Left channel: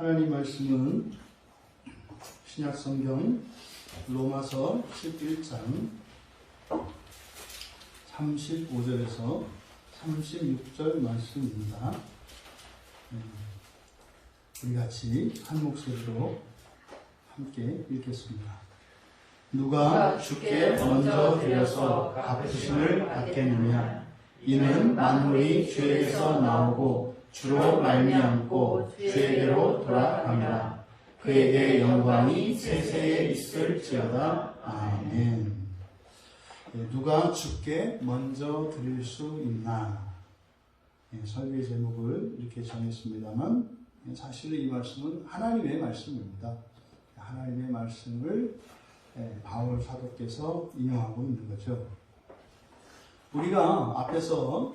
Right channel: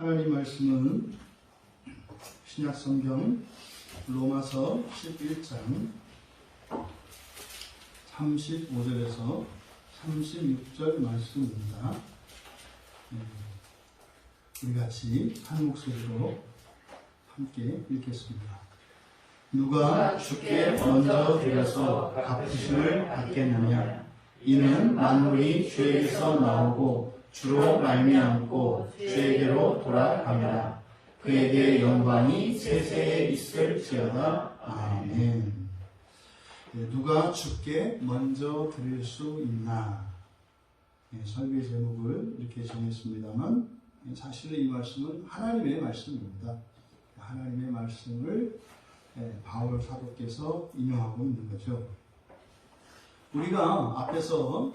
하나님 말씀은 신약성경 로마서 11장 35절에서 36절 말씀입니다. 우리 같이 한 목소리로 함께 읽겠습니다. 누가 주께 먼저 드려서 갚으심을 받겠느냐? 이는 만물이 주에게서 나오고 주로 말미암고 주에게로 돌아가느라. 그에게 영광이 세세에 있을지어다. 아멘. 누가 주께 먼저 드릴 수 있나? 설교의 제목을 이렇게 정했습니다만 사실은 이 말씀은 하나님의 말씀입니다. 하나님의 말씀을 바울 사도께서 인용하고 있는 거죠. 우리가 앞에서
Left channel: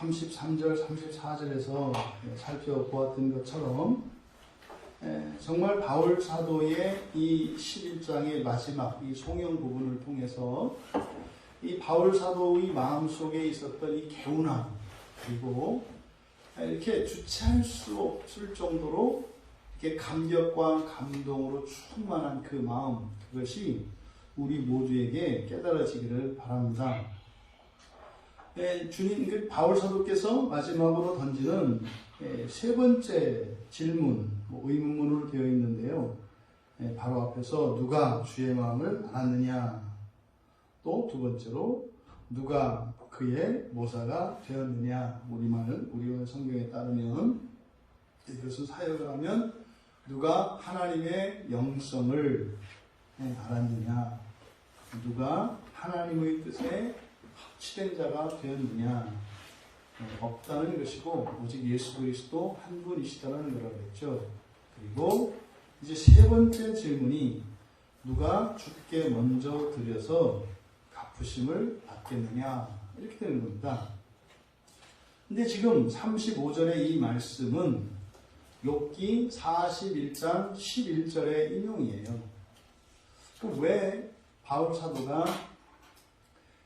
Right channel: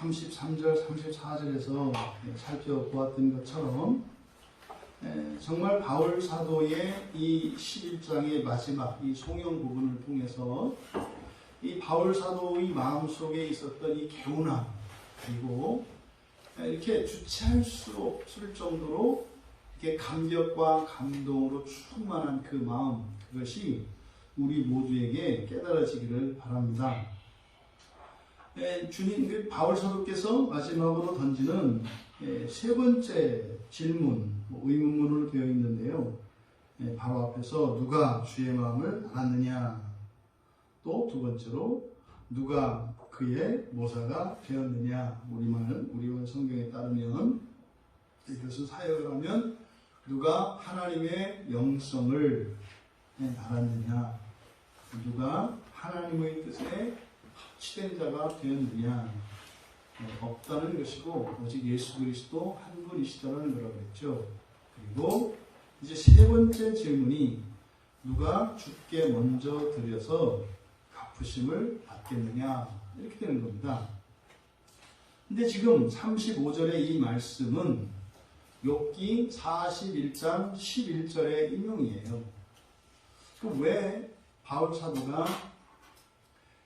33절, 34절에서 살펴보았던 것처럼 정말 바울 사도의 이 11장의 마지막 이 송영 부분을 통해서 이 바울 사도의 마음속에 있었던 이 개운함, 그리고 이렇게 주체할 수 없을 정도로 이렇게 감격과 감동으로 충만한 그 마음, 그것이 우리 모두에게 깨달아지기를 바랍니다. 주님, 바울 사도께서 마지막으로 던지는 세 번째 질문, 의문문으로 되어 있는데요. 바로 앞에서 누가 주의 마음을 알았느냐? 또 두 번째로 누가 그의 모사가 되었느냐? 우리의 성경에 따르면 이것은 사역을 하면 누가 하나님의 영성을 알았느냐? 누가 하나님의 뜻에 합치된 자가 되었느냐? 없다는 것이고 오직 예수 그리스도 한 분이시다는 거라고 했죠. 그리고 이제 세 번째 질문이 누가 주께 먼저 드려서 갚으심을 받겠느냐? 이렇게 되는 겁니다. 근데 지금 35절의 이 말씀은 욥기 41장 11절의 인용이에요. 왜 바울 사도가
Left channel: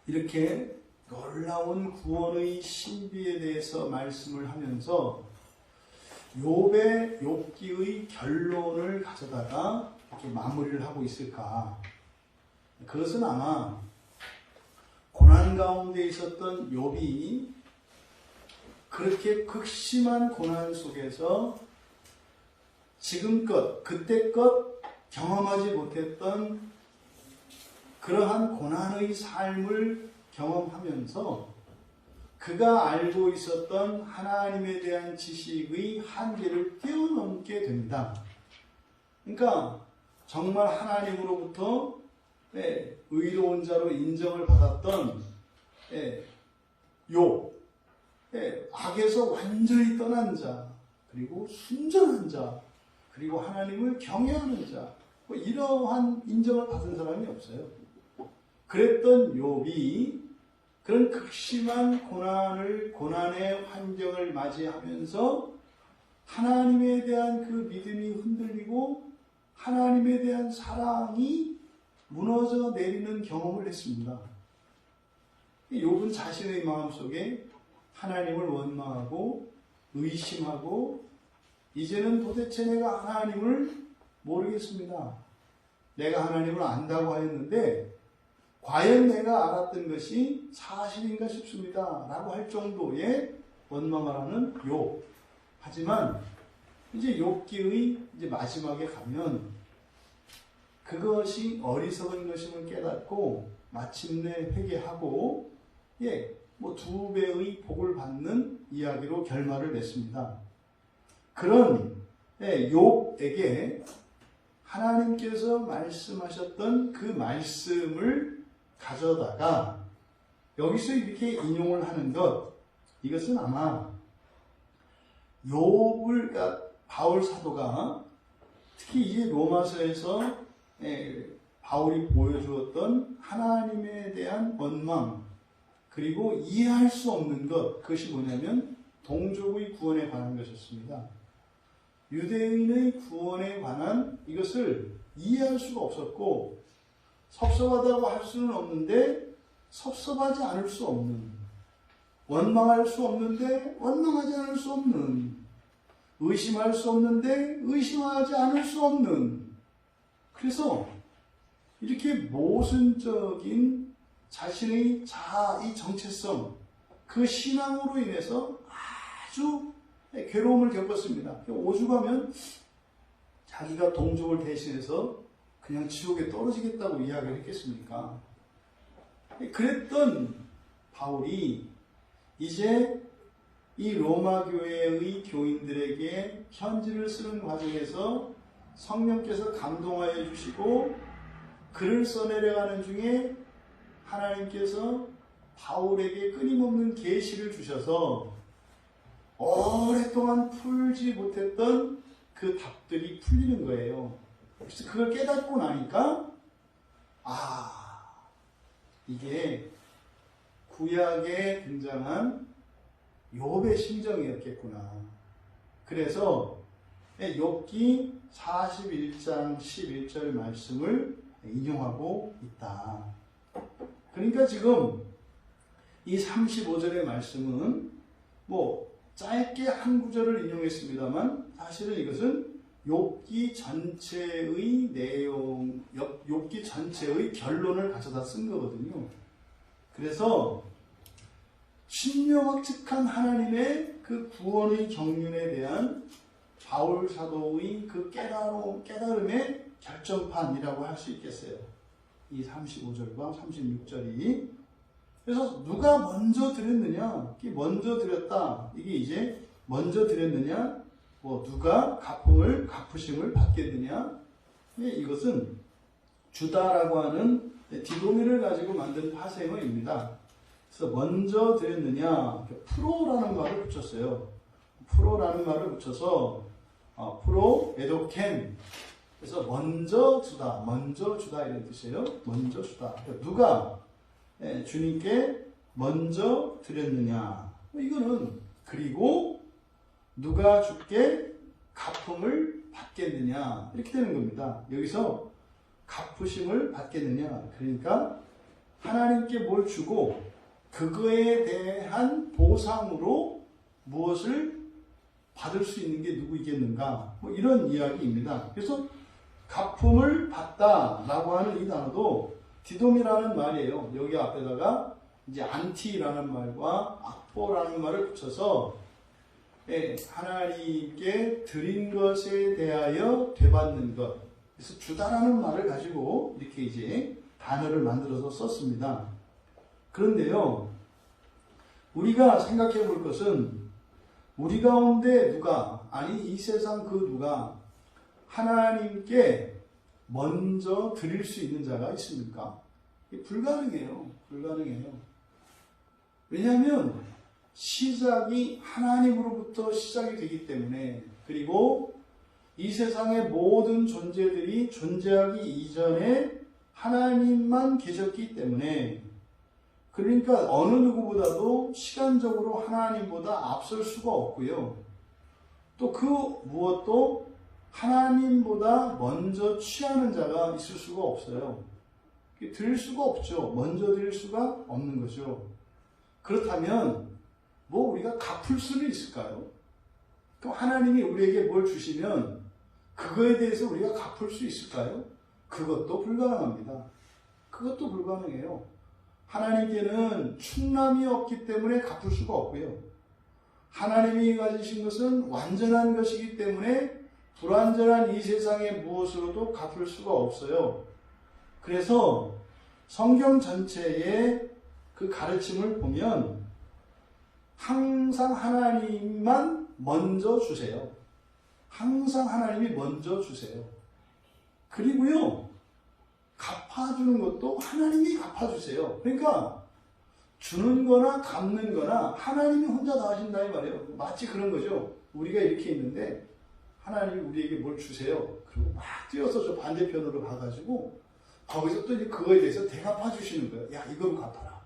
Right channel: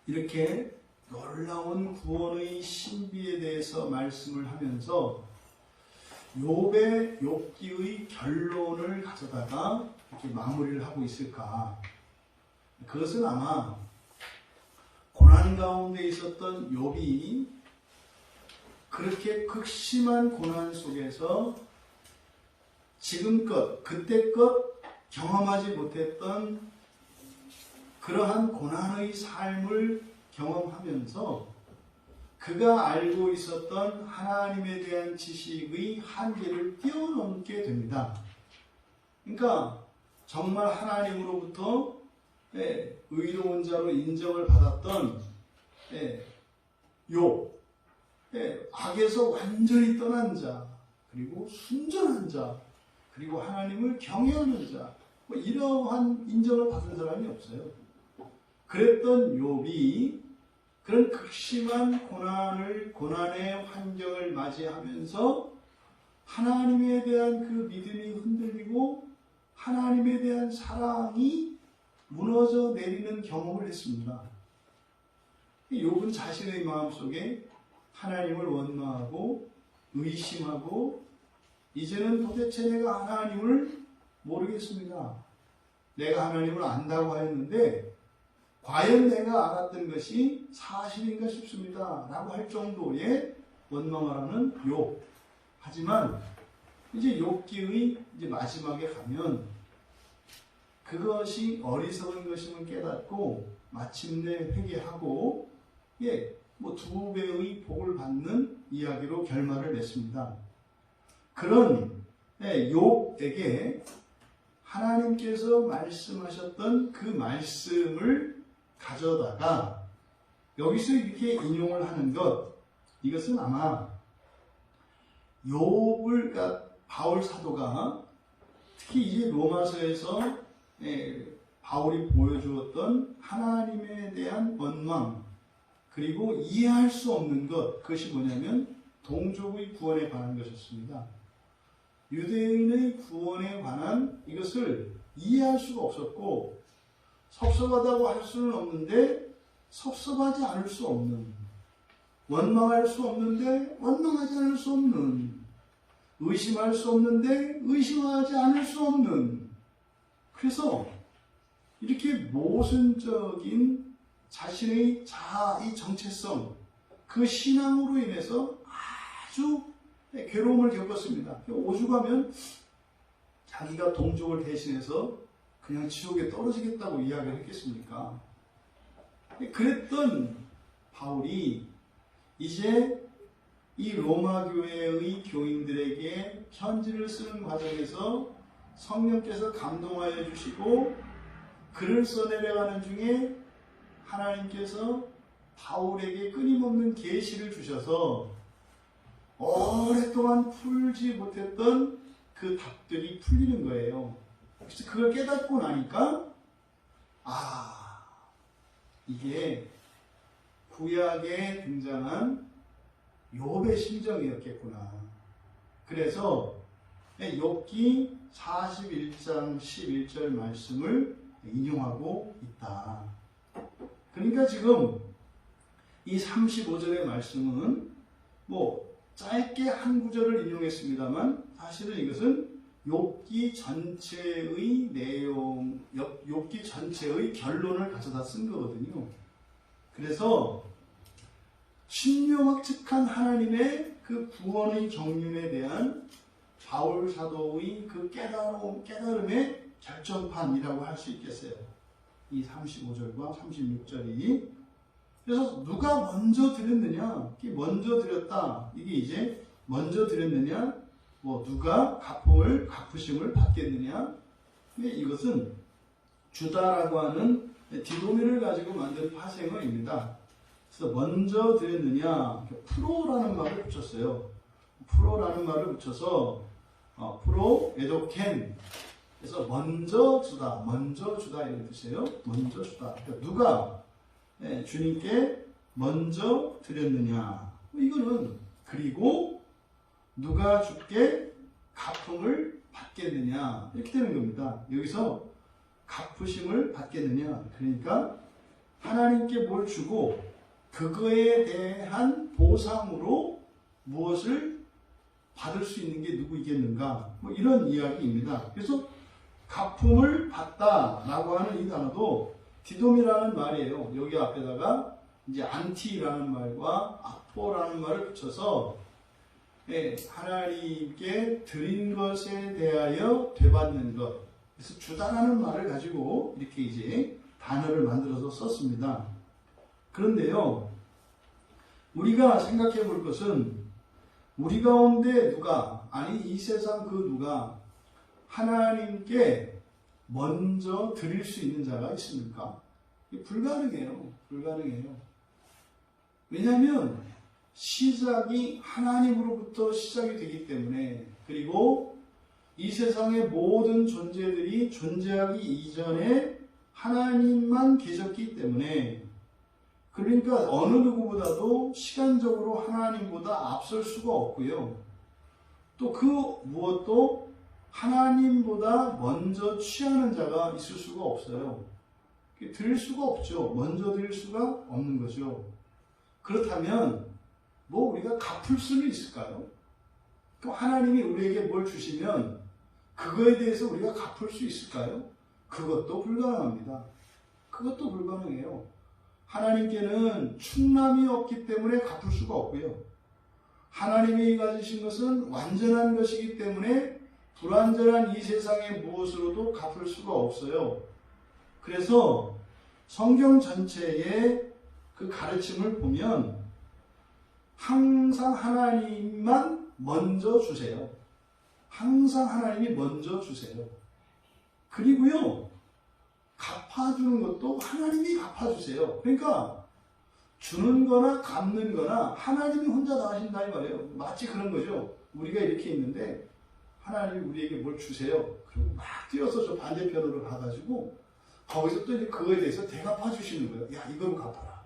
이렇게 놀라운 구원의 신비에 대해서 말씀을 하면서 욥기의 결론을 가져다가 이렇게 마무리를 하고 있을까? 그것은 아마 고난 가운데 있었던 욥이 그렇게 극심한 고난 속에서 지금껏 그때껏 경험하지 못했던 그러한 고난의 삶을 경험하면서 그가 알고 있었던 하나님에 대한 지식의 한계를 뛰어넘게 됩니다. 그러니까 정말 하나님으로부터 의로운 자로 인정을 받았던 욥, 악에서 완전히 떠난 자, 그리고 순전한 자, 그리고 하나님을 경외하는 자, 이러한 인정을 받은 사람이 없어요. 그랬던 욥이 그런 극심한 고난의 환경을 맞이하면서 하나님에 대한 그 믿음이 흔들리고 하나님에 대한 사랑이 무너져 내리는 경험을 했습니다. 욥은 자신의 마음속에 하나님을 원망하고 의심하고 이제는 도대체 내가 하나님을 모르겠습니다. 내가 하나님을 안다고 하였는데 과연 내가 알았던 것이 사실인가 싶습니다. 라고 할 정도의 원망을 하는 욥. 하지만 이제 욥기의 이제 마지막에 가면 그것이 어리석은 것임을 깨닫고 마침내 회개하고 두 배의 복을 받는 이야기로 결말을 맺습니다. 그런 욥에게 하나님께서 말씀하셨던 그 말씀을 가져다가 여기서 이렇게 인용을 하는 것, 이것은 아마 바울 사도가 특히 이 로마서에서 바울이 보여주었던 하나님에 대한 원망, 그리고 이해할 수 없는 것, 그것이 뭐냐면 동족의 구원에 관한 것이었습니다. 유대인의 구원에 관한 이것을 이해할 수가 없었고 섭섭하다고 할 수는 없는데 섭섭하지 않을 수 없는, 원망할 수 없는데 원망하지 않을 수 없는, 의심할 수 없는데 의심하지 않을 수 없는, 그래서 이렇게 모순적인 자신의 자아의 정체성, 그 신앙으로 인해서 아주 괴로움을 겪었습니다. 오죽하면 자기가 동족을 대신해서 그냥 지옥에 떨어지겠다고 이야기를 했겠습니까? 그랬던 바울이 이제 이 로마 교회의 교인들에게 편지를 쓰는 과정에서 성령께서 감동하여 주시고 글을 써내려가는 중에 하나님께서 바울에게 끊임없는 계시를 주셔서 오랫동안 풀지 못했던 그 답들이 풀리는 거예요. 그래서 그걸 깨닫고 나니까 이게 구약에 등장한 욥의 심정이었겠구나. 그래서 욥기 41장 11절 말씀을 인용하고 있다. 그러니까 지금 이 35절의 말씀은 짧게 한 구절을 인용했습니다만 사실은 이것은 욥기 전체의 내용, 욥기 전체의 결론을 가져다 쓴 거거든요. 그래서 신묘막측한 하나님의 그 구원의 경륜에 대한 바울 사도의 그 깨달음의 결정판이라고 할 수 있겠어요. 이 35절과 36절이. 그래서 누가 먼저 드렸느냐? 먼저 드렸다. 이게 이제 먼저 드렸느냐? 누가 갚으심을 받겠느냐? 근데 이것은 주다라고 하는 디도미를 가지고 만든 파생어입니다. 그래서 먼저 드렸느냐? 프로라는 말을 붙였어요. 프로라는 말을 붙여서 프로 에도켄. 그래서 먼저 주다 이런 뜻이에요. 먼저 주다. 그러니까 누가 주님께 먼저 드렸느냐? 이거는 그리고 누가 주께 갚음을 받겠느냐? 이렇게 되는 겁니다. 여기서 갚으심을 받겠느냐? 그러니까 하나님께 뭘 주고 그거에 대한 보상으로 무엇을 받을 수 있는 게 누구이겠는가? 이런 이야기입니다. 그래서 갚음을 받다라고 하는 이 단어도 디돔이라는 말이에요. 여기 앞에다가 이제 안티라는 말과 아포라는 말을 붙여서 하나님께 드린 것에 대하여 되받는 것. 그래서 주다라는 말을 가지고 이렇게 이제 단어를 만들어서 썼습니다. 그런데요, 우리가 생각해 볼 것은 우리 가운데 누가, 아니 이 세상 그 누가 하나님께 먼저 드릴 수 있는 자가 있습니까? 불가능해요. 왜냐하면 시작이 하나님으로부터 시작이 되기 때문에, 그리고 이 세상의 모든 존재들이 존재하기 이전에 하나님만 계셨기 때문에, 그러니까 어느 누구보다도 시간적으로 하나님보다 앞설 수가 없고요. 또 그 무엇도 하나님보다 먼저 취하는 자가 있을 수가 없어요. 드릴 수가 없죠. 먼저 드릴 수가 없는 거죠. 그렇다면 우리가 갚을 수는 있을까요? 또 하나님이 우리에게 뭘 주시면 그거에 대해서 우리가 갚을 수 있을까요? 그것도 불가능합니다. 그것도 불가능해요. 하나님께는 충남이 없기 때문에 갚을 수가 없고요. 하나님이 가지신 것은 완전한 것이기 때문에 불완전한 이 세상의 무엇으로도 갚을 수가 없어요. 그래서 성경 전체의 그 가르침을 보면 항상 하나님만 먼저 주세요. 항상 하나님이 먼저 주세요. 그리고요, 갚아주는 것도 하나님이 갚아주세요. 그러니까 주는 거나 갚는 거나 하나님이 혼자 다 하신다 이 말이에요. 마치 그런 거죠. 우리가 이렇게 있는데 하나님이 우리에게 뭘 주세요. 그리고 막 뛰어서 저 반대편으로 가가지고 거기서 또 그거에 대해서 대갚아 주시는 거예요. 야, 이거로 갚아라.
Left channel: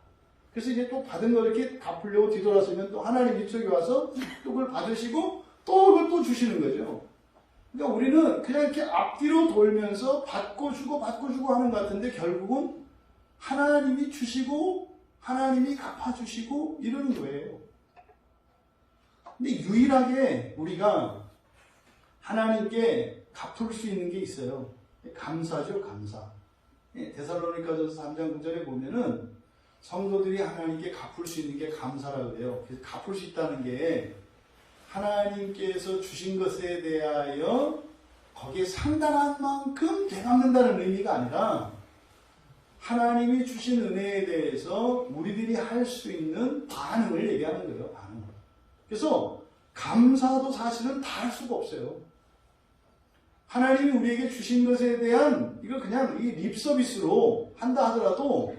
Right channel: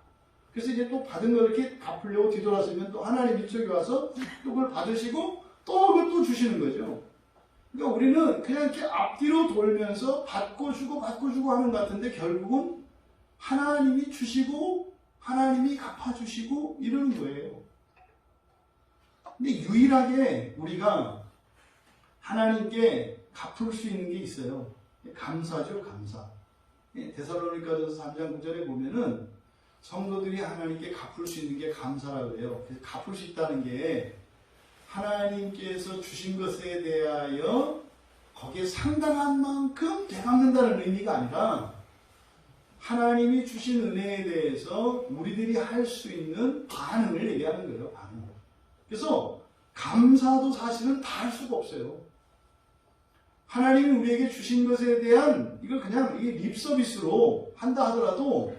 그래서 이제 또 받은 거 이렇게 갚으려고 뒤돌아서면 또 하나님 이쪽에 와서 또 그걸 받으시고 또 그걸 또 주시는 거죠. 그러니까 우리는 그냥 이렇게 앞뒤로 돌면서 받고 주고 하는 것 같은데 결국은 하나님이 주시고 하나님이 갚아주시고 이러는 거예요. 근데 유일하게 우리가 하나님께 갚을 수 있는 게 있어요. 감사죠, 감사. 데살로니가전서 3장 9절에 보면은 성도들이 하나님께 갚을 수 있는 게 감사라고 해요. 그래서 갚을 수 있다는 게 하나님께서 주신 것에 대하여 거기에 상당한 만큼 되갚는다는 의미가 아니라 하나님이 주신 은혜에 대해서 우리들이 할 수 있는 반응을 얘기하는 거예요. 반응. 그래서 감사도 사실은 다 할 수가 없어요. 하나님이 우리에게 주신 것에 대한 이거 그냥 이 립 서비스로 한다 하더라도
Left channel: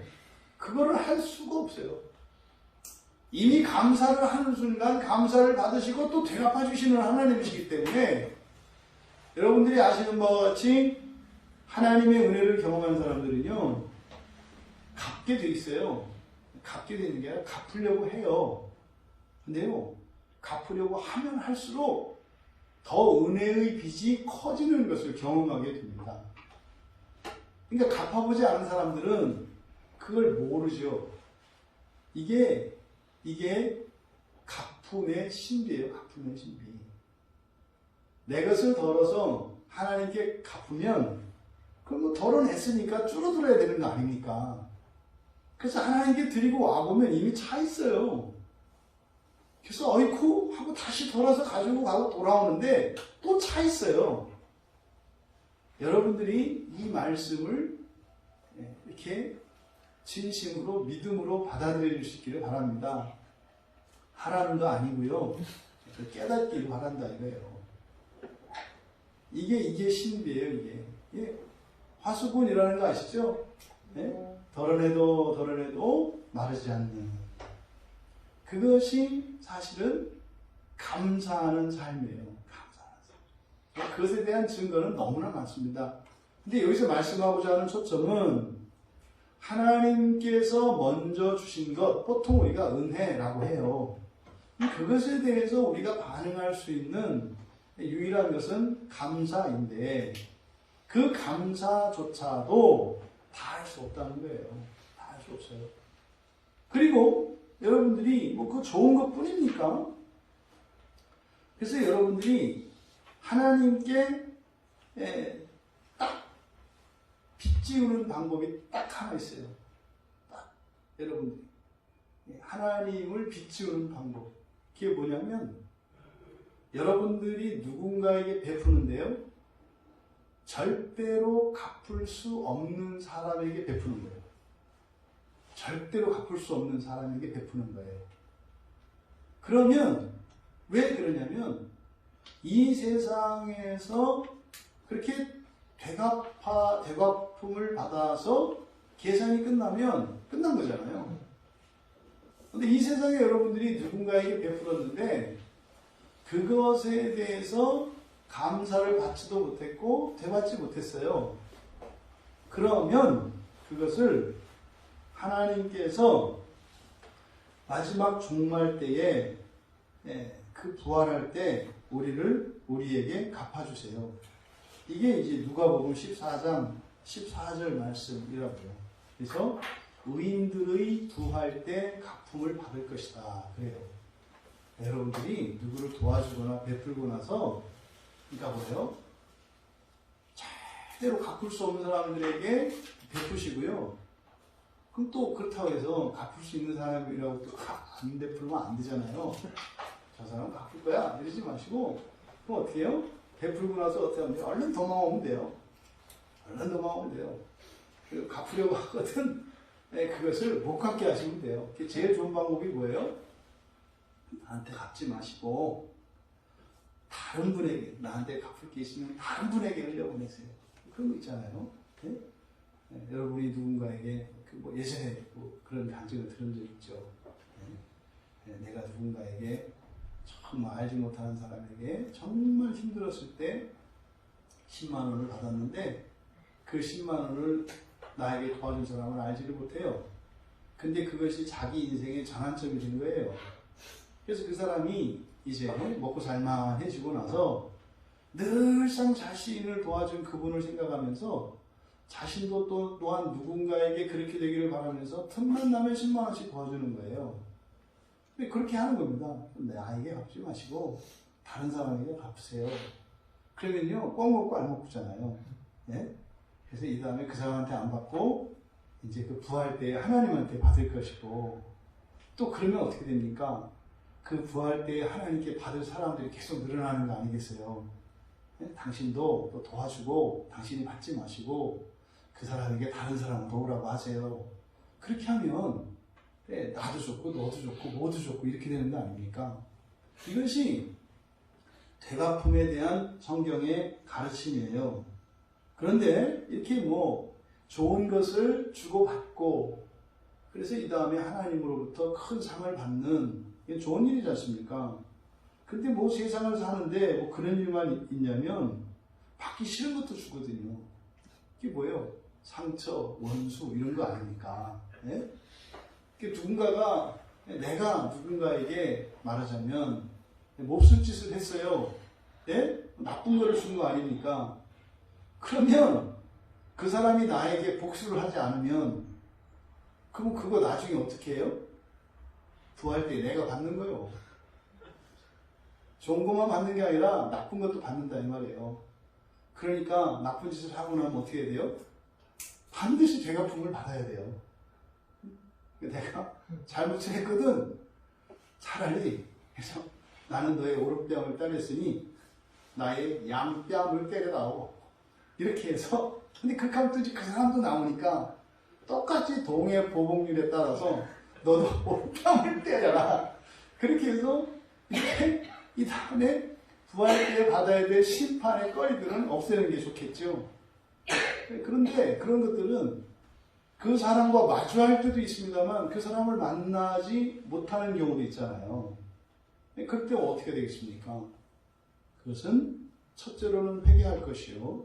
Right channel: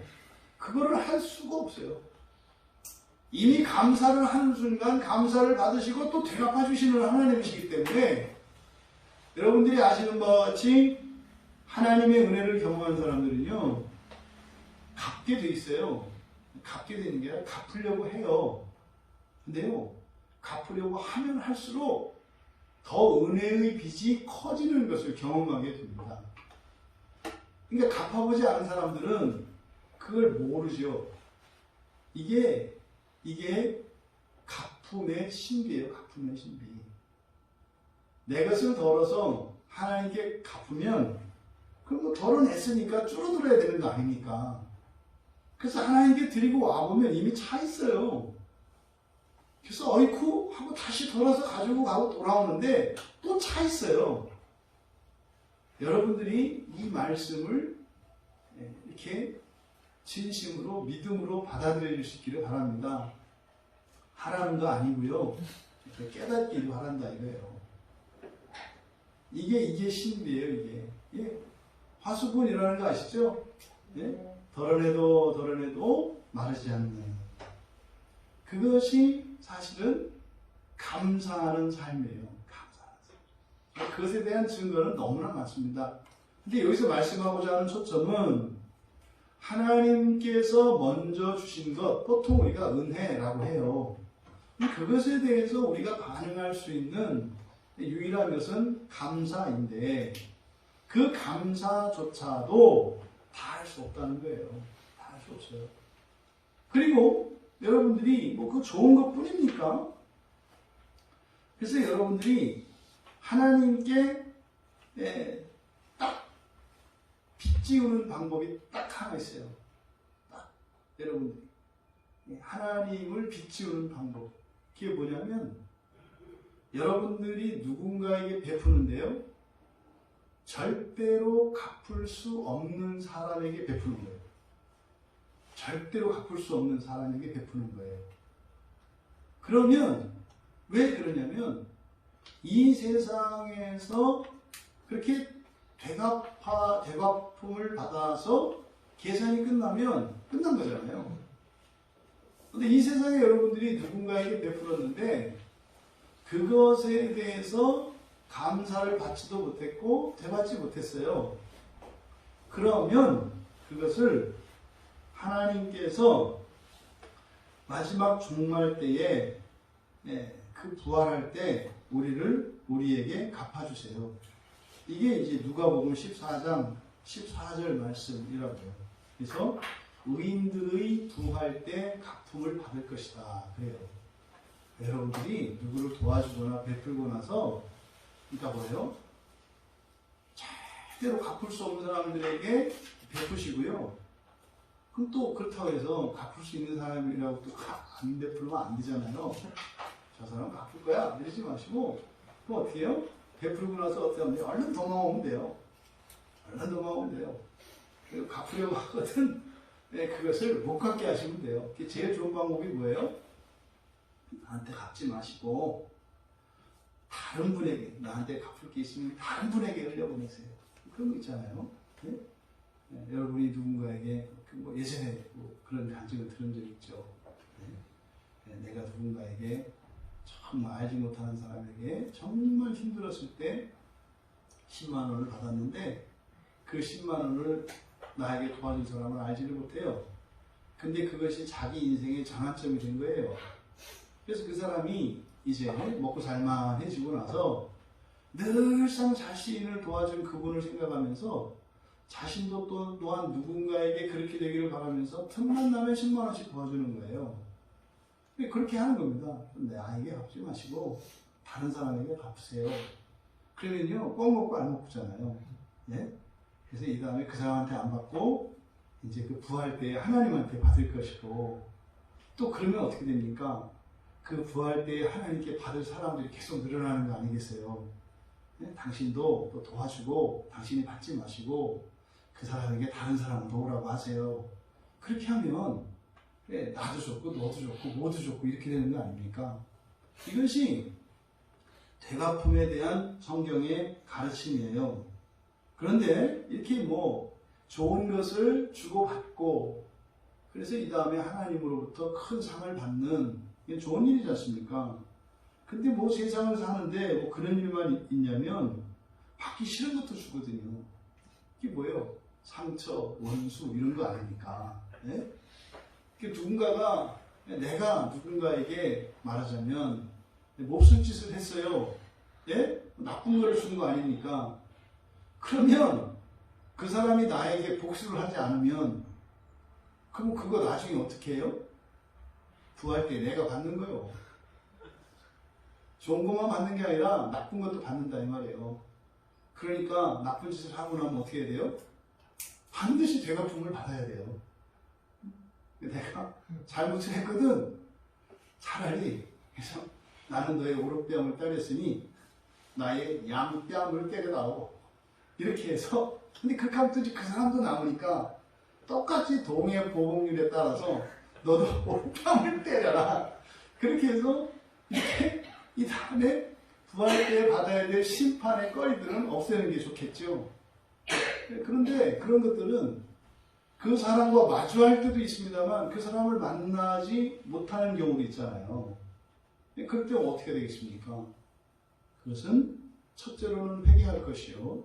그거를 할 수가 없어요. 이미 감사를 하는 순간 감사를 받으시고 또 되갚아 주시는 하나님이시기 때문에 여러분들이 아시는 바와 같이 하나님의 은혜를 경험한 사람들은요 갚게 돼 있어요. 갚게 되는 게 아니라 갚으려고 해요. 근데요 갚으려고 하면 할수록 더 은혜의 빚이 커지는 것을 경험하게 됩니다. 그러니까 갚아보지 않은 사람들은 그걸 모르죠. 이게 갚음의 신비예요. 갚음의 신비. 내 것을 덜어서 하나님께 갚으면 그럼 뭐 덜어냈으니까 줄어들어야 되는 거 아닙니까? 그래서 하나님께 드리고 와보면 이미 차 있어요. 그래서 어이쿠 하고 다시 돌아서 가지고 가고 돌아오는데 또 차 있어요. 여러분들이 이 말씀을 이렇게 진심으로 믿음으로 받아들여 주시기를 바랍니다. 하라는 거 아니고요. 깨닫기를 바란다 이거예요. 이게 신비예요. 이게 화수분이라는 거 아시죠? 덜어내도 마르지 않는 그것이 사실은 감사하는 삶이에요. 감사하는 삶. 그것에 대한 증거는 너무나 많습니다. 근데 여기서 말씀하고자 하는 초점은 하나님께서 먼저 주신 것, 보통 우리가 은혜라고 해요. 그것에 대해서 우리가 반응할 수 있는 유일한 것은 감사인데 그 감사조차도 다 할 수 없다는 거예요. 다 할 수 없어요. 그리고 여러분들이 뭐 그 좋은 것 뿐입니까? 그래서 여러분들이 하나님께 딱 빚지우는 방법이 딱 하나 있어요. 딱 여러분들 하나님을 빚지우는 방법. 그게 뭐냐면 여러분들이 누군가에게 베푸는데요. 절대로 갚을 수 없는 사람에게 베푸는 거예요. 절대로 갚을 수 없는 사람에게 베푸는 거예요. 그러면 왜 그러냐면 이 세상에서 그렇게 되갚음을 받아서 계산이 끝나면 끝난 거잖아요. 근데 이 세상에 여러분들이 누군가에게 베풀었는데 그것에 대해서 감사를 받지도 못했고 되받지 못했어요. 그러면 그것을 하나님께서 마지막 종말 때에 그 부활할 때 우리에게 갚아주세요. 이게 이제 누가복음 14장 14절 말씀이라고요. 그래서 의인들의 부활 때 갚음을 받을 것이다. 그래요. 여러분들이 누구를 도와주거나 베풀고 나서 그러니까 뭐예요? 절대로 갚을 수 없는 사람들에게 베푸시고요. 그럼 또 그렇다고 해서 갚을 수 있는 사람이라고 또 안 베풀면 안 되잖아요. 저 사람 갚을 거야 이러지 마시고 그럼 어떻게 해요? 베풀고 나서 어떻게 하면 얼른 도망오면 돼요. 얼른 도망오면 돼요. 갚으려고 하거든 그것을 못 갚게 하시면 돼요. 제일 좋은 방법이 뭐예요? 나한테 갚지 마시고 다른 분에게 나한테 갚을 게 있으면 다른 분에게 흘려보내세요. 그런 거 있잖아요. 네? 여러분이 누군가에게 뭐 예전에 뭐 그런 간증을 들은 적 있죠. 내가 누군가에게 정말 알지 못하는 사람에게 정말 힘들었을 때 10만 원을 받았는데 그 10만 원을 나에게 도와준 사람은 알지를 못해요. 근데 그것이 자기 인생의 전환점이 된 거예요. 그래서 그 사람이 이제 먹고 살만해지고 나서 늘상 자신을 도와준 그분을 생각하면서 자신도 또한 누군가에게 그렇게 되기를 바라면서 틈만 나면 10만 원씩 도와주는 거예요. 근데 그렇게 하는 겁니다. 나에게 갚지 마시고 다른 사람에게 갚으세요. 그러면요, 꼭 먹고 안 먹잖아요. 예? 그래서 이 다음에 그 사람한테 안 받고, 이제 그 부활 때 하나님한테 받을 것이고, 또 그러면 어떻게 됩니까? 그 부활 때 하나님께 받을 사람들이 계속 늘어나는 거 아니겠어요? 예? 당신도 또 도와주고, 당신이 받지 마시고, 그 사람에게 다른 사람 도우라고 하세요. 그렇게 하면, 예, 나도 좋고, 너도 좋고, 모두 좋고, 이렇게 되는 거 아닙니까? 이것이 되갚음에 대한 성경의 가르침이에요. 그런데 이렇게 뭐 좋은 것을 주고받고 그래서 이 다음에 하나님으로부터 큰 상을 받는 좋은 일이지 않습니까? 근데 뭐 세상을 사는데 뭐 그런 일만 있냐면 받기 싫은 것도 주거든요. 이게 뭐예요? 상처, 원수 이런 거 아닙니까? 네? 누군가가 내가 누군가에게 말하자면 몹쓸 짓을 했어요. 예? 나쁜 거를 준 거 아닙니까? 그러면 그 사람이 나에게 복수를 하지 않으면 그럼 그거 나중에 어떻게 해요? 부활 때 내가 받는 거예요. 좋은 것만 받는 게 아니라 나쁜 것도 받는다 이 말이에요. 그러니까 나쁜 짓을 하고 나면 어떻게 해야 돼요? 반드시 되갚음을 받아야 돼요. 내가 잘못을 했거든. 차라리 그래서 나는 너의 오른뺨을 따랬으니 나의 양뺨을 때려다오. 이렇게 해서 근데 그렇게 하면 또 그 사람도 나오니까 똑같이 동해 보복률에 따라서 너도 오른뺨을 때려라. 그렇게 해서 이렇게 이 다음에 부활 때 받아야 될 심판의 거리들은 없애는 게 좋겠죠. 그런데 그런 것들은 그 사람과 마주할 때도 있습니다만 그 사람을 만나지 못하는 경우도 있잖아요. 그럴 때 어떻게 되겠습니까? 그것은 첫째로는 회개할 것이요.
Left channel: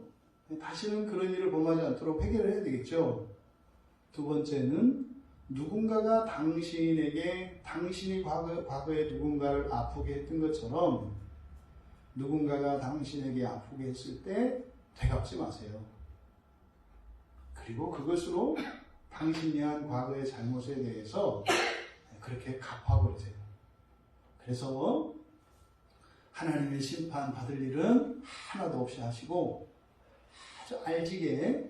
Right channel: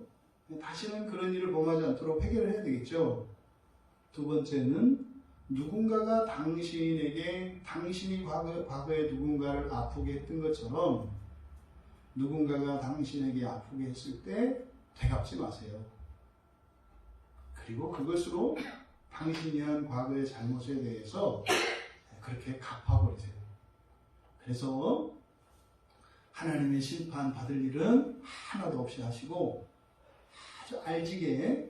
다시는 그런 일을 범하지 않도록 회개를 해야 되겠죠. 두 번째는 누군가가 당신에게 당신이 과거에 누군가를 아프게 했던 것처럼 누군가가 당신에게 아프게 했을 때 되갚지 마세요. 그리고 그것으로 당신이 한 과거의 잘못에 대해서 그렇게 갚아버리세요. 그래서 하나님의 심판 받을 일은 하나도 없이 하시고 아주 알지게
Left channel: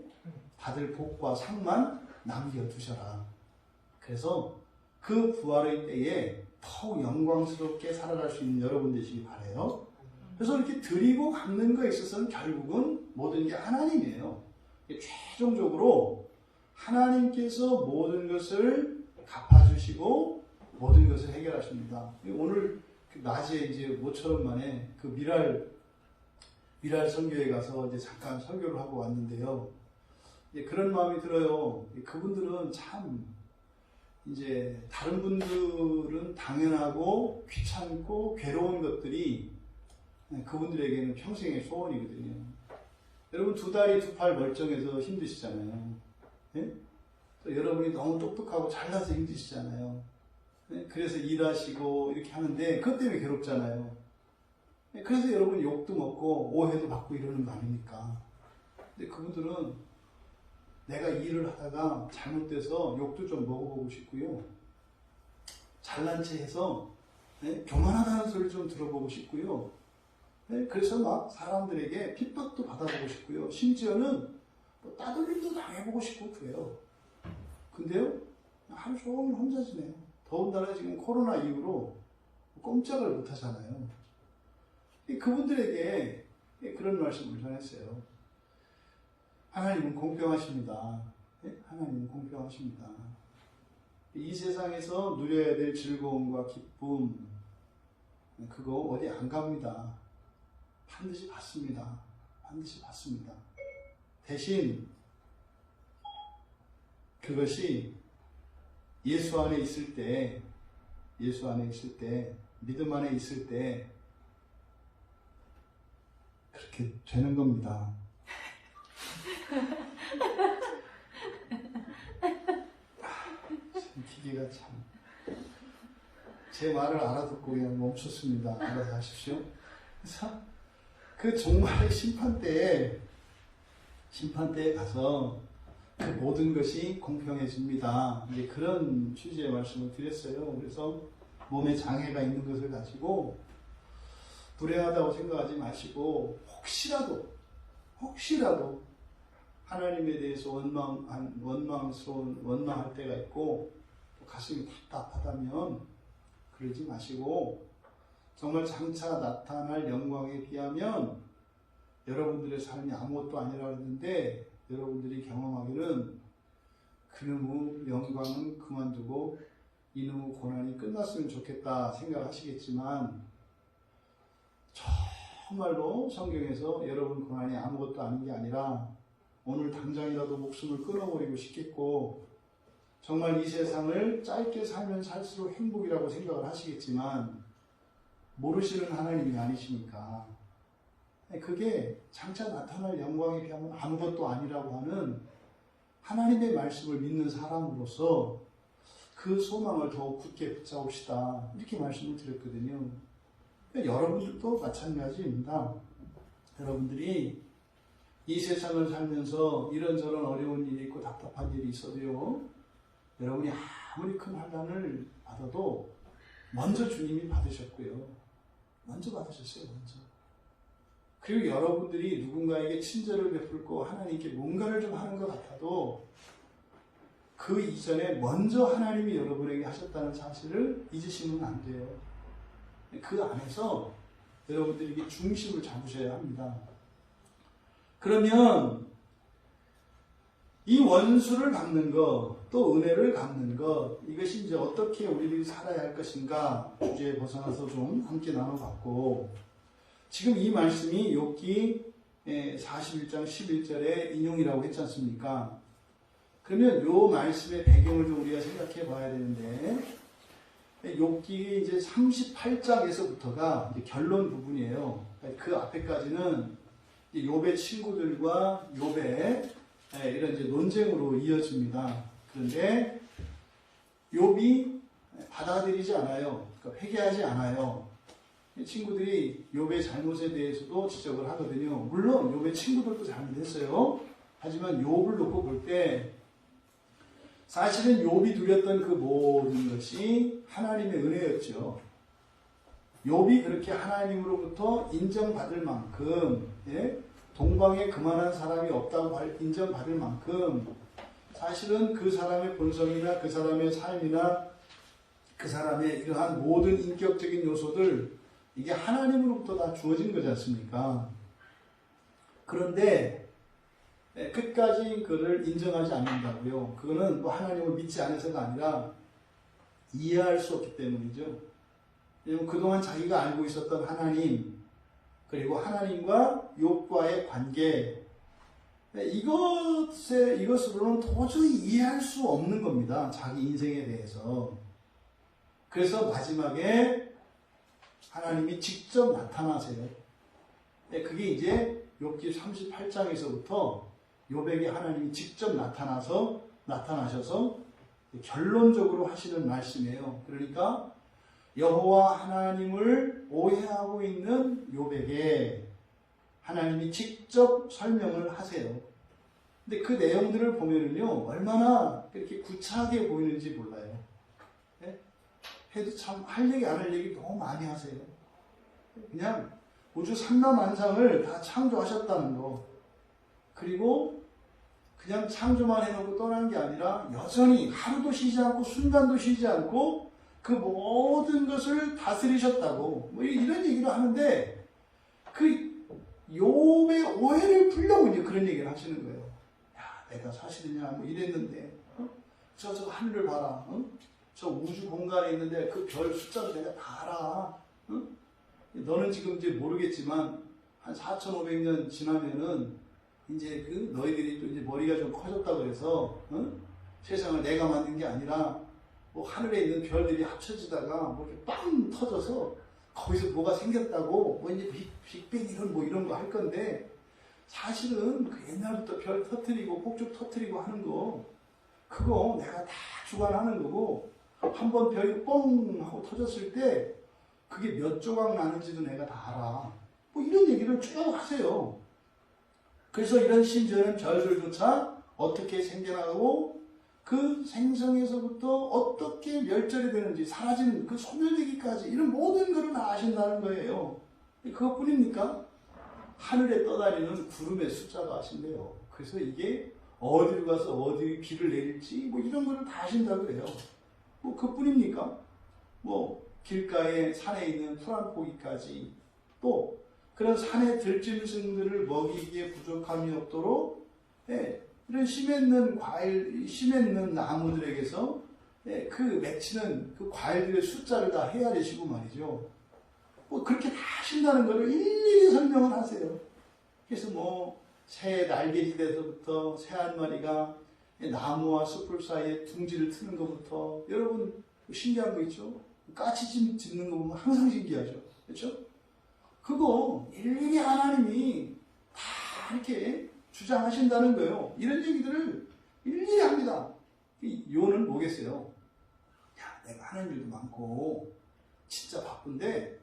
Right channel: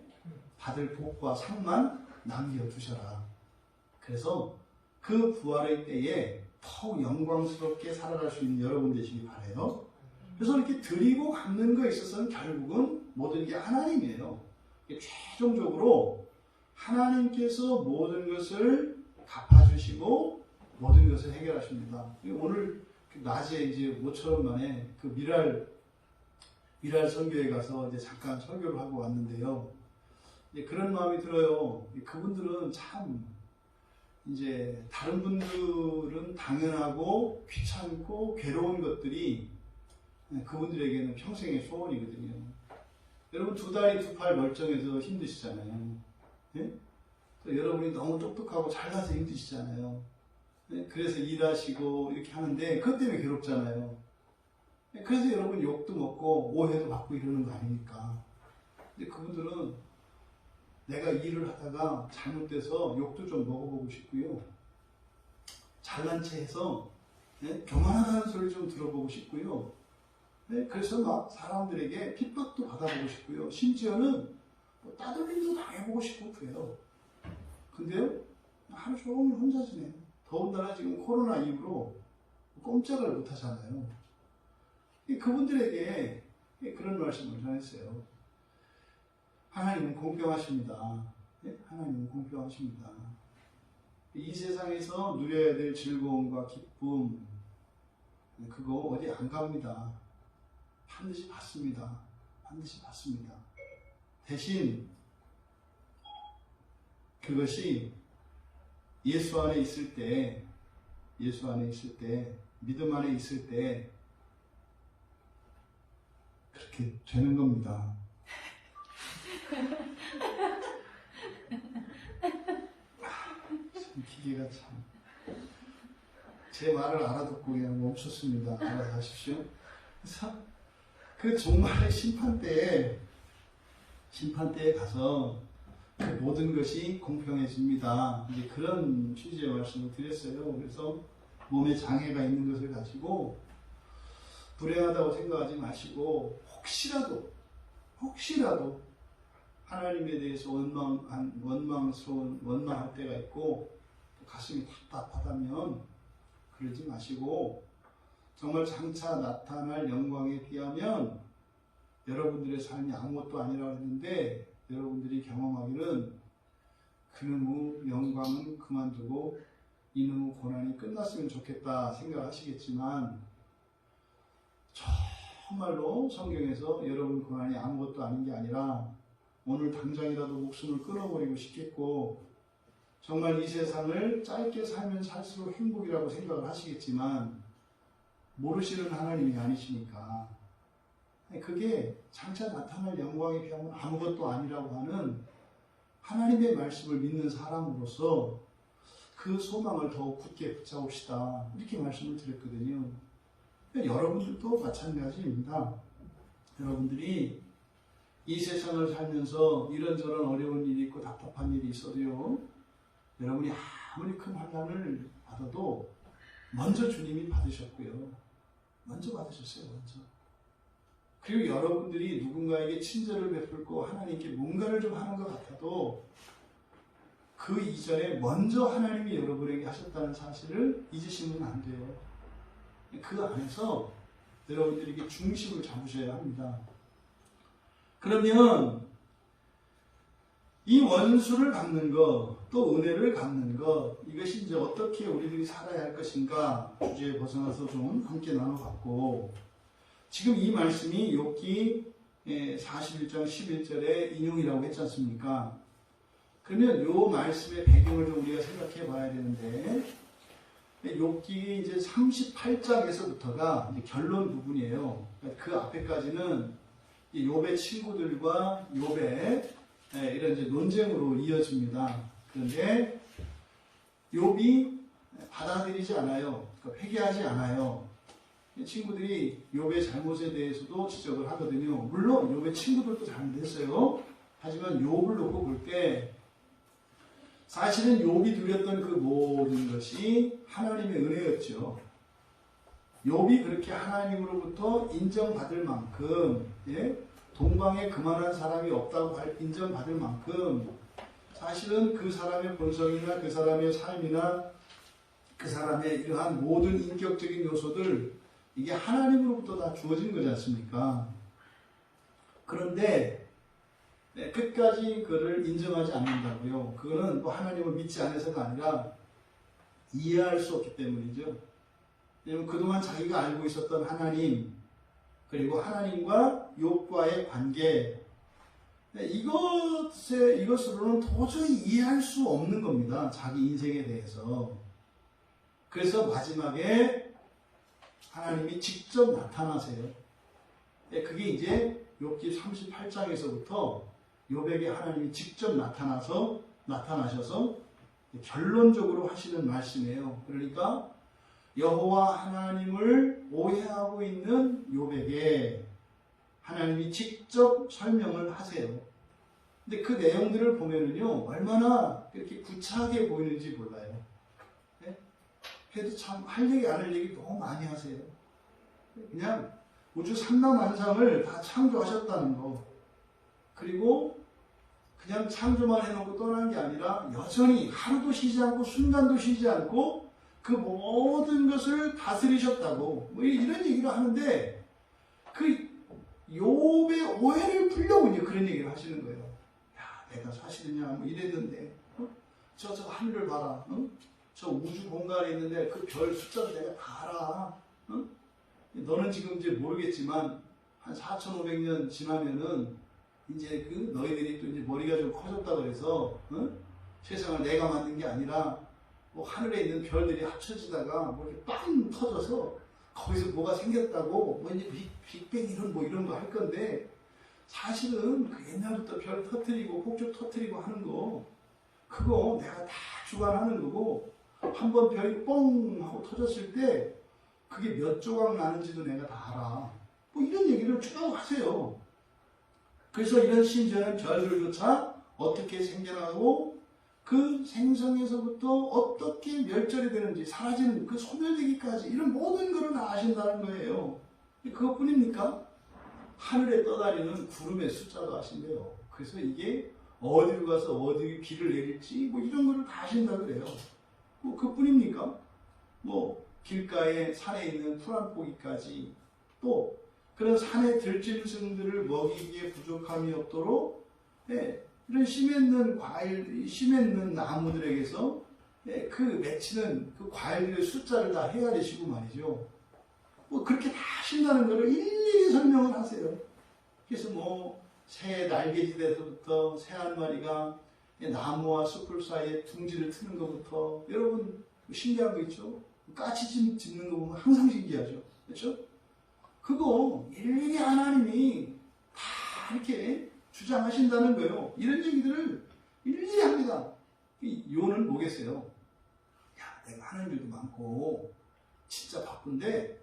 받을 복과 상만 남겨두셔라. 그래서 그 부활의 때에 더욱 영광스럽게 살아갈 수 있는 여러분 되시기 바라요. 그래서 이렇게 드리고 갚는 것에 있어서는 결국은 모든 게 하나님이에요. 최종적으로 하나님께서 모든 것을 갚아주시고 모든 것을 해결하십니다. 오늘 낮에 이제 모처럼 만에 그 미랄 선교에 가서 이제 잠깐 설교를 하고 왔는데요. 그런 마음이 들어요. 그분들은 참 이제 다른 분들은 당연하고 귀찮고 괴로운 것들이 그분들에게는 평생의 소원이거든요. 여러분 두 다리 두 팔 멀쩡해서 힘드시잖아요. 네? 또 여러분이 너무 똑똑하고 잘나서 힘드시잖아요. 네? 그래서 일하시고 이렇게 하는데 그것 때문에 괴롭잖아요. 네? 그래서 여러분 욕도 먹고 오해도 받고 이러는 거 아닙니까? 근데 그분들은 내가 일을 하다가 잘못돼서 욕도 좀 먹어보고 싶고요. 잘난 체 해서 네? 교만하다는 소리 좀 들어보고 싶고요. 네? 그래서 막 사람들에게 핍박도 받아보고 싶고요. 심지어는 따돌림도 당해보고 싶고 그래요. 근데요, 하루 종일 혼자 지내요. 더군다나 지금 코로나 이후로 꼼짝을 못 하잖아요. 그분들에게 그런 말씀을 전했어요. 하나님은 공평하십니다. 네? 하나님은 공평하십니다. 이 세상에서 누려야 될 즐거움과 기쁨, 그거 어디 안 갑니다. 반드시 받습니다. 반드시 받습니다. 대신 그것이 예수 안에 있을 때, 믿음 안에 있을 때 그렇게 되는 겁니다. 기계가 참 제 말을 알아듣고 그냥 멈췄습니다. 알아서 하십시오. 그래서 그 정말 심판대에 가서 그 모든 것이 공평해집니다. 이제 그런 취지의 말씀을 드렸어요. 그래서 몸에 장애가 있는 것을 가지고 불행하다고 생각하지 마시고 혹시라도 하나님에 대해서 원망할 때가 있고 또 가슴이 답답하다면 그러지 마시고 정말 장차 나타날 영광에 비하면 여러분들의 삶이 아무것도 아니라고 했는데 여러분들이 경험하기는 그놈의 영광은 그만두고 이놈의 고난이 끝났으면 좋겠다 생각하시겠지만 정말로 성경에서 여러분 고난이 아무것도 아닌 게 아니라 오늘 당장이라도 목숨을 끊어버리고 싶겠고 정말 이 세상을 짧게 살면 살수록 행복이라고 생각을 하시겠지만 모르시는 하나님이 아니시니까 그게 장차 나타날 영광에 비하면 아무것도 아니라고 하는 하나님의 말씀을 믿는 사람으로서 그 소망을 더욱 굳게 붙잡읍시다 이렇게 말씀을 드렸거든요. 여러분들도 마찬가지입니다. 여러분들이 이 세상을 살면서 이런저런 어려운 일이 있고 답답한 일이 있어도요, 여러분이 아무리 큰 환난을 받아도 먼저 주님이 받으셨고요. 먼저 받으셨어요. 먼저. 그리고 여러분들이 누군가에게 친절을 베풀고 하나님께 뭔가를 좀 하는 것 같아도 그 이전에 먼저 하나님이 여러분에게 하셨다는 사실을 잊으시면 안 돼요. 그 안에서 여러분들이 이게 중심을 잡으셔야 합니다. 그러면 이 원수를 갚는 것, 또 은혜를 갚는 것, 이것이 이제 어떻게 우리들이 살아야 할 것인가 주제에 벗어나서 좀 함께 나눠봤고, 지금 이 말씀이 욥기 41장 11절의 인용이라고 했지 않습니까? 그러면 이 말씀의 배경을 좀 우리가 생각해 봐야 되는데, 욥기 이제 38장에서부터가 이제 결론 부분이에요. 그 앞에까지는 욥의 친구들과 욥의 이런 이제 논쟁으로 이어집니다. 그런데 욥이 받아들이지 않아요. 그러니까 회개하지 않아요. 친구들이 욥의 잘못에 대해서도 지적을 하거든요. 물론 욥의 친구들도 잘못했어요. 하지만 욥을 놓고 볼 때 사실은 욥이 누렸던 그 모든 것이 하나님의 은혜였죠. 욥이 그렇게 하나님으로부터 인정받을 만큼, 동방에 그만한 사람이 없다고 인정받을 만큼 사실은 그 사람의 본성이나 그 사람의 삶이나 그 사람의 이러한 모든 인격적인 요소들, 이게 하나님으로부터 다 주어진 거지 않습니까? 그런데 끝까지 그를 인정하지 않는다고요. 그거는 또 하나님을 믿지 않아서가 아니라 이해할 수 없기 때문이죠. 왜냐하면 그동안 자기가 알고 있었던 하나님, 그리고 하나님과 욥과의 관계, 이것으로는 도저히 이해할 수 없는 겁니다. 자기 인생에 대해서. 그래서 마지막에 하나님이 직접 나타나세요. 그게 이제 욥기 38장에서부터 욥에게 하나님이 직접 나타나셔서 결론적으로 하시는 말씀이에요. 그러니까 여호와 하나님을 오해하고 있는 욥에게 하나님이 직접 설명을 하세요. 근데 그 내용들을 보면은요, 얼마나 이렇게 구차하게 보이는지 몰라요. 해도 참 할 얘기 안 할 얘기 너무 많이 하세요. 그냥 우주 삼라만상을 다 창조하셨다는 거, 그리고 그냥 창조만 해놓고 떠난 게 아니라 여전히 하루도 쉬지 않고 순간도 쉬지 않고 그 모든 것을 다스리셨다고 뭐 이런 얘기를 하는데, 그 욥의 오해를 풀려고 이제 그런 얘기를 하시는 거예요. 야, 내가 사실이냐 뭐 이랬는데, 저 하늘을 봐라, 저 우주 공간에 있는데 그 별 숫자도 내가 다 알아. 너는 지금 이제 모르겠지만 한 4,500년 지나면은 이제 그 너희들이 또 이제 머리가 좀 커졌다 그래서 세상을 내가 만든 게 아니라 뭐 하늘에 있는 별들이 합쳐지다가 뭐 이렇게 빵 터져서 거기서 뭐가 생겼다고 뭐 이제 빅뱅 이런 거 할 건데, 사실은 그 옛날부터 별 터트리고 폭죽 터트리고 하는 거, 그거 내가 다 주관하는 거고, 한번 별이 뻥 하고 터졌을 때 그게 몇 조각 나는지도 내가 다 알아. 뭐 이런 얘기를 쭉 하세요. 그래서 이런 심지어는 별들조차 어떻게 생겨나고 그 생성에서부터 어떻게 멸절이 되는지, 사라지는 그 소멸되기까지 이런 모든 것을 다 아신다는 거예요. 그것뿐입니까? 하늘에 떠다니는 구름의 숫자도 아신대요. 그래서 이게 어디로 가서 어디 비를 내릴지 뭐 이런 거를 다 아신다고 그래요. 뭐 그뿐입니까? 뭐 길가에 산에 있는 풀한 포기까지 또 그런 산의 들짐승들을 먹이기에 부족함이 없도록 이런 씨 맺는 과일, 씨 맺는 나무들에게서 그 맺히는 그 과일들의 숫자를 다 헤아리시고 말이죠. 뭐 그렇게 다 하신다는 것을 일일이 설명을 하세요. 그래서 뭐 새 날개짓에서부터 새 한 마리가 나무와 숲을 사이에 둥지를 트는 것부터 여러분 신기한 거 있죠? 까치 짚는 거 보면 항상 신기하죠. 그렇죠? 그거 일일이 하나님이 다 이렇게 주장하신다는 거예요. 이런 얘기들을 일일이 합니다. 요는 뭐겠어요? 야, 내가 하는 일도 많고 진짜 바쁜데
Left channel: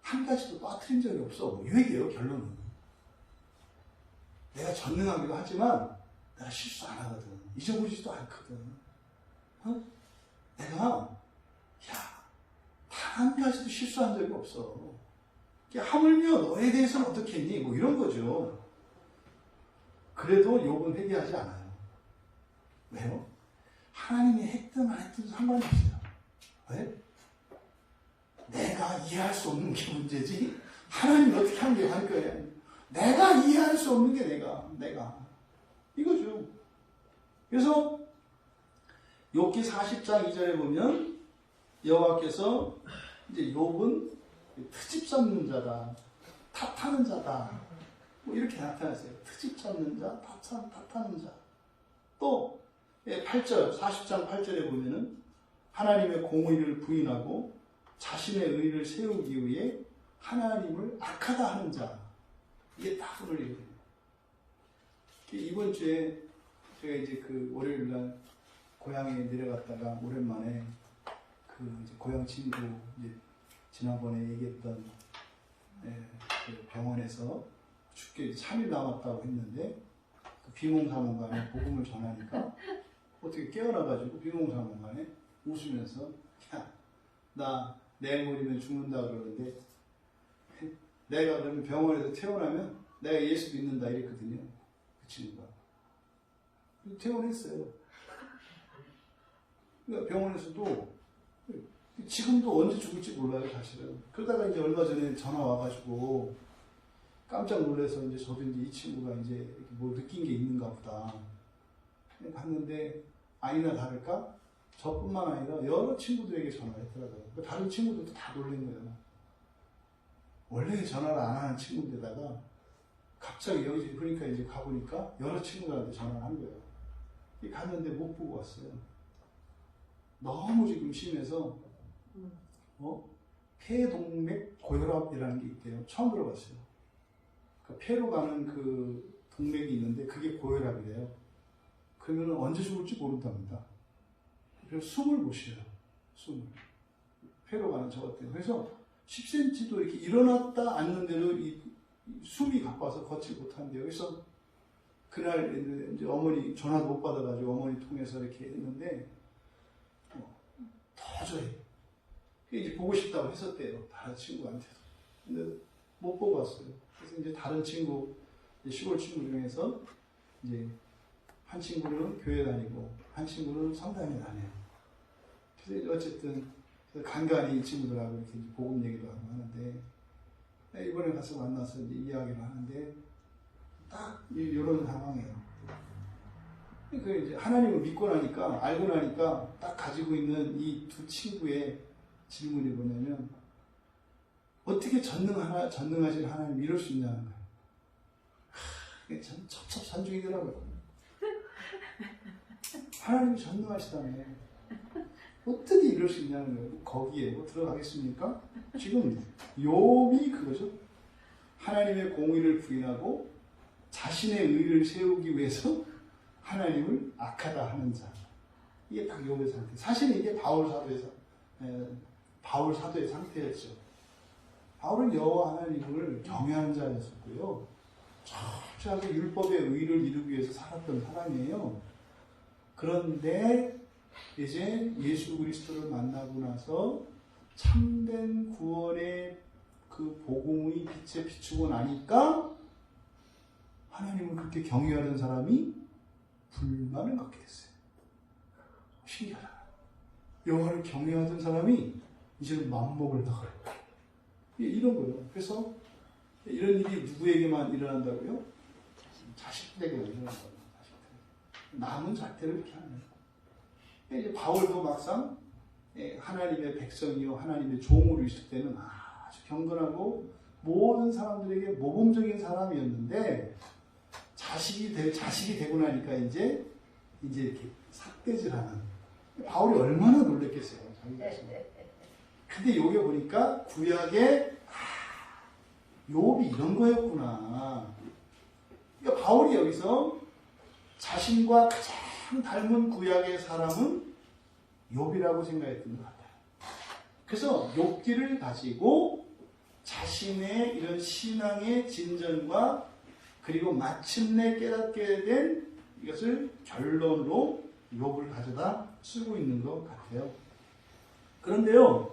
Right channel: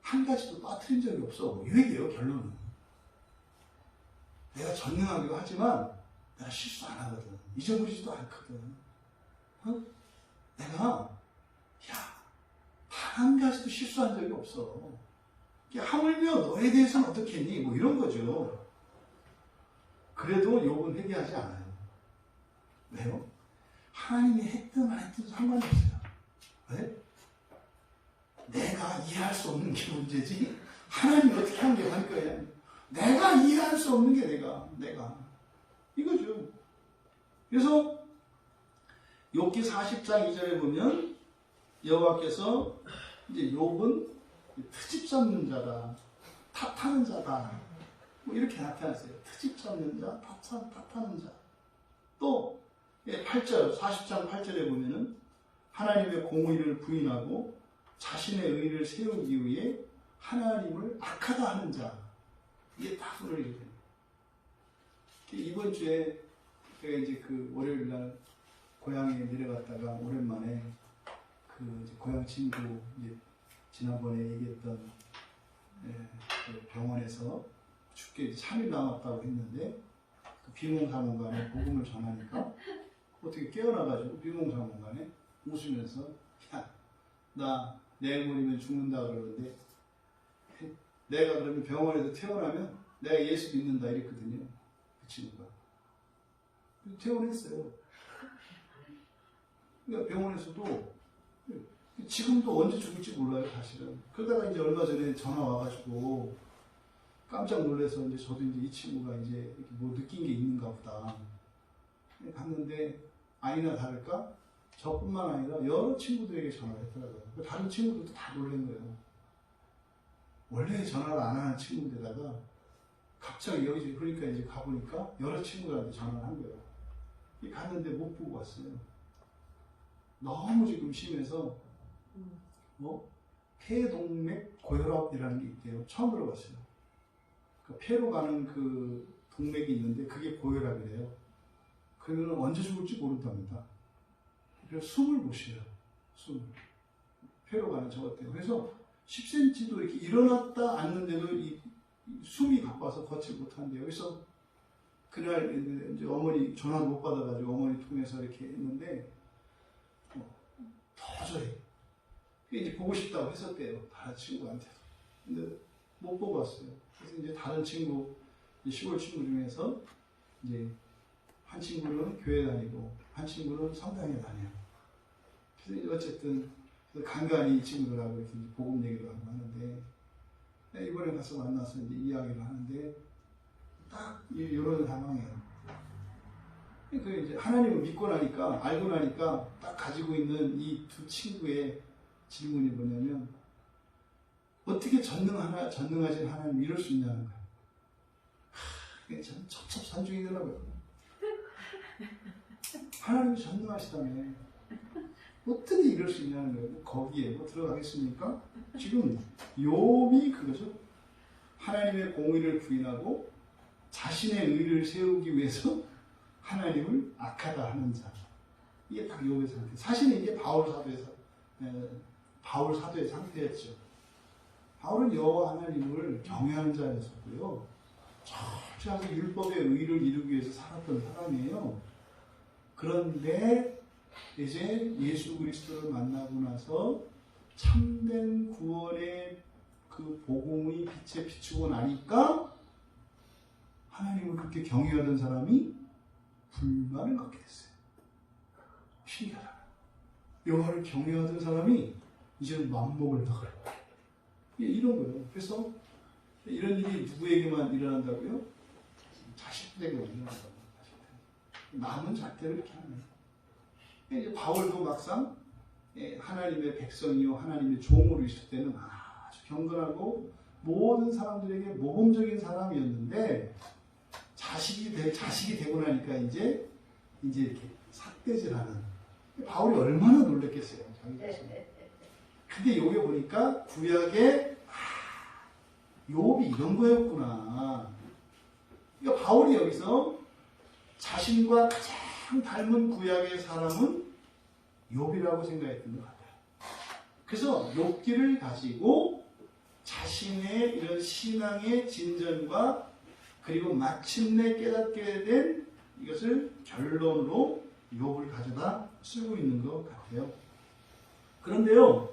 한 가지도 빠뜨린 적이 없어. 뭐 이 얘기예요, 결론은. 내가 전능하기도 하지만 내가 실수 안 하거든. 잊어버리지도 않거든. 내가 단 한 가지도 실수한 적이 없어. 하물며 너에 대해서는 어떻게 했니? 뭐 이런 거죠. 그래도 욥은 회개하지 않아요. 왜요? 하나님이 했든 안 했든 상관이 없어요. 왜? 내가 이해할 수 없는 게 문제지 하나님이 어떻게 한 게 할 거예요. 내가 이해할 수 없는 게 내가 이거죠. 그래서 욥기 40장 2절에 보면 여호와께서 이제 욥은 트집 잡는 자다, 탓하는 자다, 뭐 이렇게 나타났어요. 트집 잡는 자, 탓하는 자. 또 8절, 40장 8절에 보면은 하나님의 공의를 부인하고 자신의 의를 세우기 위해 하나님을 악하다 하는 자. 이게 다 오늘 얘기예요. 이번 주에 제가 이제 그 월요일 날 고향에 내려갔다가 오랜만에 그 이제 고향 친구 이제 지난번에 얘기했던 그 병원에서 죽게 3일 남았다고 했는데 그 비몽사몽간에 복음을 전하니까 어떻게 깨어나가지고 비몽사몽간에 웃으면서 나 내일 모레면 죽는다 그러는데 내가 그러면 병원에서 퇴원하면 내가 예수 믿는다 이랬거든요. 그 친구가. 퇴원했어요. 그러니까 병원에서도 지금도 언제 죽을지 몰라요, 사실은. 그러다가 이제 얼마 전에 전화 와가지고 깜짝 놀라서 이제 저도 이제 이 친구가 이제 이렇게 뭐 느낀 게 있는가 보다. 봤는데 아니나 다를까 저뿐만 아니라 여러 친구들에게 전화를 했더라고요. 다른 친구들도 다 놀란 거예요. 원래 전화를 안 하는 친구인데다가 갑자기 여기 그러니까 이제 가보니까 여러 친구들한테 전화를 한 거예요. 갔는데 못 보고 왔어요. 너무 지금 심해서 폐동맥 고혈압이라는 게 있대요. 처음 들어봤어요. 그러니까 폐로 가는 그 동맥이 있는데 그게 고혈압이래요. 그러면 언제 죽을지 모른답니다. 그래서 숨을 못 쉬어요. 폐로 가는 저것 때문에. 그래서 10cm도 이렇게 일어났다 앉는데도 이 숨이 가빠서 걷지 못한대요. 그래서 그날 이제 어머니 전화도 못 받아가지고 어머니 통해서 이렇게 했는데 도저히 이제 보고 싶다고 했었대요. 다른 친구한테도. 근데 못 보고 왔어요. 그래서 이제 다른 친구, 시골 친구 중에서 이제 한 친구는 교회 다니고 한 친구는 성당에 다녀요. 그래서 어쨌든 간간히 이 친구들하고 이렇게 복음 얘기도 하고 하는데 이번에 가서 만나서 이제 이야기를 하는데 딱 이런 상황이에요. 그러니까 이제 하나님을 믿고 나니까 알고 나니까 딱 가지고 있는 이 두 친구의 질문이 뭐냐면 어떻게 전능하신 하나님 이럴 수 있냐는 거예요. 이게 참 첩첩산중이더라고요. 하나님이 전능하시다며 어떻게 이럴 수 있냐는 거예요. 거기에 뭐 들어가겠습니까? 지금 욥이 그거죠. 하나님의 공의를 부인하고 자신의 의를 세우기 위해서 하나님을 악하다 하는 자. 이게 딱 욥의 상태. 사실 이게 바울 사도의 상태였죠. 바울은 여호와 하나님을 경외하는 자였었고요. 철저하게 율법의 의를 이루기 위해서 살았던 사람이에요. 그런데 이제 예수 그리스도를 만나고 나서 참된 구원의 그 복음의 빛에 비추고 나니까 하나님을 그렇게 경외하던 사람이 불만을 갖게 됐어요. 신기하다. 여호와를 경외하던 사람이 이제는 맘먹을 나가요. 이런 거예요. 그래서 이런 일이 누구에게만 일어난다고요? 자식들에게만 일어난다고요. 남은 자태를 이렇게 하는 거예요. 이제 바울도 막상 하나님의 백성이요 하나님의 종으로 있을 때는 아주 경건하고 모든 사람들에게 모범적인 사람이었는데 자식이 되고 나니까 이제 이렇게 삿대질하는. 바울이 얼마나 놀랬겠어요. 근데 여기 보니까 구약에 욥이 이런 거였구나. 그러니까 바울이 여기서 자신과 가장 닮은 구약의 사람은 욥이라고 생각했던 것 같아요. 그래서 욥기를 가지고 자신의 이런 신앙의 진전과 그리고 마침내 깨닫게 된 이것을 결론으로 욥을 가져다 쓰고 있는 것 같아요. 그런데요,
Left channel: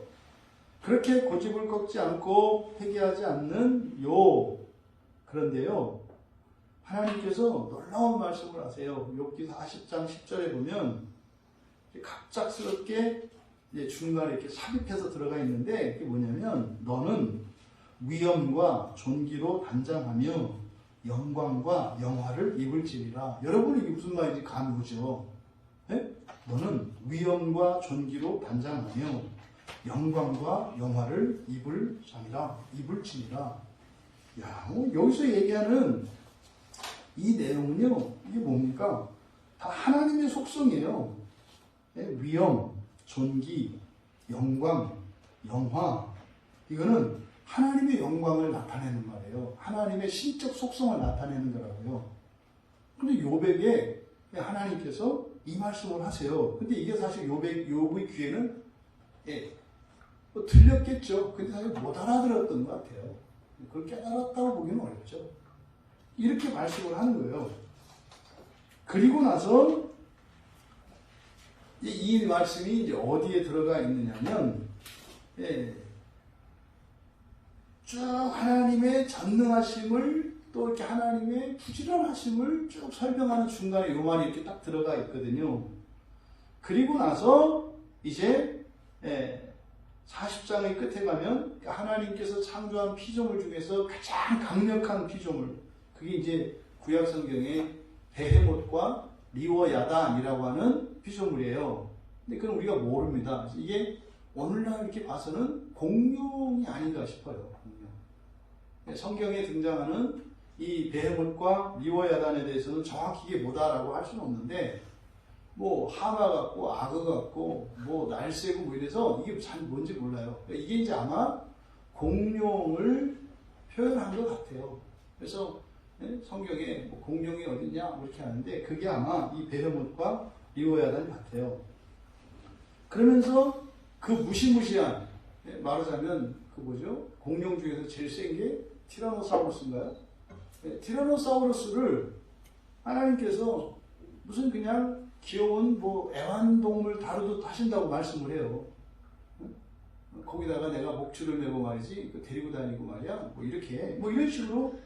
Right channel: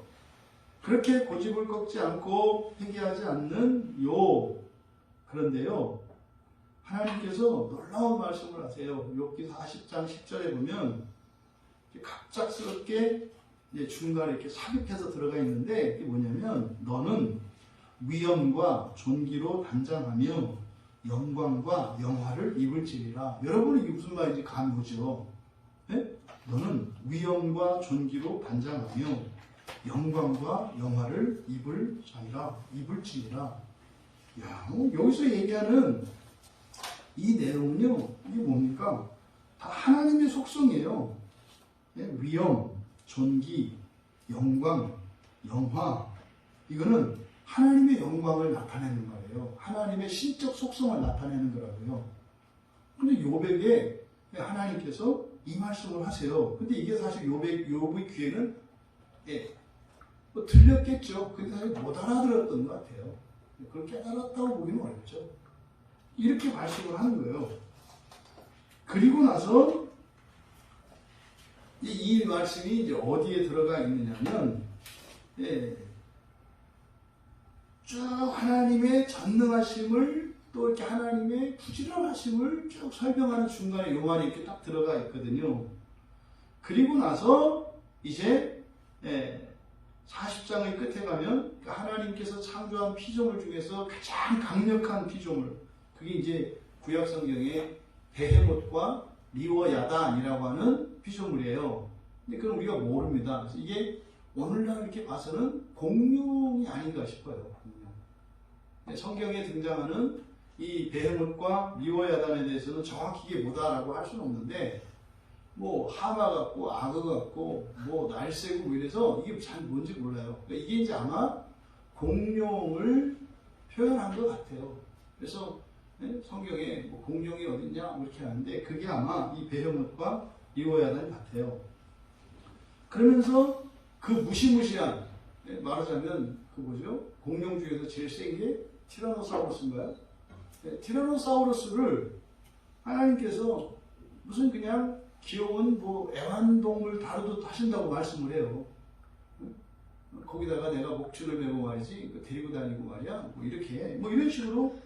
그렇게 고집을 꺾지 않고 회개하지 않는 욥. 그런데요, 하나님께서 놀라운 말씀을 하세요. 욥기 40장 10절에 보면 갑작스럽게 중간에 이렇게 삽입해서 들어가 있는데 이게 뭐냐면 너는 위엄과 존귀로 단장하며 영광과 영화를 입을지니라. 여러분 이게 무슨 말인지 감이 오죠? 네? 너는 위엄과 존귀로 단장하며 영광과 영화를 입을지니라. 야, 여기서 얘기하는 이 내용은요, 이게 뭡니까? 다 하나님의 속성이에요. 네? 위엄, 존귀, 영광, 영화. 이거는 하나님의 영광을 나타내는 말이에요. 하나님의 신적 속성을 나타내는 거라고요. 근데 욥에게 하나님께서 이 말씀을 하세요. 근데 이게 사실 욥의 귀에는 들렸겠죠. 근데 사실 못 알아들었던 것 같아요. 그걸 깨달았다고 보기는 어렵죠. 이렇게 말씀을 하는 거예요. 그리고 나서 이 말씀이 이제 어디에 들어가 있느냐면 쭉 하나님의 전능하심을 또 이렇게 하나님의 부지런하심을 쭉 설명하는 중간에 요한이 이렇게 딱 들어가 있거든요. 그리고 나서 이제 40장의 끝에 가면 하나님께서 창조한 피조물 중에서 가장 강력한 피조물, 그게 이제 구약 성경의 베헤못과 리워야단이라고 하는 피조물이에요. 근데 그건 우리가 모릅니다. 이게 오늘날 이렇게 봐서는 공룡이 아닌가 싶어요. 공룡. 성경에 등장하는 이 베헤못과 리워야단에 대해서는 정확히 이게 뭐다라고 할 수는 없는데, 뭐 하마 같고 악어 같고 뭐 날새고 뭐 이래서 이게 잘 뭔지 몰라요. 그러니까 이게 이제 아마 공룡을 표현한 것 같아요. 그래서 성경에 뭐 공룡이 어딨냐 이렇게 하는데 그게 아마 이 베헤못과 리워야단 같아요. 그러면서 그 무시무시한, 말하자면 그 뭐죠? 공룡 중에서 제일 센 게 티라노사우루스인가요? 티라노사우루스를 하나님께서 무슨 그냥 귀여운 뭐 애완동물 다루듯 하신다고 말씀을 해요. 거기다가 내가 목줄을 메고 말이지 데리고 다니고 말이야 뭐 이렇게 뭐 이런 식으로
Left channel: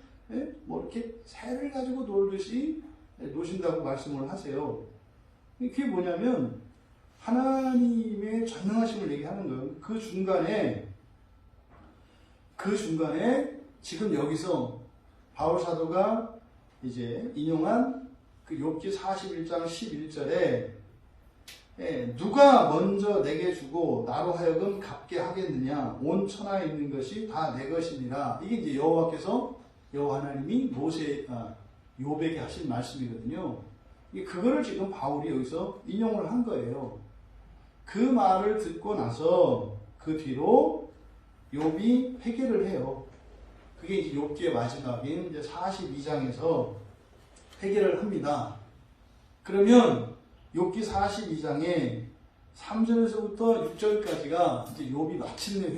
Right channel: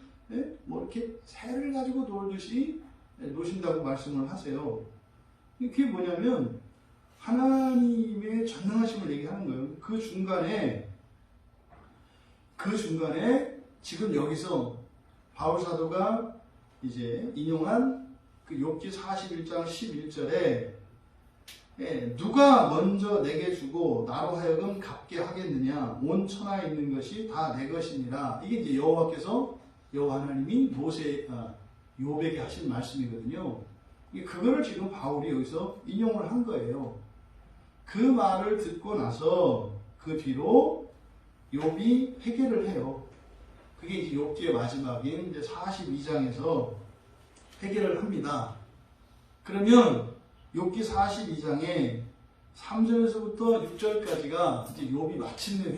뭐 이렇게 새를 가지고 놀듯이 노신다고 말씀을 하세요. 그게 뭐냐면 하나님의 전능하심을 얘기하는 거예요. 그 중간에 지금 여기서 바울 사도가 이제 인용한 그 욥기 41장 11절에 누가 먼저 내게 주고 나로 하여금 갚게 하겠느냐, 온 천하에 있는 것이 다 내 것이니라. 이게 이제 여호와 하나님이 욥에게 하신 말씀이거든요. 그거를 지금 바울이 여기서 인용을 한 거예요. 그 말을 듣고 나서 그 뒤로 욥이 회개를 해요. 그게 이제 욥기의 마지막인 이제 42장에서 회개를 합니다. 그러면 욥기 42장에 3절에서부터 6절까지가 이제 욥이 마침내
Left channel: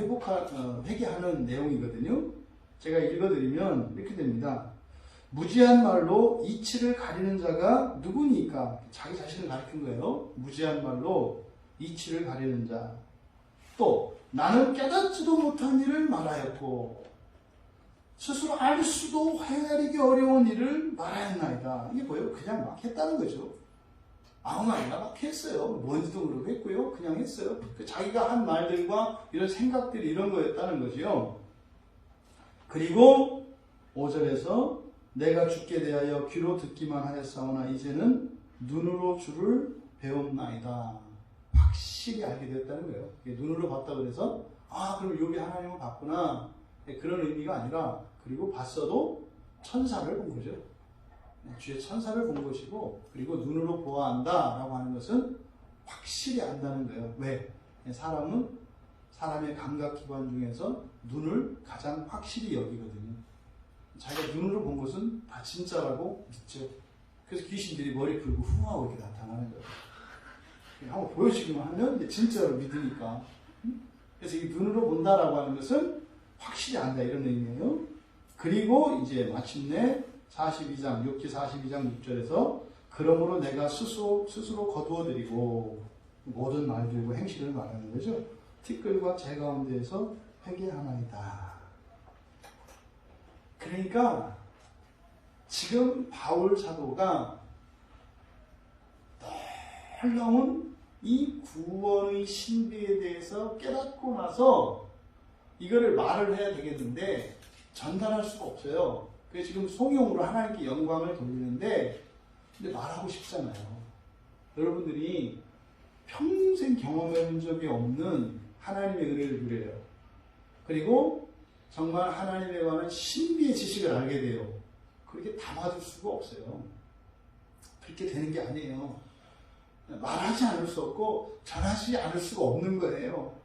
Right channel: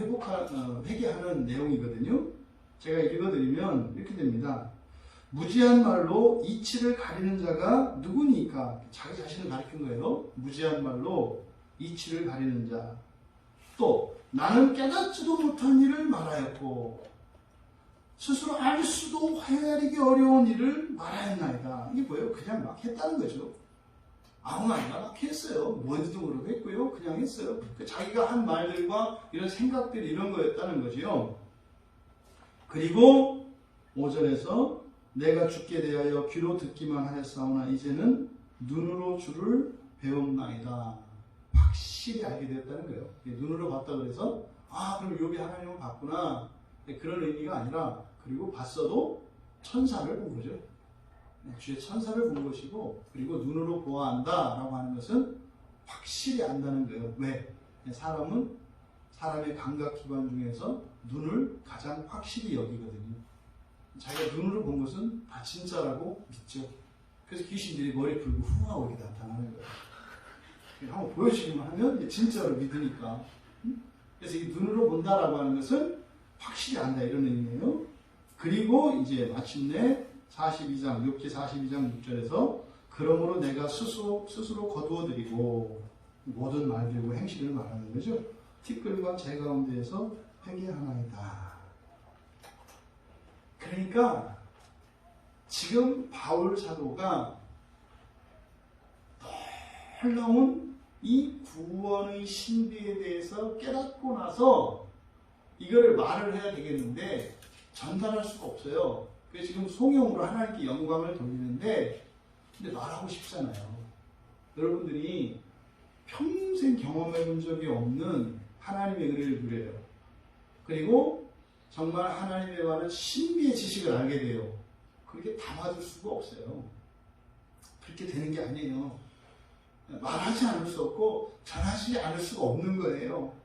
회개하는 내용이거든요. 제가 읽어드리면 이렇게 됩니다. 무지한 말로 이치를 가리는 자가 누구니까? 자기 자신을 가리킨 거예요. 무지한 말로 이치를 가리는 자. 또 나는 깨닫지도 못한 일을 말하였고, 스스로 알 수도 헤아리기 어려운 일을 말하였나이다. 이게 뭐예요? 그냥 막 했다는 거죠. 아무 말이나 막 했어요. 뭔지도 모르고 했고요. 그냥 했어요. 자기가 한 말들과 이런 생각들이 이런 거였다는 거죠. 그리고 5절에서 내가 주께 대하여 귀로 듣기만 하였사오나 이제는 눈으로 주를 배웠나이다. 확실히 알게 되었다는 거예요. 눈으로 봤다 그래서 그럼 욥이 하나님을 봤구나. 그런 의미가 아니라 그리고 봤어도 천사를 본 거죠. 주의 천사를 본 것이고 그리고 눈으로 보아한다 라고 하는 것은 확실히 안다는 거예요. 왜? 사람은 사람의 감각기관 중에서 눈을 가장 확실히 여기거든요. 자기가 눈으로 본 것은 다 진짜라고 믿죠. 그래서 귀신들이 머리 풀고 후하고 이렇게 나타나는 거예요. 한번 보여주기만 하면 이제 진짜로 믿으니까. 그래서 이 눈으로 본다라고 하는 것은 확실히 안다 이런 의미예요. 그리고 이제 마침내 42장, 6기 42장 6절에서 그러므로 내가 스스로 거두어드리고 모든 말들과 행실을 말하는 거죠. 티끌과 재 가운데에서 회개하나이다. 그러니까 지금 바울 사도가 놀라운 이 구원의 신비에 대해서 깨닫고 나서 이거를 말을 해야 되겠는데 전달할 수가 없어요. 그래서 지금 송영으로 하나님께 영광을 돌리는데 근데 말하고 싶잖아요. 여러분들이 평생 경험해 본 적이 없는 하나님의 은혜를 누려요. 그리고 정말 하나님에 관한 신비의 지식을 알게 돼요. 그렇게 담아둘 수가 없어요. 그렇게 되는 게 아니에요. 말하지 않을 수 없고 전하지 않을 수가 없는 거예요.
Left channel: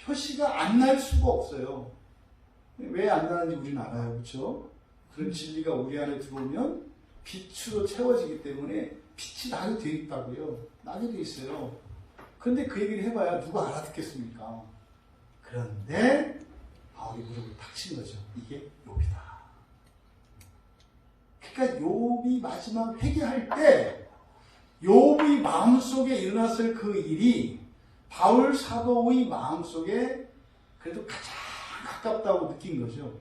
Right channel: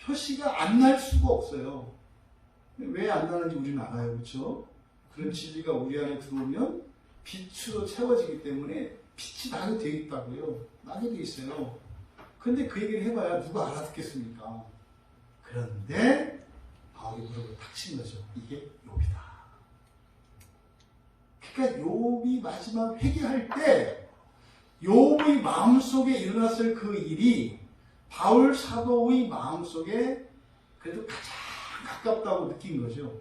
표시가 안 날 수가 없어요. 왜 안 나는지 우리는 알아요. 그렇죠? 그런 진리가 우리 안에 들어오면 빛으로 채워지기 때문에 빛이 나게 되어 있다고요. 나게 되어 있어요. 근데 그 얘기를 해봐야 누가 알아듣겠습니까? 그런데 바울이 무릎을 탁 친 거죠. 이게 욥이다. 그러니까 욥이 마지막 회개할 때 욥의 마음속에 일어났을 그 일이 바울 사도의 마음속에 그래도 가장 가깝다고 느낀 거죠.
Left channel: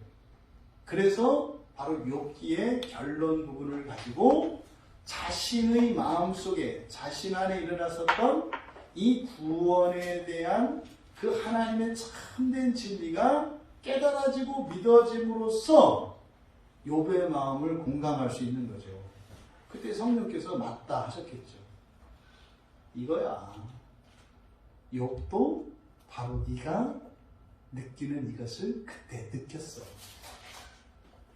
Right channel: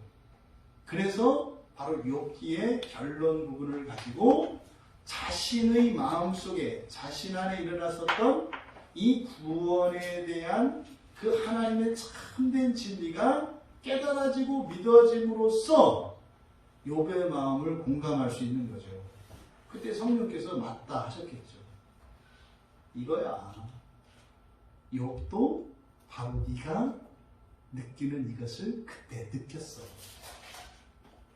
그래서 바로 욥기의 결론 부분을 가지고 자신의 마음속에 자신 안에 일어났었던 이 구원에 대한 그 하나님의 참된 진리가 깨달아지고 믿어짐으로써 욥의 마음을 공감할 수 있는 거죠. 그때 성령께서 맞다 하셨겠죠. 이거야. 욥도 바로 네가 느끼는 이것을 그때 느꼈어.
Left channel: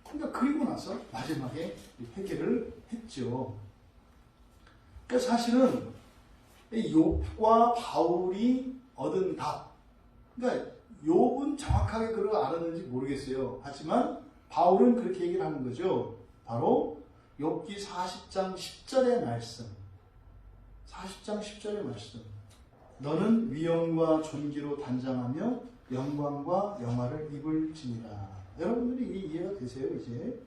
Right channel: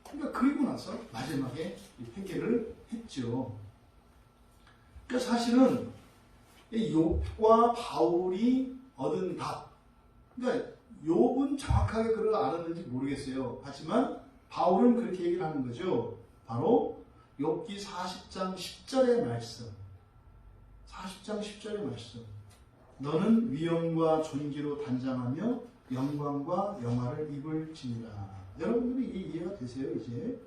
그러니까 그리고 나서 마지막에 회개를 했죠. 그러니까 사실은 욥과 바울이 얻은 답. 그러니까 욥은 정확하게 그걸 알았는지 모르겠어요. 하지만 바울은 그렇게 얘기를 하는 거죠. 바로 욥기 40장 10절의 말씀. 40장 10절의 말씀. 너는 위엄과 존귀로 단장하며 영광과 영화를 입을지니라. 여러분들이 이해가 되세요, 이제?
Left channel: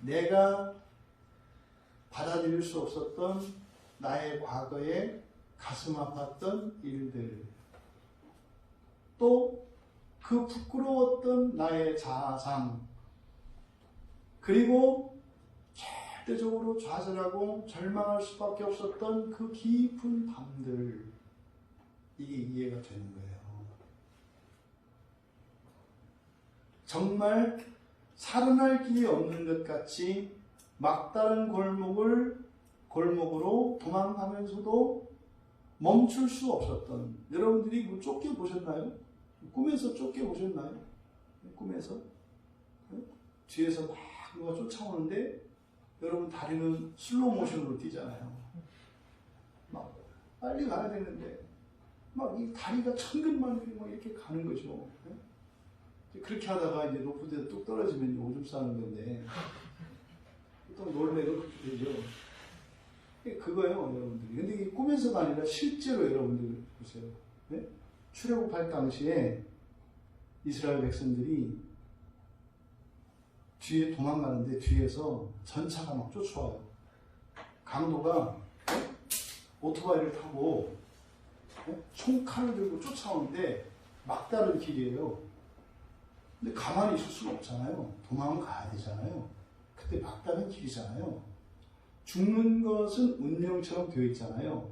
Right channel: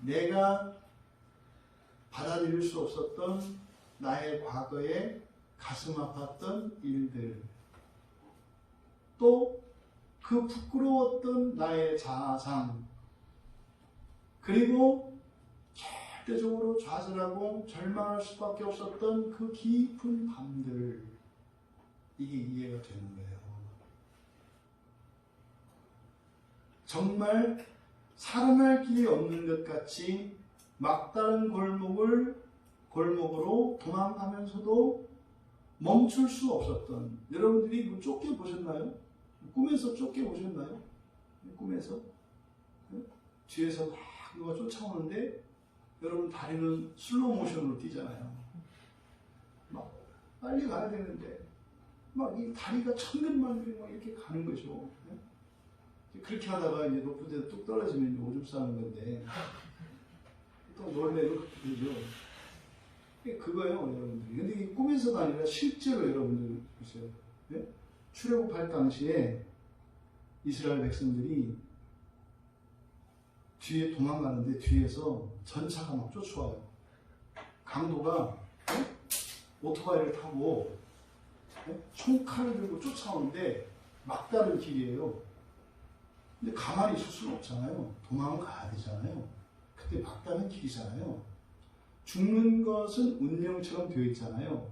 내가 받아들일 수 없었던 나의 과거에 가슴 아팠던 일들, 또 그 부끄러웠던 나의 자아상, 그리고 절대적으로 좌절하고 절망할 수밖에 없었던 그 깊은 밤들, 이게 이해가 되는 거예요. 정말 살아날 길이 없는 것 같이 막다른 골목으로 도망가면서도 멈출 수 없었던, 여러분들이 뭐 쫓겨보셨나요? 꿈에서 쫓겨보셨나요? 꿈에서? 뒤에서 막 누가 쫓아오는데 여러분 다리는 슬로우 모션으로 뛰잖아요. 막 빨리 가야 되는데 막 이 다리가 천근만근 막 이렇게 가는 거죠. 그렇게 하다가 이제 높은 데서 뚝 떨어지면 오줌 싸는 건데 또 놀래로 그렇게 되죠. 그거예요, 여러분들. 근데 이 꿈에서가 아니라 실제로 여러분들 보세요. 네? 출애굽할 당시에 이스라엘 백성들이 뒤에 도망가는데 뒤에서 전차가 막 쫓아와요. 강도가 오토바이를 타고 총칼을 들고 쫓아오는데 막다른 길이에요. 근데 가만히 있을 수는 없잖아요. 도망을 가야 되잖아요. 그때 막다른 길이잖아요. 죽는 것은 운명처럼 되어 있잖아요.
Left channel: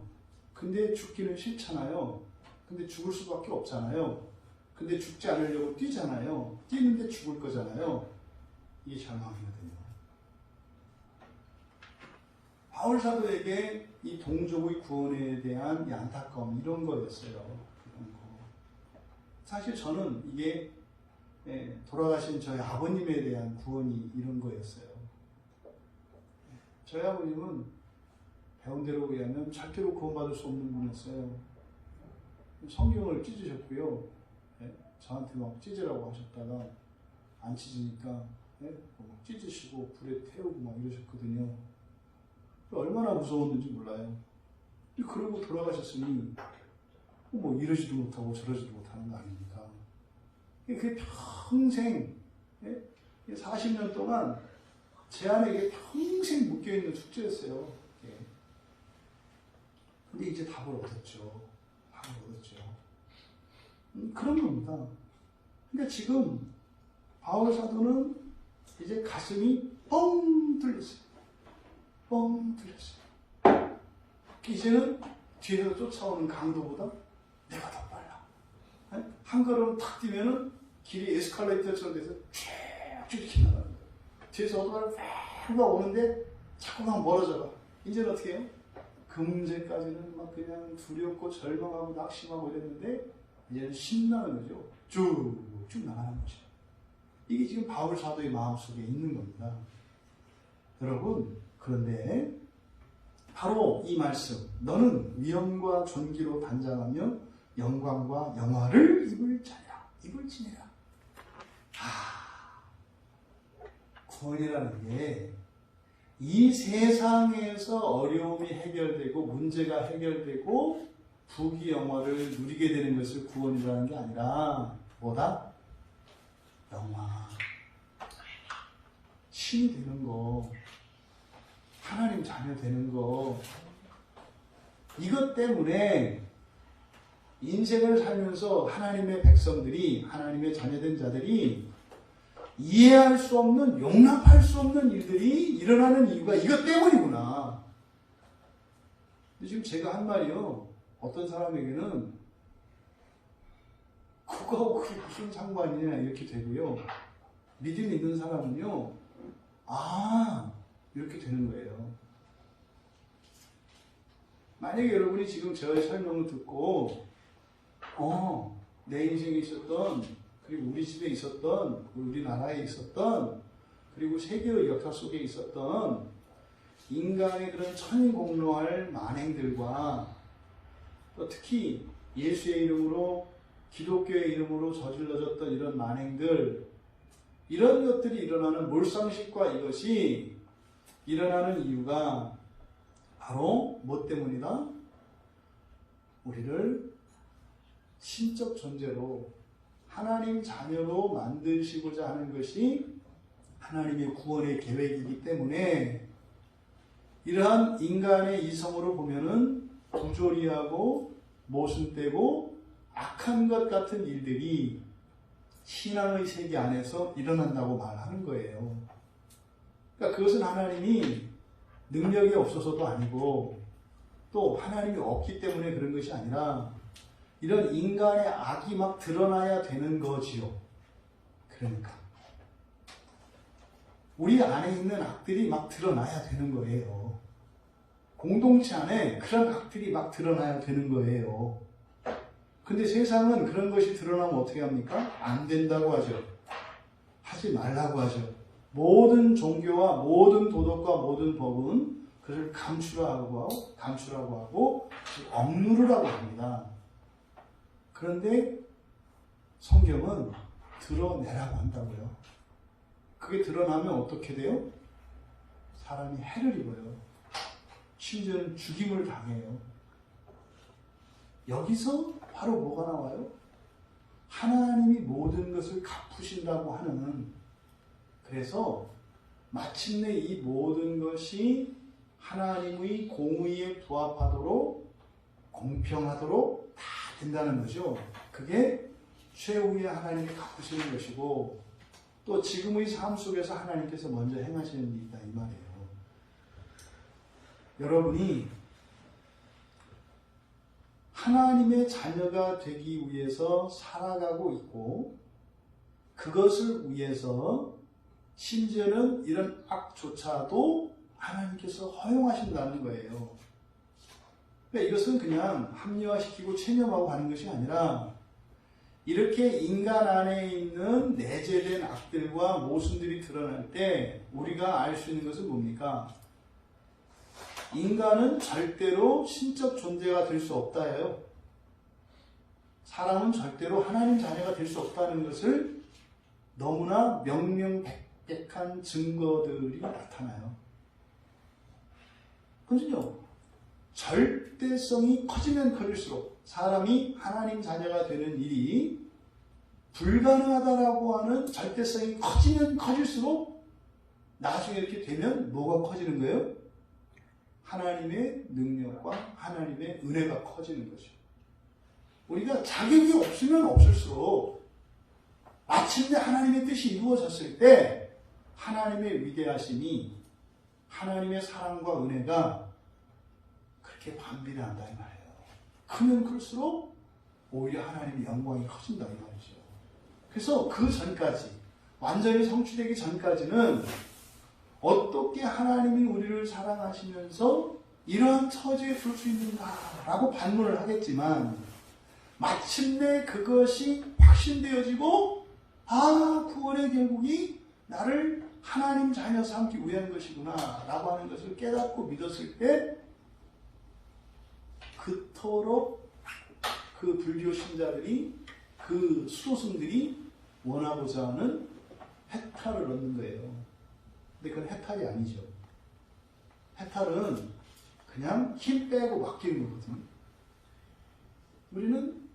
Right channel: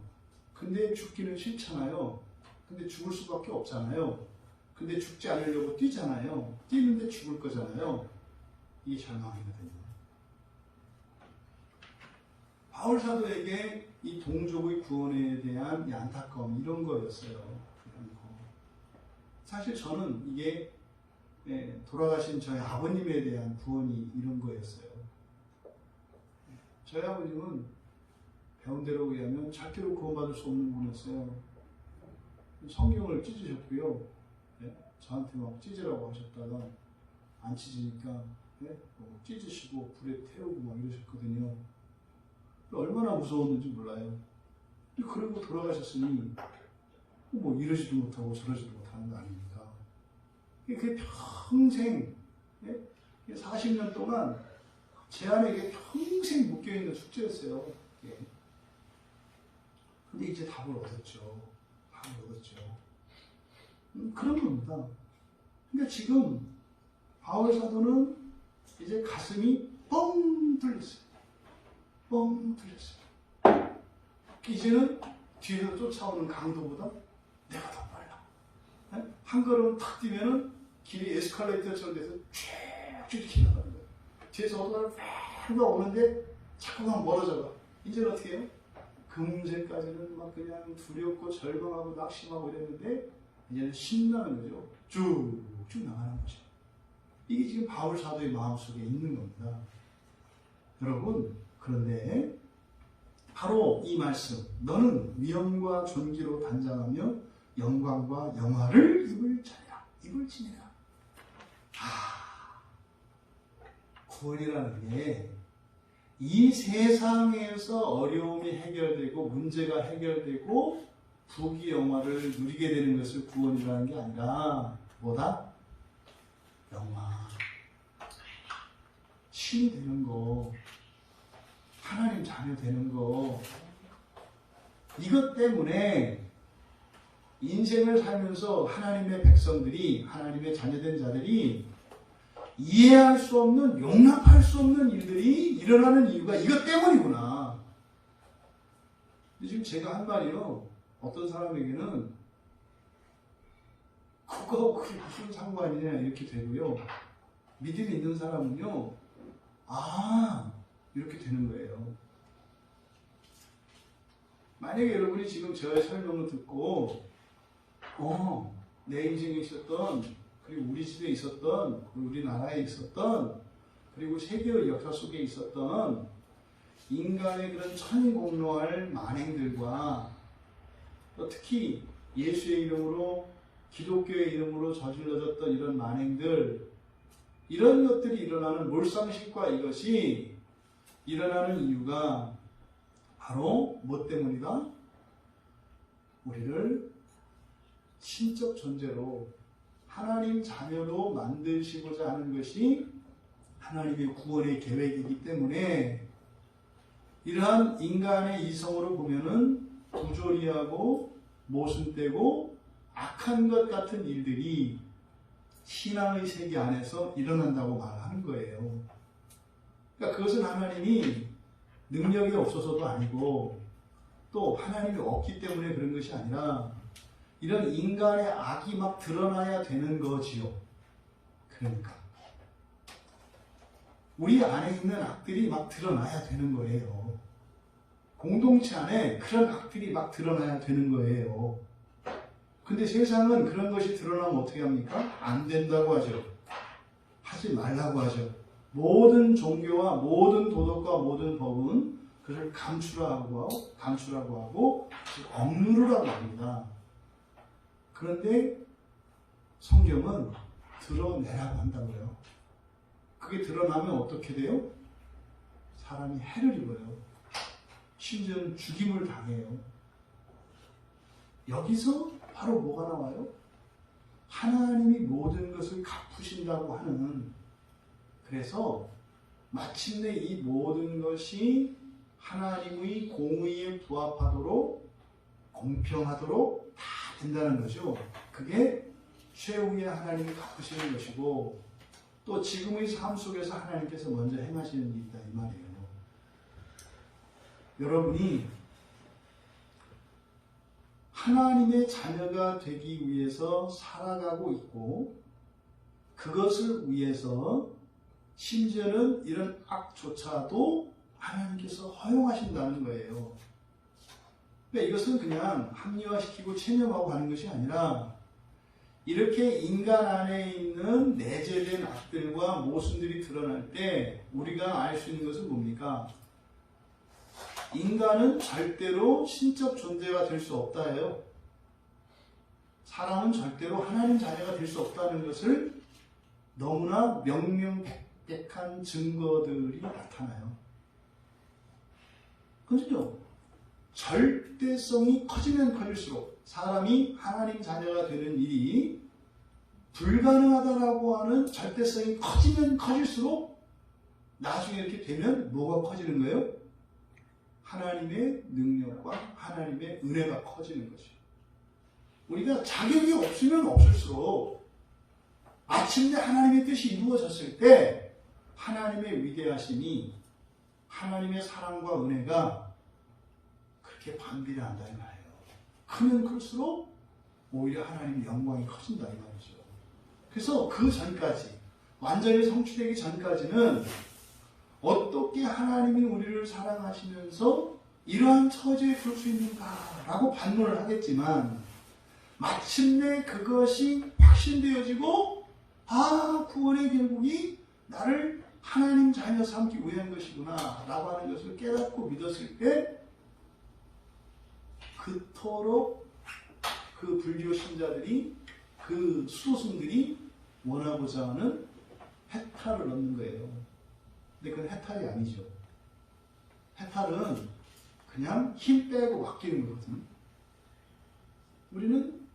근데 죽기는 싫잖아요. 근데 죽을 수밖에 없잖아요. 근데 죽지 않으려고 뛰잖아요. 뛰는데 죽을 거잖아요. 이게 절망이거든요. 바울 사도에게 이 동족의 구원에 대한 안타까움 이런 거였어요. 이런 거. 사실 저는 이게 돌아가신 저희 아버님에 대한 구원이 이런 거였어요. 저희 아버님은 배운 대로 의하면 절대로 구원받을 수 없는 분이었어요. 성경을 찢으셨고요. 저한테 막 찢으라고 하셨다가 안 찢으니까 찢으시고 불에 태우고 막 이러셨거든요. 얼마나 무서웠는지 몰라요. 그리고 돌아가셨으니 뭐 이러지도 못하고 저러지도 못하는 거 아닙니까? 그게 평생 40년 동안 제 안에 평생 묶여있는 숙제였어요. 근데 이제 답을 얻었죠. 답을 얻었죠. 그런 겁니다. 근데 지금 바울 사도는 이제 가슴이 뻥 뚫렸어요. 뻥 뚫렸어요. 이제는 뒤에서 쫓아오는 강도보다 내가 더 빨라. 한 걸음 탁 뛰면은 길이 에스컬레이터처럼 돼서 쭉 이렇게 나가는 거예요. 뒤에서 오토바이가 팍 오는데 자꾸만 멀어져가. 이제는 어떻게 해요? 금세까지는 막 그냥 두렵고 절망하고 낙심하고 이랬는데 이제는 신나는 거죠. 쭉쭉 나가는 거죠. 이게 지금 바울 사도의 마음속에 있는 겁니다. 여러분, 그런데 바로 이 말씀, 너는 위엄과 존귀로 단장하며 영광과 영화를 입을 자니라. 입을 지내라. 구원이라는 게 이 세상에서 어려움이 해결되고 문제가 해결되고 부귀 영화를 누리게 되는 것을 구원이라는 게 아니라 뭐다? 영화. 신이 되는 거, 하나님 자녀 되는 거, 이것 때문에 인생을 살면서 하나님의 백성들이, 하나님의 자녀된 자들이 이해할 수 없는, 용납할 수 없는 일들이 일어나는 이유가 이것 때문이구나. 근데 지금 제가 한 말이요, 어떤 사람에게는 그거하고 그게 무슨 상관이냐 이렇게 되고요, 믿음이 있는 사람은요, 이렇게 되는 거예요. 만약에 여러분이 지금 저의 설명을 듣고 내 인생에 있었던, 그리고 우리 집에 있었던, 우리나라에 있었던, 그리고 세계의 역사 속에 있었던 인간의 그런 천공로할 만행들과 또 특히 예수의 이름으로, 기독교의 이름으로 저질러졌던 이런 만행들, 이런 것들이 일어나는 몰상식과 이것이 일어나는 이유가 바로 뭐 때문이다? 우리를 신적 존재로 하나님 자녀로 만드시고자 하는 것이 하나님의 구원의 계획이기 때문에 이러한 인간의 이성으로 보면은 부조리하고 모순되고 악한 것 같은 일들이 신앙의 세계 안에서 일어난다고 말하는 거예요. 그러니까 그것은 하나님이 능력이 없어서도 아니고 또 하나님이 없기 때문에 그런 것이 아니라 이런 인간의 악이 막 드러나야 되는 거지요. 그러니까 우리 안에 있는 악들이 막 드러나야 되는 거예요. 공동체 안에 그런 악들이 막 드러나야 되는 거예요. 근데 세상은 그런 것이 드러나면 어떻게 합니까? 안 된다고 하죠. 하지 말라고 하죠. 모든 종교와 모든 도덕과 모든 법은 그를 감추라고 하고 억누르라고 합니다. 그런데 성경은 드러내라고 한다고요. 그게 드러나면 어떻게 돼요? 사람이 해를 입어요. 심지어는 죽임을 당해요. 여기서 바로 뭐가 나와요? 하나님이 모든 것을 갚으신다고 하는, 그래서 마침내 이 모든 것이 하나님의 공의에 부합하도록 공평하도록 다 된다는 거죠. 그게 최후에 하나님이 갚으시는 것이고 또 지금의 삶 속에서 하나님께서 먼저 행하시는 일이 있다 이 말이에요. 여러분이 하나님의 자녀가 되기 위해서 살아가고 있고 그것을 위해서 심지어는 이런 악조차도 하나님께서 허용하신다는 거예요. 그러니까 이것은 그냥 합리화시키고 체념하고 하는 것이 아니라 이렇게 인간 안에 있는 내재된 악들과 모순들이 드러날 때 우리가 알 수 있는 것은 뭡니까? 인간은 절대로 신적 존재가 될 수 없다예요. 사람은 절대로 하나님 자녀가 될 수 없다는 것을 너무나 명명백백한 증거들이 나타나요. 그죠? 절대성이 커지면 커질수록 사람이 하나님 자녀가 되는 일이 불가능하다라고 하는 절대성이 커지면 커질수록 나중에 이렇게 되면 뭐가 커지는 거예요? 하나님의 능력과 하나님의 은혜가 커지는 거죠. 우리가 자격이 없으면 없을수록 마침내 하나님의 뜻이 이루어졌을 때 하나님의 위대하심이 하나님의 사랑과 은혜가 그렇게 반비례한다 이 말이에요. 크면 클수록 오히려 하나님의 영광이 커진다 이 말이죠. 그래서 그 전까지 완전히 성취되기 전까지는 어떻게 하나님이 우리를 사랑하시면서 이러한 처지에 둘 수 있는가라고 반문을 하겠지만 마침내 그것이 확신되어지고 구원의 경국이 나를 하나님 자녀 삼기 위한 것이구나 라고 하는 것을 깨닫고 믿었을 때 그토록 그 불교 신자들이 그 수도승들이 원하고자 하는 해탈을 얻는 거예요. 근데 그건 해탈이 아니죠. 해탈은 그냥 힘 빼고 맡기는 거거든요. 우리는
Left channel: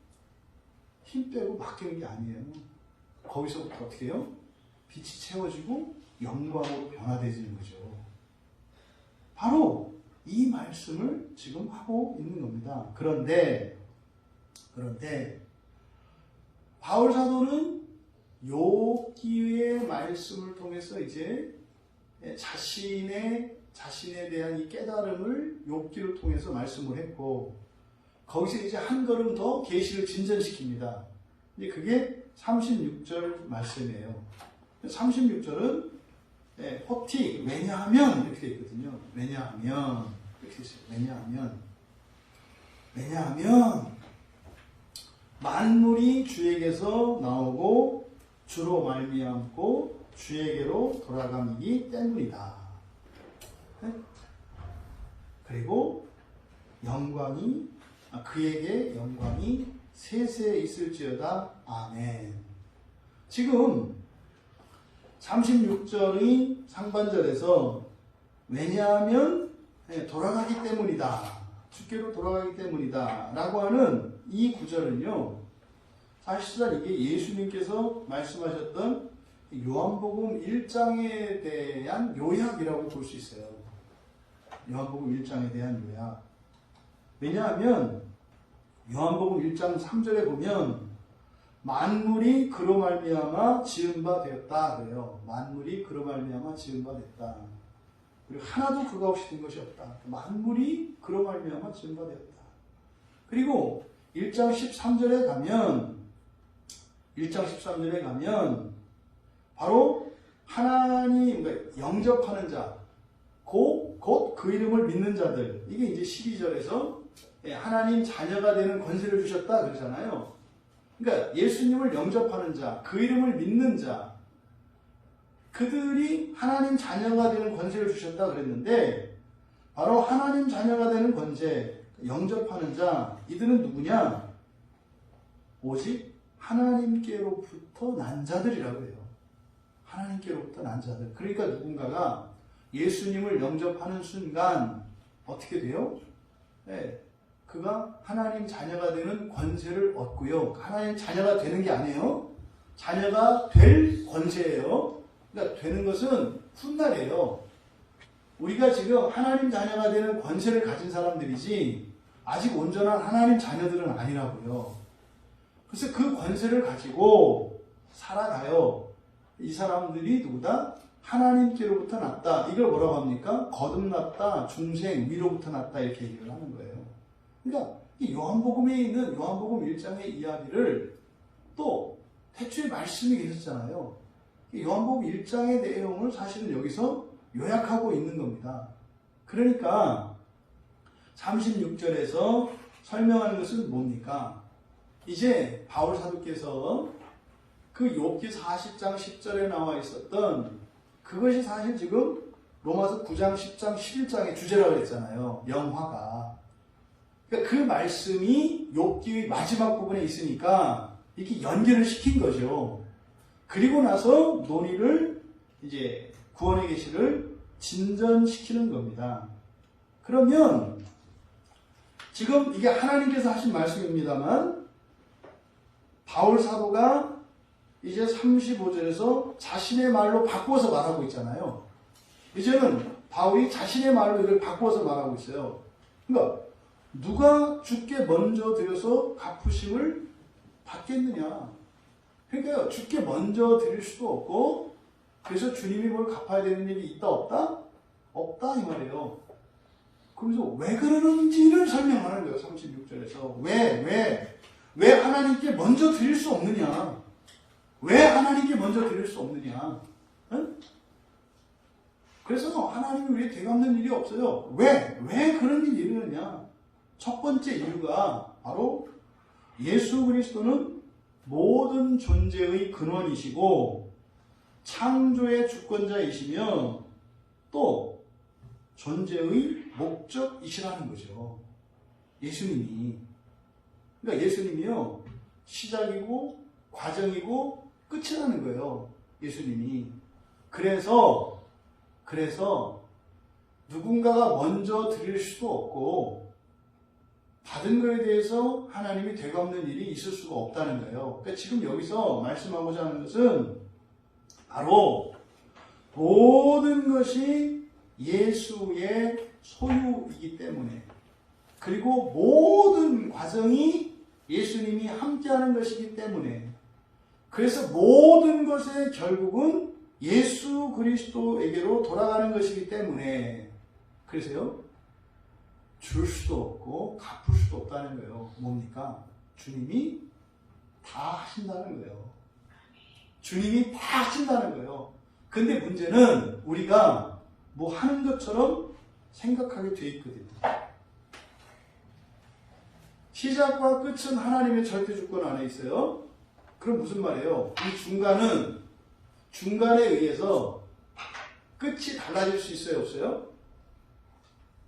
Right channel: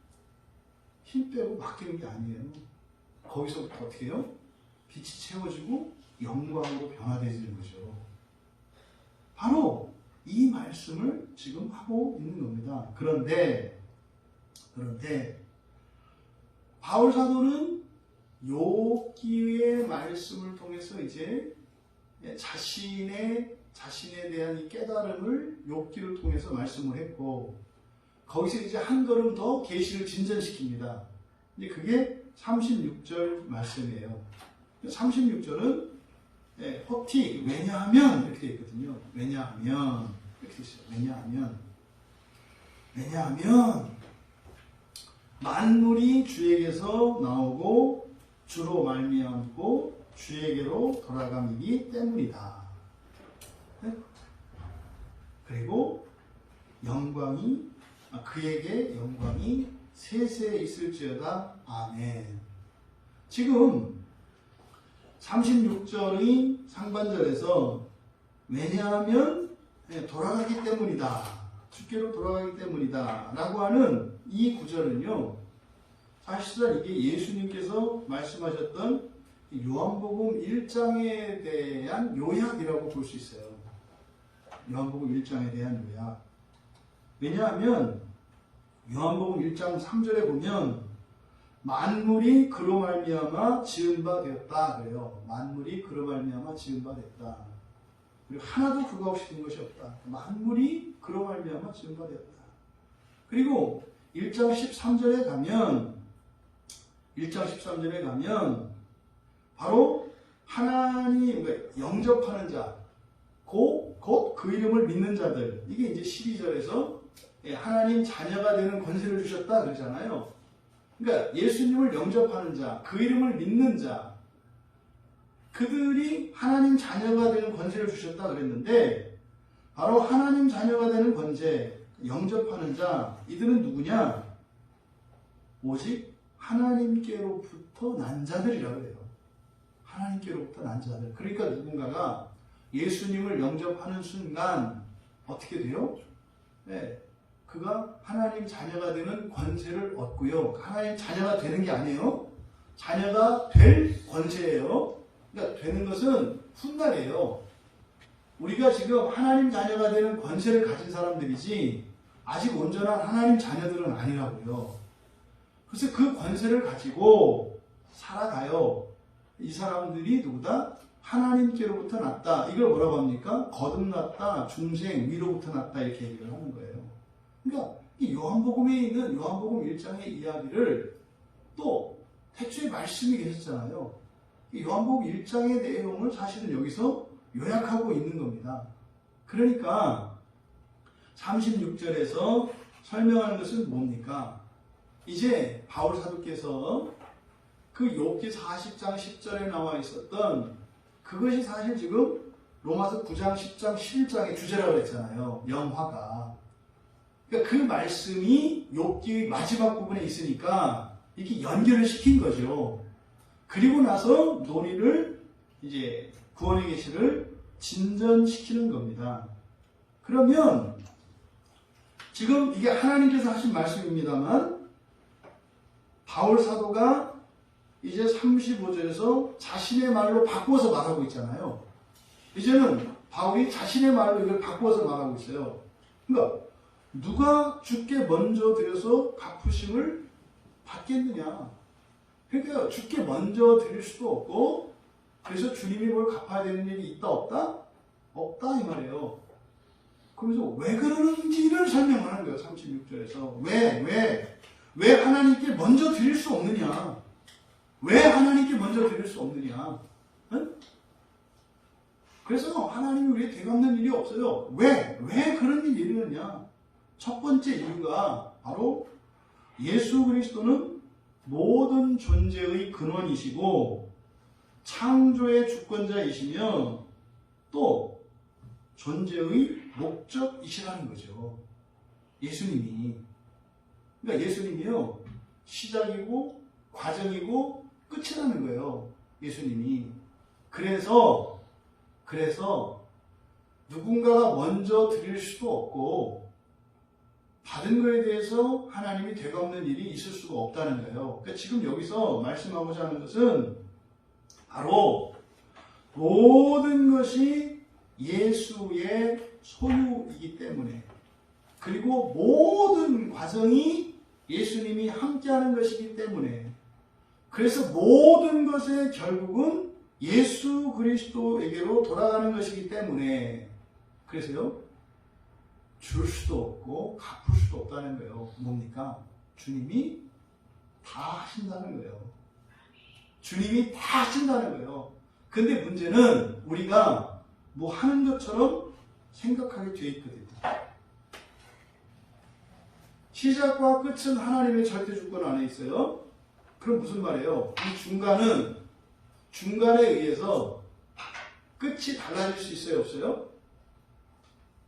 힘 빼고 맡기는 게 아니에요. 거기서부터 어떻게 해요? 빛이 채워지고 영광으로 변화되지는 거죠. 바로 이 말씀을 지금 하고 있는 겁니다. 그런데 바울 사도는 욥기의 말씀을 통해서 이제 자신에 대한 이 깨달음을 욥기를 통해서 말씀을 했고 거기서 이제 한 걸음 더 계시를 진전시킵니다. 이제 그게 36절 말씀이에요. 36절은 허티 왜냐하면 이렇게 되어 있거든요. 왜냐하면 이렇게 있어요. 왜냐하면 만물이 주에게서 나오고 주로 말미암고 주에게로 돌아가기 때문이다. 그리고 그에게 영광이 세세에 있을지어다. 아멘. 지금 36절의 상반절에서 왜냐하면 돌아가기 때문이다. 주께로 돌아가기 때문이다. 라고 하는 이 구절은요. 사실상 이게 예수님께서 말씀하셨던 요한복음 1장에 대한 요약이라고 볼 수 있어요. 요한복음 1장에 대한 요약. 왜냐하면 요한복음 1장 3절에 보면 만물이 그로 말미암아 지은 바 되었다 그래요. 만물이 그로 말미암아 지은 바 됐다. 그리고 하나도 그가 없이 된 것이 없다. 만물이 그로 말미암아 지은 바 되었다. 그리고 1장 13절에 가면 바로 하나님 영접하는 자, 곧 그 이름을 믿는 자들. 이게 이제 12절에서 하나님 자녀가 되는 권세를 주셨다 그러잖아요. 그러니까 예수님을 영접하는 자, 그 이름을 믿는 자, 그들이 하나님 자녀가 되는 권세를 주셨다 그랬는데 바로 하나님 자녀가 되는 권세, 영접하는 자, 이들은 누구냐? 오직 하나님께로부터 난 자들이라고 해요. 하나님께로부터 난 자들. 그러니까 누군가가 예수님을 영접하는 순간 어떻게 돼요? 그가 하나님 자녀가 되는 권세를 얻고요. 하나님 자녀가 되는 게 아니에요. 자녀가 될 권세예요. 그러니까 되는 것은 훗날이에요. 우리가 지금 하나님 자녀가 되는 권세를 가진 사람들이지 아직 온전한 하나님 자녀들은 아니라고요. 그래서 그 권세를 가지고 살아가요. 이 사람들이 누구다? 하나님께로부터 났다. 이걸 뭐라고 합니까? 거듭났다, 중생, 위로부터 났다 이렇게 얘기를 하는 거예요. 그러니까 이 요한복음에 있는 요한복음 1장의 이야기를 또 태초에 말씀이 계셨잖아요. 이 요한복음 1장의 내용을 사실은 여기서 요약하고 있는 겁니다. 그러니까 36절에서 설명하는 것은 뭡니까? 이제 바울 사도께서 그 욥기 40장 10절에 나와 있었던 그것이 사실 지금 로마서 9장 10장 11장의 주제라고 했잖아요. 영화가. 그러니까 그 말씀이 욥기의 마지막 부분에 있으니까 이렇게 연결을 시킨 거죠. 그리고 나서 논의를 이제 구원의 계시를 진전시키는 겁니다. 그러면 지금 이게 하나님께서 하신 말씀입니다만 바울 사도가 이제 35절에서 자신의 말로 바꿔서 말하고 있잖아요. 이제는 바울이 자신의 말로 이걸 바꿔서 말하고 있어요. 그러니까 누가 주께 먼저 드려서 갚으심을 받겠느냐. 그러니까 주께 먼저 드릴 수도 없고 그래서 주님이 뭘 갚아야 되는 일이 있다 없다? 없다 이 말이에요. 그래서 왜 그러는지를 설명하는 거예요. 36절에서 왜 하나님께 먼저 드릴 수 없느냐. 왜 하나님께 먼저 드릴 수 없느냐. 응? 그래서 하나님이 우리에게 되갚는 일이 없어요. 왜 그런 일이 일어났냐. 첫 번째 이유가 바로 예수 그리스도는 모든 존재의 근원이시고 창조의 주권자이시며 또 존재의 목적이시라는 거죠. 예수님이. 그러니까 예수님이요. 시작이고 과정이고 끝이라는 거예요. 예수님이. 그래서 누군가가 먼저 드릴 수도 없고 받은 것에 대해서 하나님이 되갚는 일이 있을 수가 없다는 거예요. 그러니까 지금 여기서 말씀하고자 하는 것은 바로 모든 것이 예수의 소유이기 때문에 그리고 모든 과정이 예수님이 함께하는 것이기 때문에 그래서 모든 것의 결국은 예수 그리스도에게로 돌아가는 것이기 때문에 그래서요 줄 수도 없고 갚을 수도 없다는 거예요. 뭡니까? 주님이 다 하신다는 거예요. 주님이 다 하신다는 거예요. 근데 문제는 우리가 뭐 하는 것처럼 생각하게 돼 있거든요. 시작과 끝은 하나님의 절대 주권 안에 있어요. 그럼 무슨 말이에요? 이 중간에 의해서 끝이 달라질 수 있어요? 없어요?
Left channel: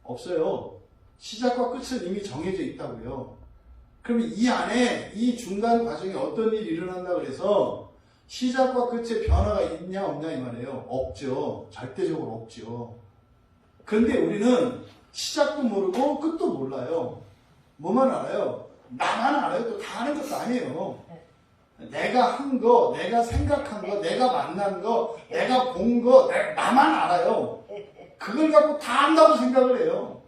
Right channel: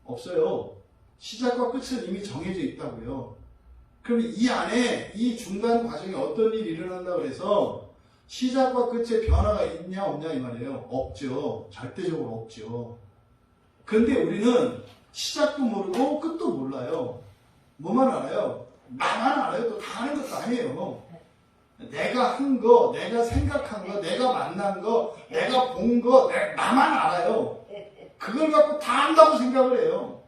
없어요. 시작과 끝은 이미 정해져 있다고요. 그럼 이 안에 이 중간 과정에 어떤 일이 일어난다고 해서 시작과 끝에 변화가 있냐 없냐 이 말이에요. 없죠. 절대적으로 없죠. 그런데 우리는 시작도 모르고 끝도 몰라요. 뭐만 알아요? 나만 알아요. 또 다 아는 것도 아니에요. 내가 한 거, 내가 생각한 거, 내가 만난 거, 내가 본 거, 나만 알아요. 그걸 갖고 다 안다고 생각을 해요.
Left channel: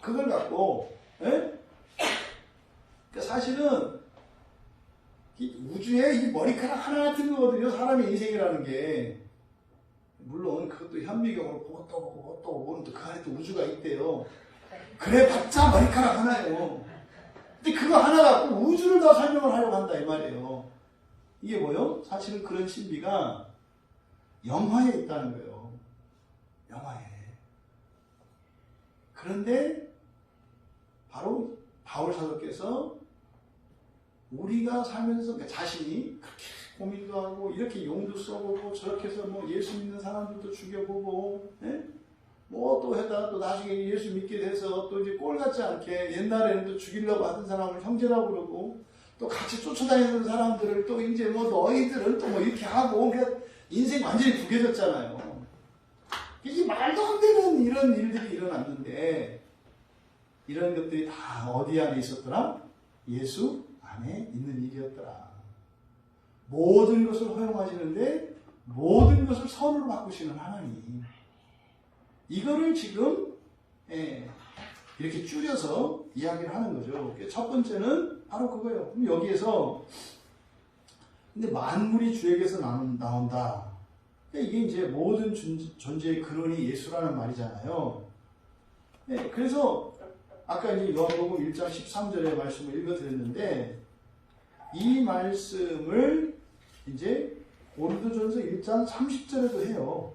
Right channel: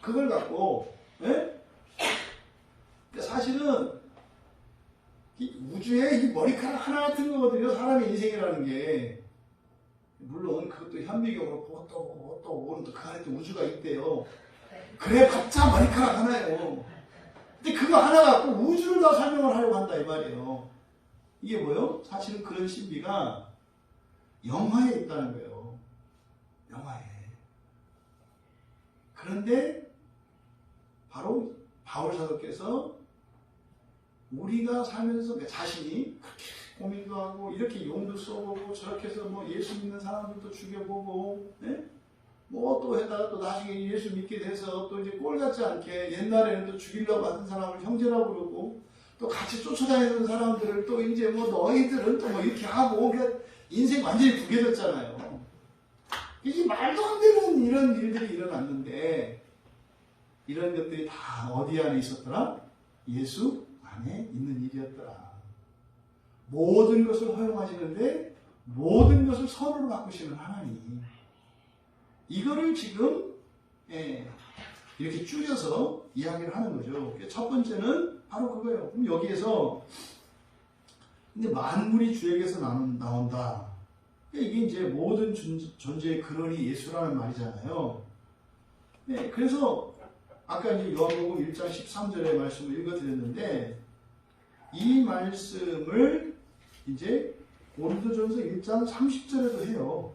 그걸 갖고. 예? 사실은 우주에 이 머리카락 하나 같은 거거든요. 사람의 인생이라는 게. 물론 그것도 현미경으로 보고 또 보고 그 안에 또 우주가 있대요. 그래 봤자 머리카락 하나예요. 근데 그거 하나 갖고 우주를 다 설명을 하려고 한다 이 말이에요. 이게 뭐예요? 사실은 그런 신비가 영화에 있다는 거예요. 영화에. 그런데 바로 바울 사도께서 우리가 살면서 자신이 그렇게 고민도 하고 이렇게 용도 써보고 저렇게 해서 뭐 예수 믿는 사람들도 죽여보고 뭐 또 해다 또 나중에 예수 믿게 돼서 또 이제 꼴 같지 않게 옛날에는 또 죽이려고 하던 사람을 형제라고 그러고 또 같이 쫓아다니는 사람들을 또 이제 뭐 너희들은 또 뭐 이렇게 하고 그러니까 인생 완전히 두개졌잖아요. 이게 말도 안 되는 이런 일들이 일어났는데 이런 것들이 다 어디 안에 있었더라? 예수 안에 있는 일이었더라. 모든 것을 허용하시는데 모든 것을 선으로 바꾸시는 하나님. 이거를 지금 이렇게 줄여서 이야기를 하는 거죠. 첫 번째는 바로 그거예요. 그럼 여기에서 근데 만물이 주에게서 나온다. 이게 이제 모든 존재의 근원이 예수라는 말이잖아요. 네, 그래서 아까 이제 요한복음 1장 13절의 말씀을 읽어드렸는데 이 말씀을 이제 고린도전서 1장 30절에도 해요.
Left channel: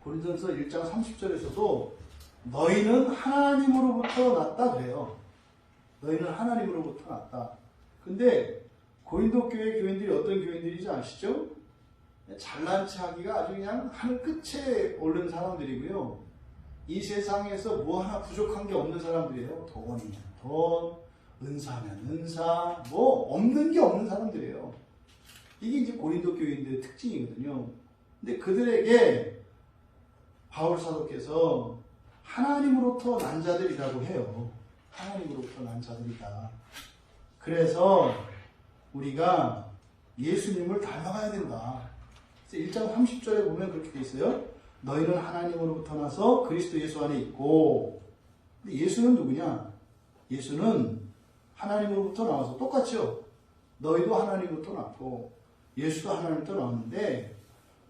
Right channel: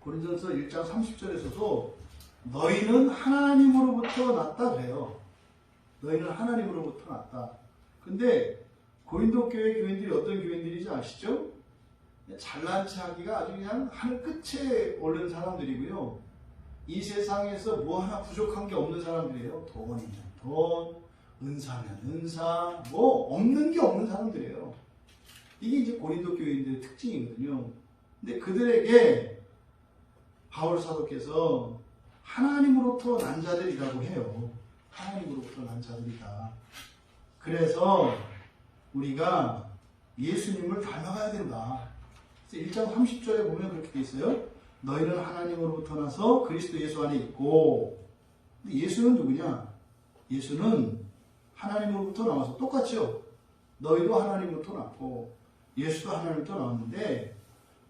고린도전서 1장 30절에서도 너희는 하나님으로부터 났다 그래요. 너희는 하나님으로부터 났다. 근데 고린도 교회 교인들이 어떤 교인들인지 아시죠? 잘난 체하기가 아주 그냥 하늘 끝에 오른 사람들이고요. 이 세상에서 뭐 하나 부족한 게 없는 사람들이에요. 돈이면 돈, 은사면 은사, 뭐 없는 게 없는 사람들이에요. 이게 이제 고린도 교인들의 특징이거든요. 근데 그들에게 바울 사도께서 하나님으로부터 난 자들이라고 해요. 하나님으로부터 난 자들이다. 그래서 우리가 예수님을 닮아가야 된다. 1장 30절에 보면 그렇게 돼 있어요. 너희는 하나님으로부터 나서 그리스도 예수 안에 있고. 근데 예수는 누구냐? 예수는 하나님으로부터 나와서 똑같죠. 너희도 하나님으로부터 났고 예수도 하나님으로부터 나왔는데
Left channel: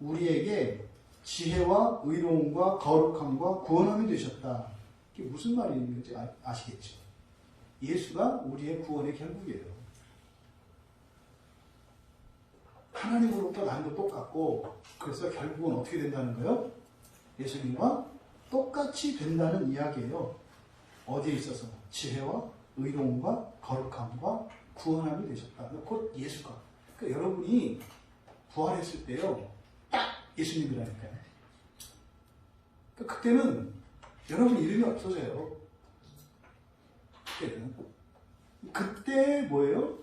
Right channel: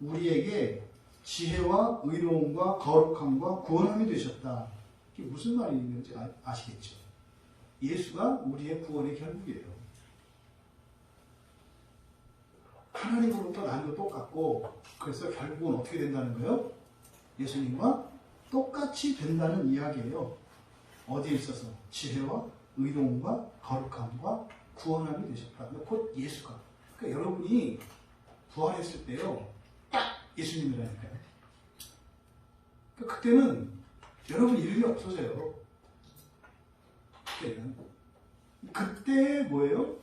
우리에게 지혜와 의로움과 거룩함과 구원함이 되셨다. 이게 무슨 말인지 아시겠죠? 예수가 우리의 구원의 결국이에요. 하나님으로부터 난도 똑같고 그래서 결국은 어떻게 된다는 거예요? 예수님과 똑같이 된다는 이야기예요. 어디에 있어서? 지혜와 의로움과 거룩함과 구원함이 되셨다. 곧 예수가. 그러니까 여러분이 부활했을 때요. 딱 예수님이라니까요. 그러니까 그때는 여러분 이름이 없어져요. 그때는. 그때 뭐예요?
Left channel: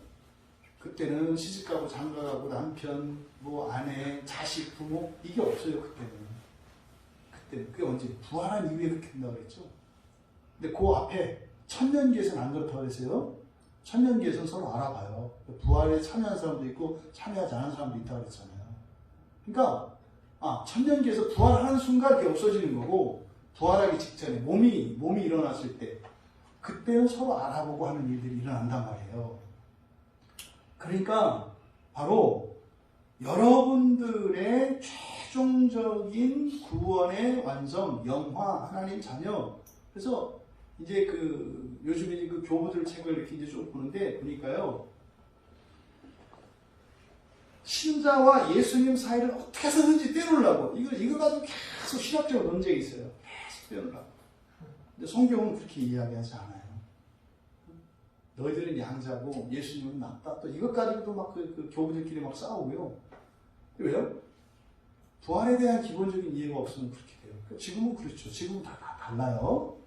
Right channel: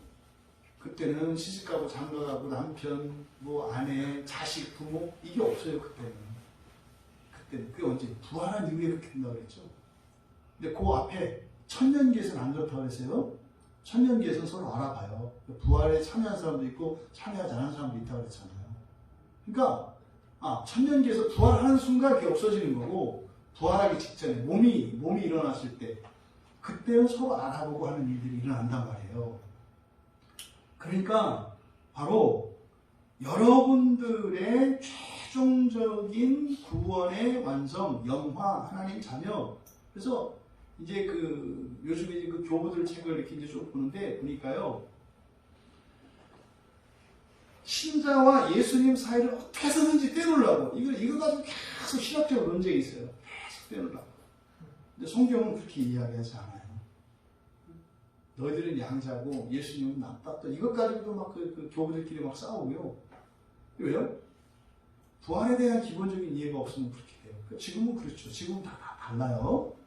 그때는 시집가고 장가가고 남편, 뭐 아내, 자식, 부모 이게 없어요. 그때는. 그게 언제? 부활한 이후에 그렇게 된다고 그랬죠. 근데 그 앞에 천년기에서는 안 그렇다고 그랬어요. 천년기에서는 서로 알아봐요. 부활에 참여한 사람도 있고 참여하지 않은 사람도 있다고 그랬잖아요. 그러니까 천년기에서 부활하는 순간 그게 없어지는 거고 부활하기 직전에 몸이 일어났을 때 그때는 서로 알아보고 하는 일들이 일어난단 말이에요. 그러니까 바로 여러분들의 최종적인 구원의 완성, 영화, 하나님 자녀. 그래서 이제 요즘에 그 교부들 책을 이렇게 이제 좀 보는데 보니까요. 신자와 예수님 사이를 어떻게 해서든지 떼놓으려고. 이거 가지고 계속 신학적으로 논쟁이 있어요. 계속 떼놓으려고. 근데 성경은 그렇게 이야기하지 않아요. 너희들은 양자고 예수님은 낫다. 또 이것 가지고도 막 그 교부들끼리 막 싸우고요. 왜요? 부활에 대한 기본적인 이해가 없으면 그렇게 돼요. 지금은 그렇죠. 지금은 다 달라요.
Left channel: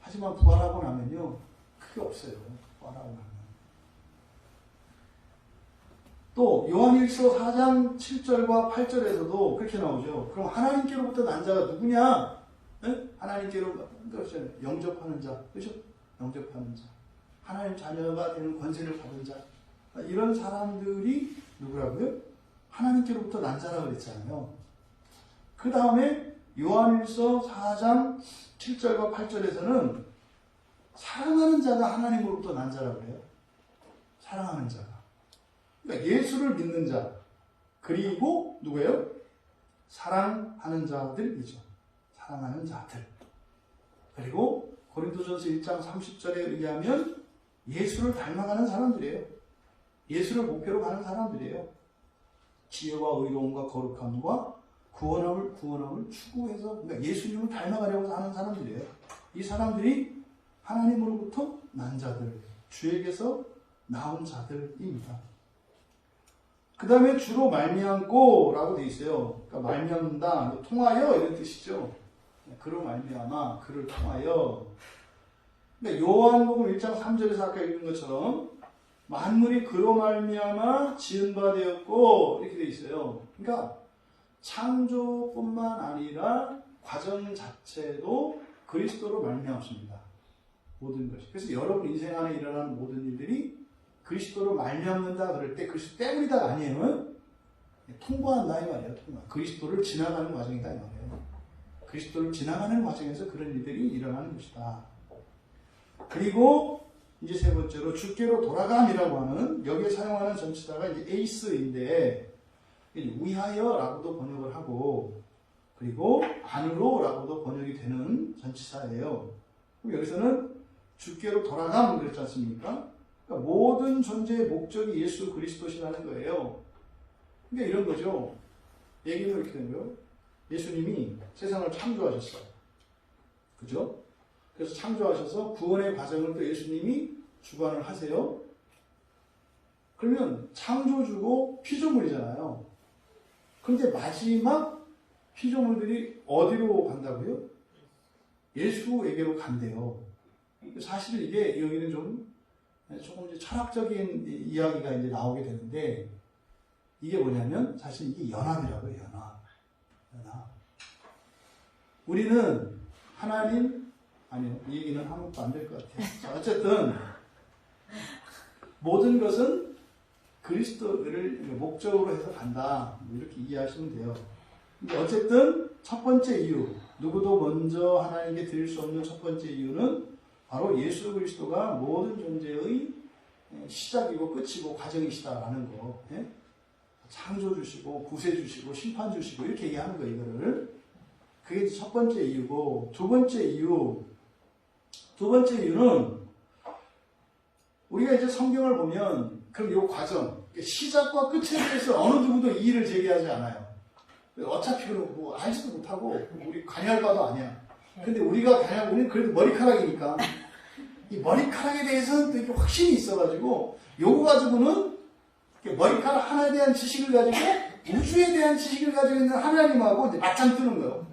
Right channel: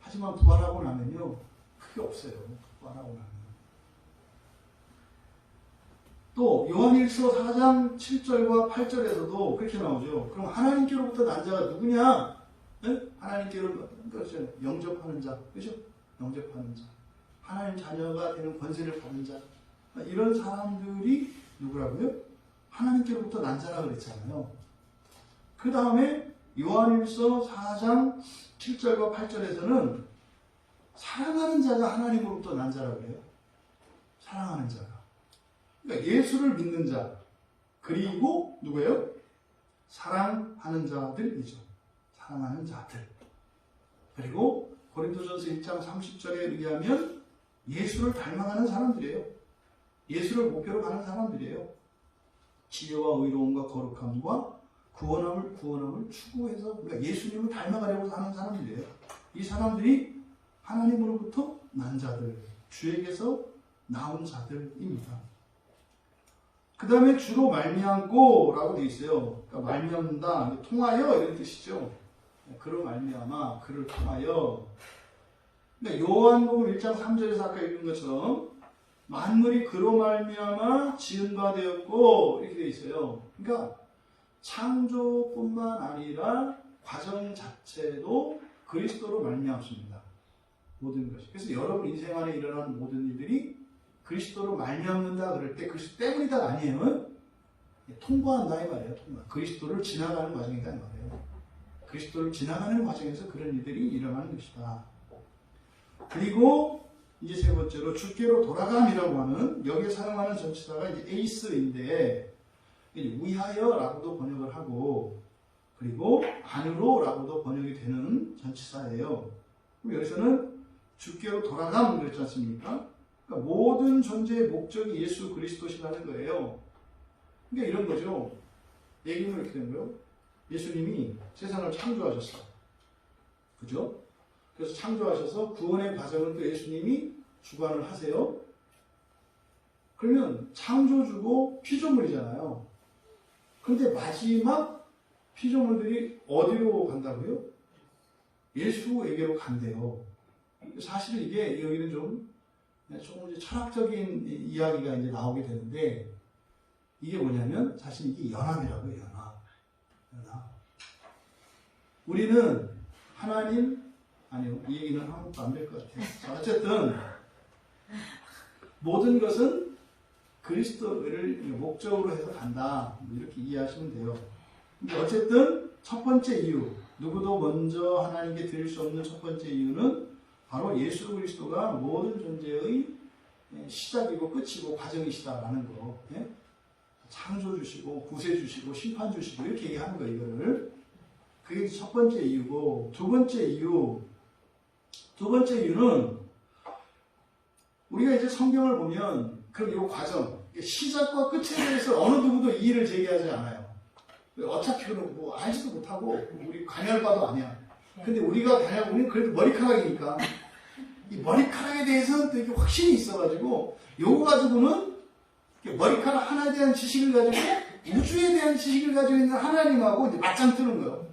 하지만 부활하고 나면요. 그게 없어요. 부활하고 나면. 또 요한일서 4장 7절과 8절에서도 그렇게 나오죠. 그럼 하나님께로부터 난 자가 누구냐? 네? 하나님께로부터 영접하는 자. 그렇죠? 영접하는 자. 하나님 자녀가 되는 권세를 받은 자. 이런 사람들이 누구라고요? 하나님께로부터 난 자라고 그랬잖아요. 그 다음에 요한일서 4장 7절과 8절에서는 사랑하는 자가 하나님으로부터 난 자라고 그래요. 사랑하는 자가. 그러니까 예수를 믿는 자. 그리고 누구예요? 사랑하는 자들이죠. 사랑하는 자들. 그리고 고린도전서 1장 30절에 의하면 예수를 닮아가는 사람들이에요. 예수를 목표로 가는 사람들이에요. 지혜와 의로움과 거룩함과 구원함을 추구해서 그러니까 예수님을 닮아가려고 하는 사람들이에요. 이 사람들이 하나님으로부터 난 자들, 주에게서 나온 자들입니다. 그 다음에 주로 말미암고라고 되어 있어요. 그러니까 말미암는다, 통하여 이런 뜻이죠. 그로 말미암아, 그를 통하여. 그러니까 요한복음 1장 3절에서 아까 읽은 것처럼 만물이 그로 말미암아 지은 바 되었고 이렇게 되어 있어요. 그러니까 창조뿐만 아니라 과정 자체도 그리스도로 말미암습니다. 모든 것이. 그래서 여러분 인생 안에 일어나는 모든 일들이 그리스도로 말미암는다 그럴 때 그리스도 때문이다 아니에요. 통과한다 이 말이에요. 통과. 그리스도를 지나가는 과정이다 이 말이에요. 그리스도를 지나가는 과정에서 그런 일들이 일어나는 것이다. 그리고 이제 세 번째로 주께로 돌아감이라고 하는, 여기에 사용하는 전치사가 이제 에이스인데, 위하여라고도 번역을 하고, 그리고 안으로라고도 번역이 되는 전치사예요. 그럼 여기서는 주께로 돌아감 그랬지 않습니까? 그러니까 모든 존재의 목적이 예수 그리스도시라는 거예요. 그러니까 이런 거죠. 얘기는 이렇게 된 거예요. 예수님이 세상을 창조하셨어. 그죠? 그래서 창조하셔서 구원의 과정을 또 예수님이 주관을 하세요. 그러면 창조주고 피조물이잖아요. 그런데 마지막 피조물들이 어디로 간다고요? 예수에게로 간대요. 사실 이게 여기는 조금 이제 철학적인 이야기가 이제 나오게 되는데, 이게 뭐냐면 사실 이게 연합이라고요. 연합. 우리는 하나님, 아니요, 이 얘기는 하면 안 될 것 같아요. 어쨌든 모든 것은 그리스도를 목적으로 해서 간다, 이렇게 이해하시면 돼요. 어쨌든 첫 번째 이유, 누구도 먼저 하나님께 드릴 수 없는 첫 번째 이유는 바로 예수 그리스도가 모든 존재의 시작이고 끝이고 과정이시다라는 거. 예? 창조 주시고 구세 주시고 심판 주시고 이렇게 얘기하는 거, 이거를. 그게 첫 번째 이유고, 두 번째 이유는 우리가 이제 성경을 보면 그럼 이 과정, 시작과 끝에 대해서 어느 누구도 이의를 제기하지 않아요. 어차피 그러고 알지도 못하고 우리 관여할 바도 아니야. 근데 우리는 그래도 머리카락이니까 이 머리카락에 대해서는 또 이게 확신이 있어가지고, 요거 가지고는 머리카락 하나에 대한 지식을 가지고 우주에 대한 지식을 가지고 있는 하나님하고 이제 맞짱 뜨는 거예요.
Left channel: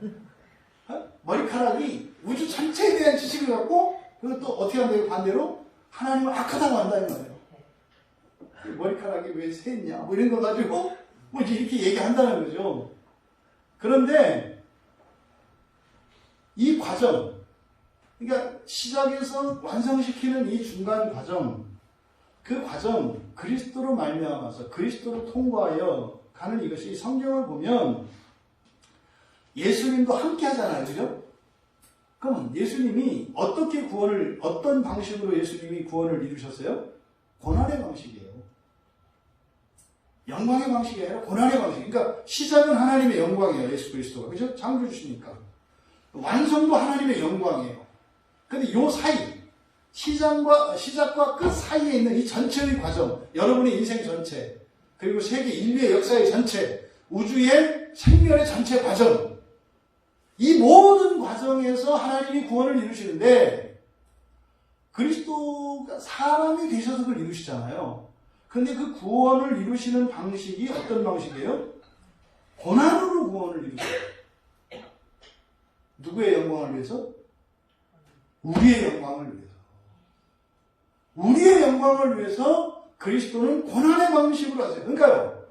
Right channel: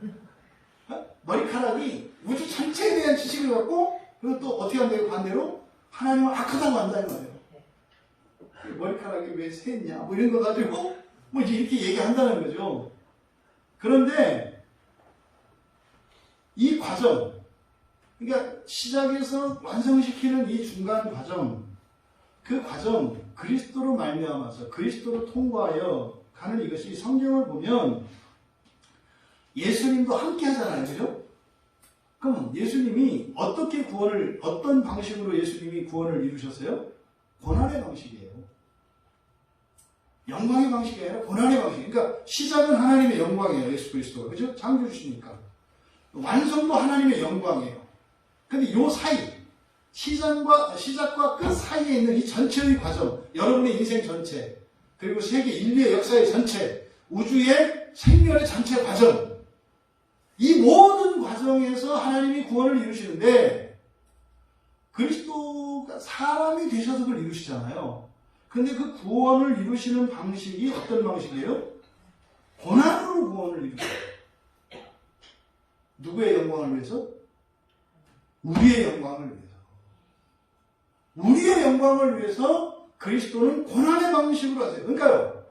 머리카락이 우주 전체에 대한 지식을 갖고, 그리고 또 어떻게 한다고 반대로 하나님을 악하다고 한다 이 말이에요. 머리카락이 왜 샜냐 뭐 이런 거 가지고 뭐 이렇게 얘기한다는 거죠. 그런데 이 과정, 그러니까 시작에서 완성시키는 이 중간 과정, 그 과정, 그리스도로 말미암아서 그리스도로 통과하여 가는 이것이, 성경을 보면 예수님도 함께 하잖아요. 그죠? 그럼 예수님이 어떤 방식으로 예수님이 구원을 이루셨어요? 고난의 방식이에요. 영광의 방식이 아니라 고난의 방식. 그러니까 시작은 하나님의 영광이에요. 예수 그리스도가. 그죠? 창조주시니까. 완성도 하나님의 영광이에요. 근데 요 사이, 시작과 끝 사이에 있는 이 전체의 과정, 여러분의 인생 전체, 그리고 세계 인류의 역사의 전체, 우주의 생멸의 전체 과정, 이 모든 과정에서 하나님이 구원을 이루시는데, 그리스도가 사람이 되셔서 그걸 이루시잖아요. 근데 그 구원을 이루시는 방식이 어떤 방식이에요? 고난으로 구원을 이루셔요. 누구의 영광을 위해서? 우리의 영광을 위해서. 우리의 영광을 위해서 그리스도는 고난의 방식으로 하세요. 그러니까요,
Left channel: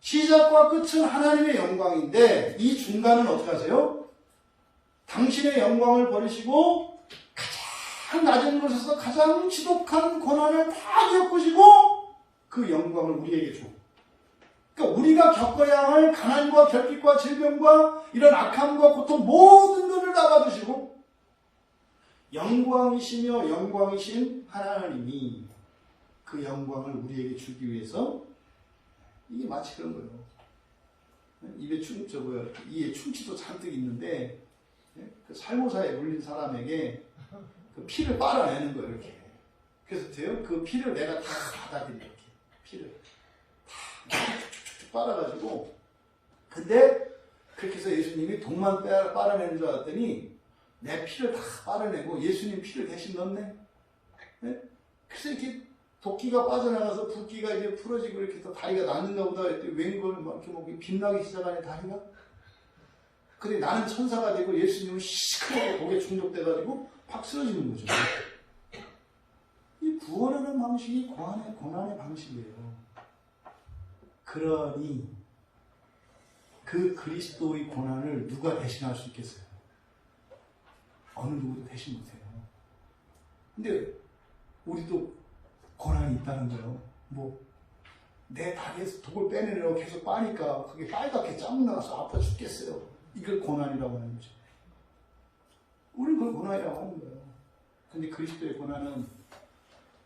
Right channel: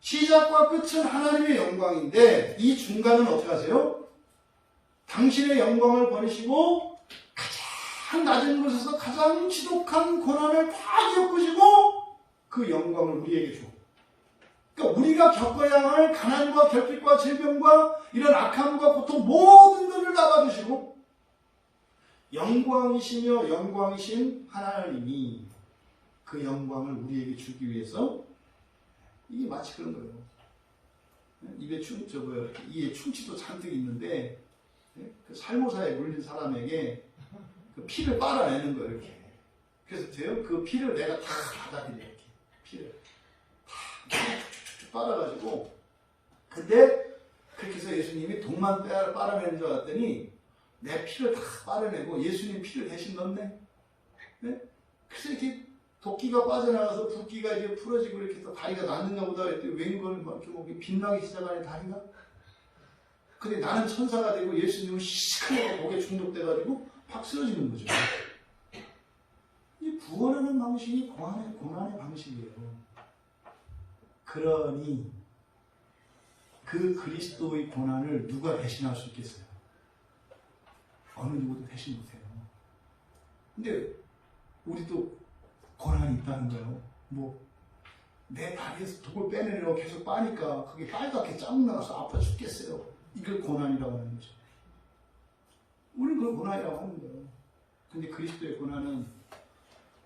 시작과 끝은 하나님의 영광인데 이 중간은 어떻게 하세요? 당신의 영광을 버리시고 가장 낮은 곳에서 가장 지독한 고난을 다 겪으시고 그 영광을 우리에게 줘. 그러니까 우리가 겪어야 할 가난과 결핍과 질병과 이런 악함과 고통 모든 것을 다 받으시고, 영광이시며 영광이신 하나님이 그 영광을 우리에게 주기 위해서, 이게 마치 그런 거예요. 이에 충치도 잔뜩 있는데, 그 살모사에 물린 사람에게 그 피를 빨아내는 거예요, 이렇게. 그래서 돼요? 그 피를 내가 다 받아들여, 이렇게. 피를 다 쭉쭉쭉 빨아가지고. 근데 그렇게 해서 예수님이 독만 빨아내는 줄 알았더니 내 피를 다 빨아내고 예수님 피를 대신 넣네. 네? 그래서 이렇게 도끼가 빠져나가서 붓기가 이제 풀어지고 이렇게 해서 다리가 낫는가 보다 했더니 웬걸 막 이렇게 뭐 빛나기 시작하네, 다리가. 근데 나는 천사가 되고 예수님은 시커멓게 목에 중독돼가지고 확 쓰러지는 거죠. 이 구원하는 방식이 고난의 방식이에요. 그러니 그 그리스도의 고난을 누가 대신할 수 있겠어요? 어느 누구도 대신 못해요. 근데 우리도 고난이 있다는 거예요. 내 다리에서 독을 빼내려고 계속 빠니까 그게 빨갛게 짱 나가서 아파 죽겠어요. 이걸 고난이라고 하는 거죠. 우리는 그걸 고난이라고 하는 거예요. 근데 그리스도의 고난은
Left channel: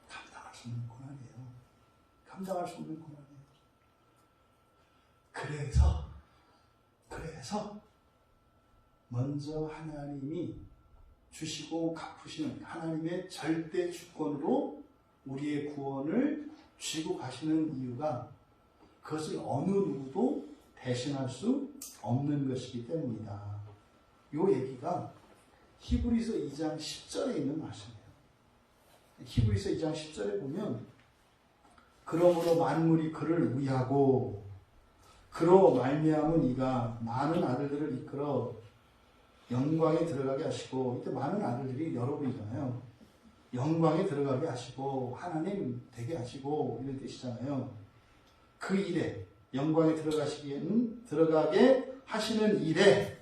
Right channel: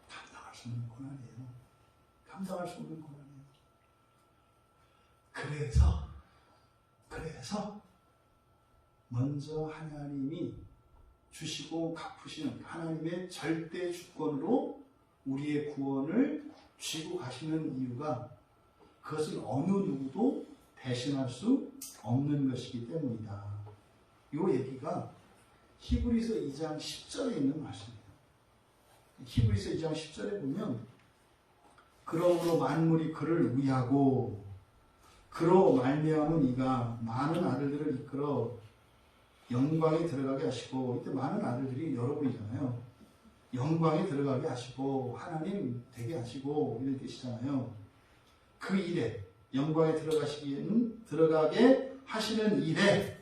감당할 수 없는 고난이에요. 감당할 수 없는 고난이에요. 그래서 먼저 하나님이 주시고 갚으시는 하나님의 절대 주권으로 우리의 구원을 쥐고 가시는 이유가 그것은 어느 누구도 대신할 수 없는 것이기 때문이다. 이 얘기가 히브리서 2장 10절에 있는 말씀이에요. 히브리서 2장 10절에 보면 그러므로 만물이 그를 위하고 그로 말미암은 이가 많은 아들들을 이끌어 영광에 들어가게 하시고, 이때 많은 아들들이 여러분이잖아요. 영광에 들어가게 하시고 하나님 되게 하시고 이런 뜻이잖아요. 그 일에 영광에 들어가게 하시는 일에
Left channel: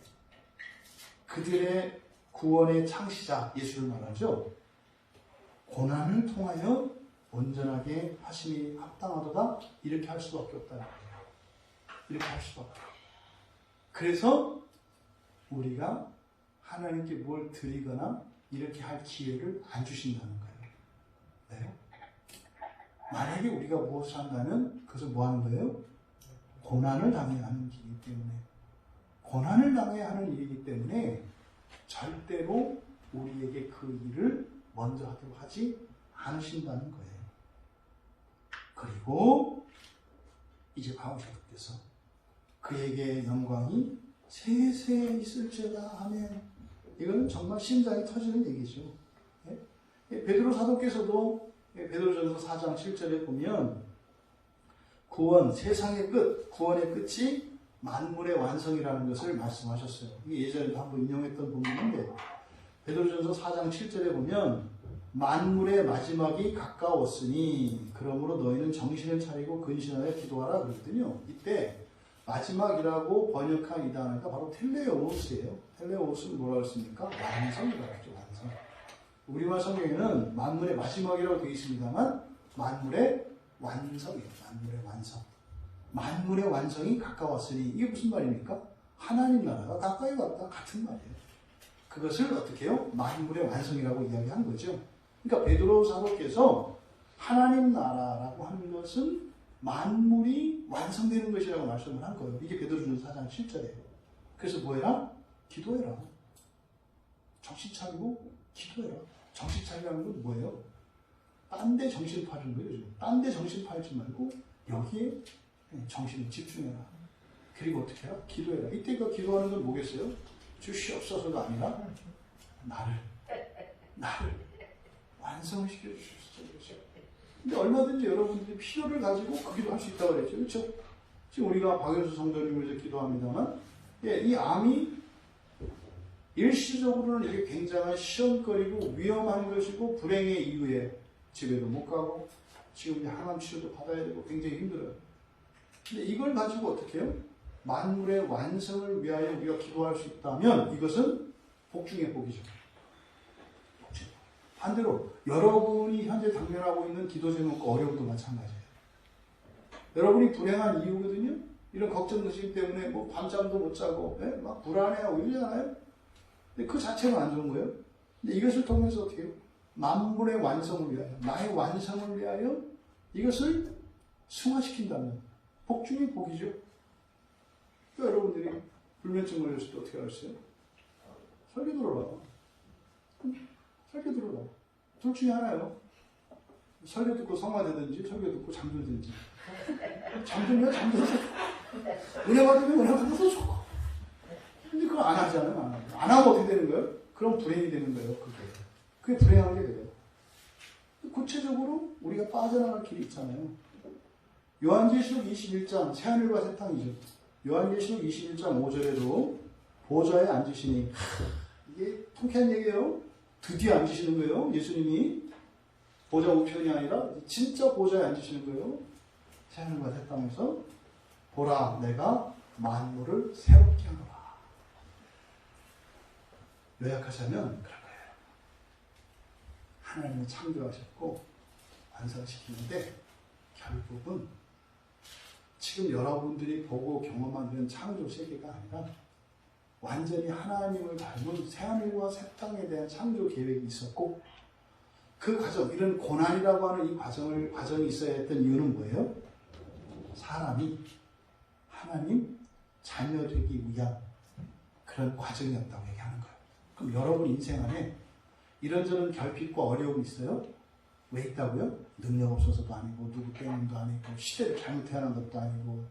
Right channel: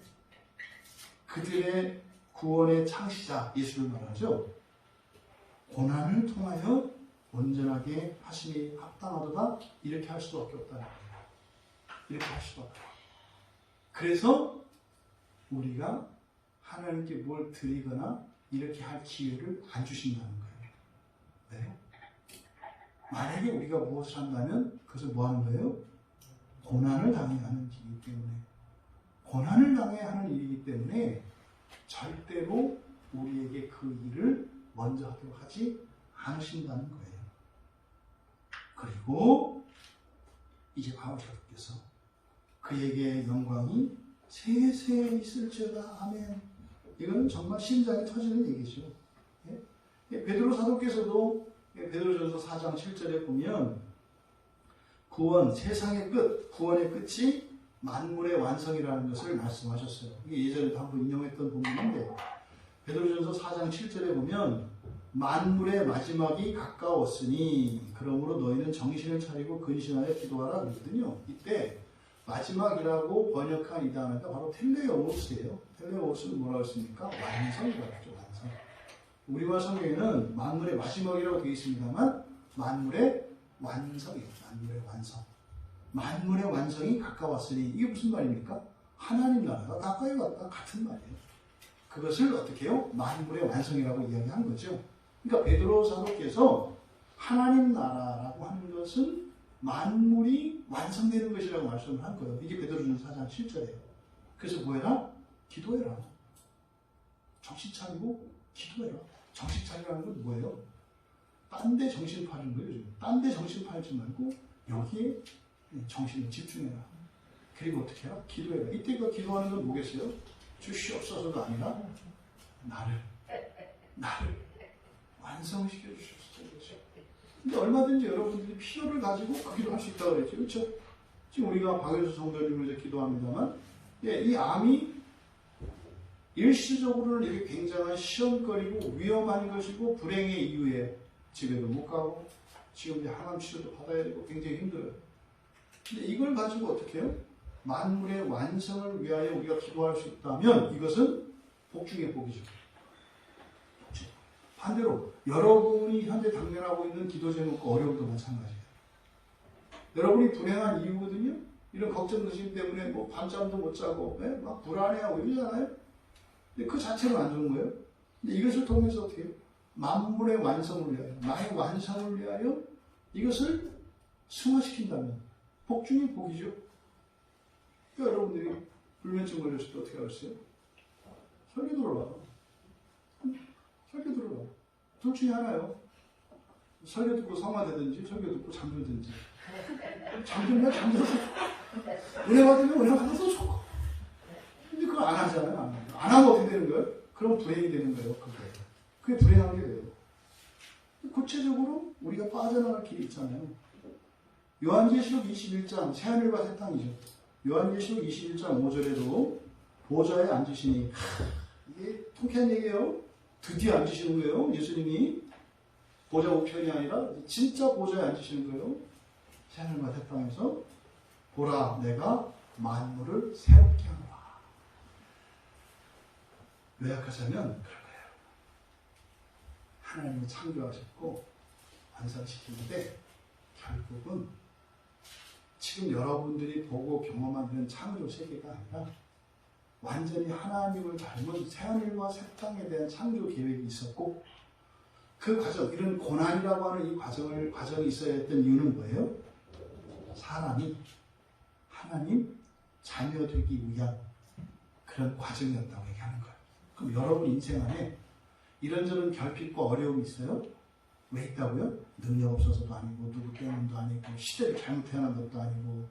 그들의 구원의 창시자 예수를 말하죠. 고난을 통하여 온전하게 하심이 합당하도다. 이렇게 할 수밖에 없다. 이렇게 할 수밖에. 그래서 우리가 하나님께 뭘 드리거나 이렇게 할 기회를 안 주신다는 거예요. 네? 만약에 우리가 무엇을 한다면 그것을 뭐 하는 거예요? 고난을 당해야 하는 일이기 때문에, 고난을 당해야 하는 일이기 때문에 절대로 우리에게 그 일을 먼저 하도록 하지 않으신다는 거예요. 그리고 이제 바울께서 그에게 영광이 세세에 있을지어다. 아멘. 이건 정말 심장이 터지는 얘기죠. 베드로 사도께서도 베드로전서 4장 7절에 보면 구원, 세상의 끝, 구원의 끝이 만물의 완성이라는 것을 말씀하셨어요. 이게 예전에 한번 인용했던 본문인데 베드로전서 4장 7절에 보면 만물의 마지막이 가까웠으니 그러므로 너희는 정신을 차리고 근신하여 기도하라 그러거든요. 이때 마지막이라고 번역한 이 단어가 바로 텔레오스예요. 텔레오스는 뭐라고 했습니까? 완성이라고 했죠. 완성. 우리말 성경에는 만물의 마지막이라고 되어 있습니다만 만물의 완성이에요. 만물의 완성. 만물의 완성이 가까웠으니 이게 무슨 말입니까? 하나님 나라가 가까이 왔다 같은 말이에요. 그것을 어떻게 해요? 만물의 완성이라고 이야기한 거죠. 그러니까 베드로 사도께서 하나님 나라라고 하는 것은 만물이 완성되는 것이라고 말씀을 한 거예요. 이게 베드로전서 4장 7절이에요. 그래서 뭐해라? 기도해라. 정신 차리고 기도해라. 정신 차리라는 건 뭐예요? 딴 데 정신 파는 거예요. 딴 데 정신 팔지 말고 여기에 정신을 집중해라. 그리고 어떻게 해라? 기도해라. 이때 그 기도하는 건 뭐겠어요? 주시옵소서가 아니라 나를 완성시켜 주십시오. 근데 얼마든지 여러분들이 필요를 가지고 그 기도할 수 있다고 그랬죠. 그렇죠? 지금 우리가 박효수 성도님을 위해서 기도합니다만, 이 암이 일시적으로는 이게 굉장한 시험거리고 위험한 것이고 불행의 이유예요. 집에도 못 가고 지금 이제 항암 치료도 받아야 되고 굉장히 힘들어요. 근데 이걸 가지고 어떻게 해요? 만물의 완성을 위하여 우리가 기도할 수 있다면 이것은 복 중의 복이죠. 반대로 여러분이 현재 당면하고 있는 기도 제목과 어려움도 마찬가지예요. 여러분이 불행한 이유거든요. 이런 걱정 의심 때문에 뭐 밤잠도 못 자고 막 불안해하고 이러잖아요. 근데 그 자체는 안 좋은 거예요. 근데 이것을 통해서 어떻게 해요? 만물의 완성을 위하여, 나의 완성을 위하여 이것을 승화시킨다면 복 중의 복이죠. 그러니까 여러분들이 불면증 걸렸을 때 어떻게 하겠어요? 설교 들어라. 설교 들어라. 둘 중에 하나요. 설교 듣고 성화되든지 설교 듣고 잠들든지. 잠들면 잠들어서 은혜 받으면 은혜 받아서 좋고. 근데 그걸 안 하잖아요. 안 하면 어떻게 되는 거예요? 그럼 불행이 되는 거예요. 그게 불행하게 돼요. 구체적으로 우리가 빠져나갈 길이 있잖아요. 요한계시록 21장 새하늘과 새 땅이죠. 요한계시록 21장 5절에도 보좌에 앉으시니, 이게 통쾌한 얘기예요. 드디어 앉으시는 거예요. 예수님이 보좌 우편이 아니라 진짜 보좌에 앉으시는 거예요. 새하늘과 새 땅에서 보라, 내가 만물을 새롭게 하노라. 요약하자면 그럴 거예요. 하나님이 창조하셨고 완성시키는데 결국은 지금 여러분들이 보고 경험한 이런 창조 세계가 아니라 완전히 하나님을 닮은 새하늘과 새 땅에 대한 창조 계획이 있었고, 그 과정, 이런 고난이라고 하는 이 과정이 있어야 했던 이유는 뭐예요? 사람이 하나님 자녀 되기 위한 그런 과정이었다고 얘기하는 거예요. 그럼 여러분 인생 안에 이런저런 결핍과 어려움이 있어요? 왜 있다고요? 능력 없어서도 아니고, 누구 때문도 아니고, 시대를 잘못 태어난 것도 아니고,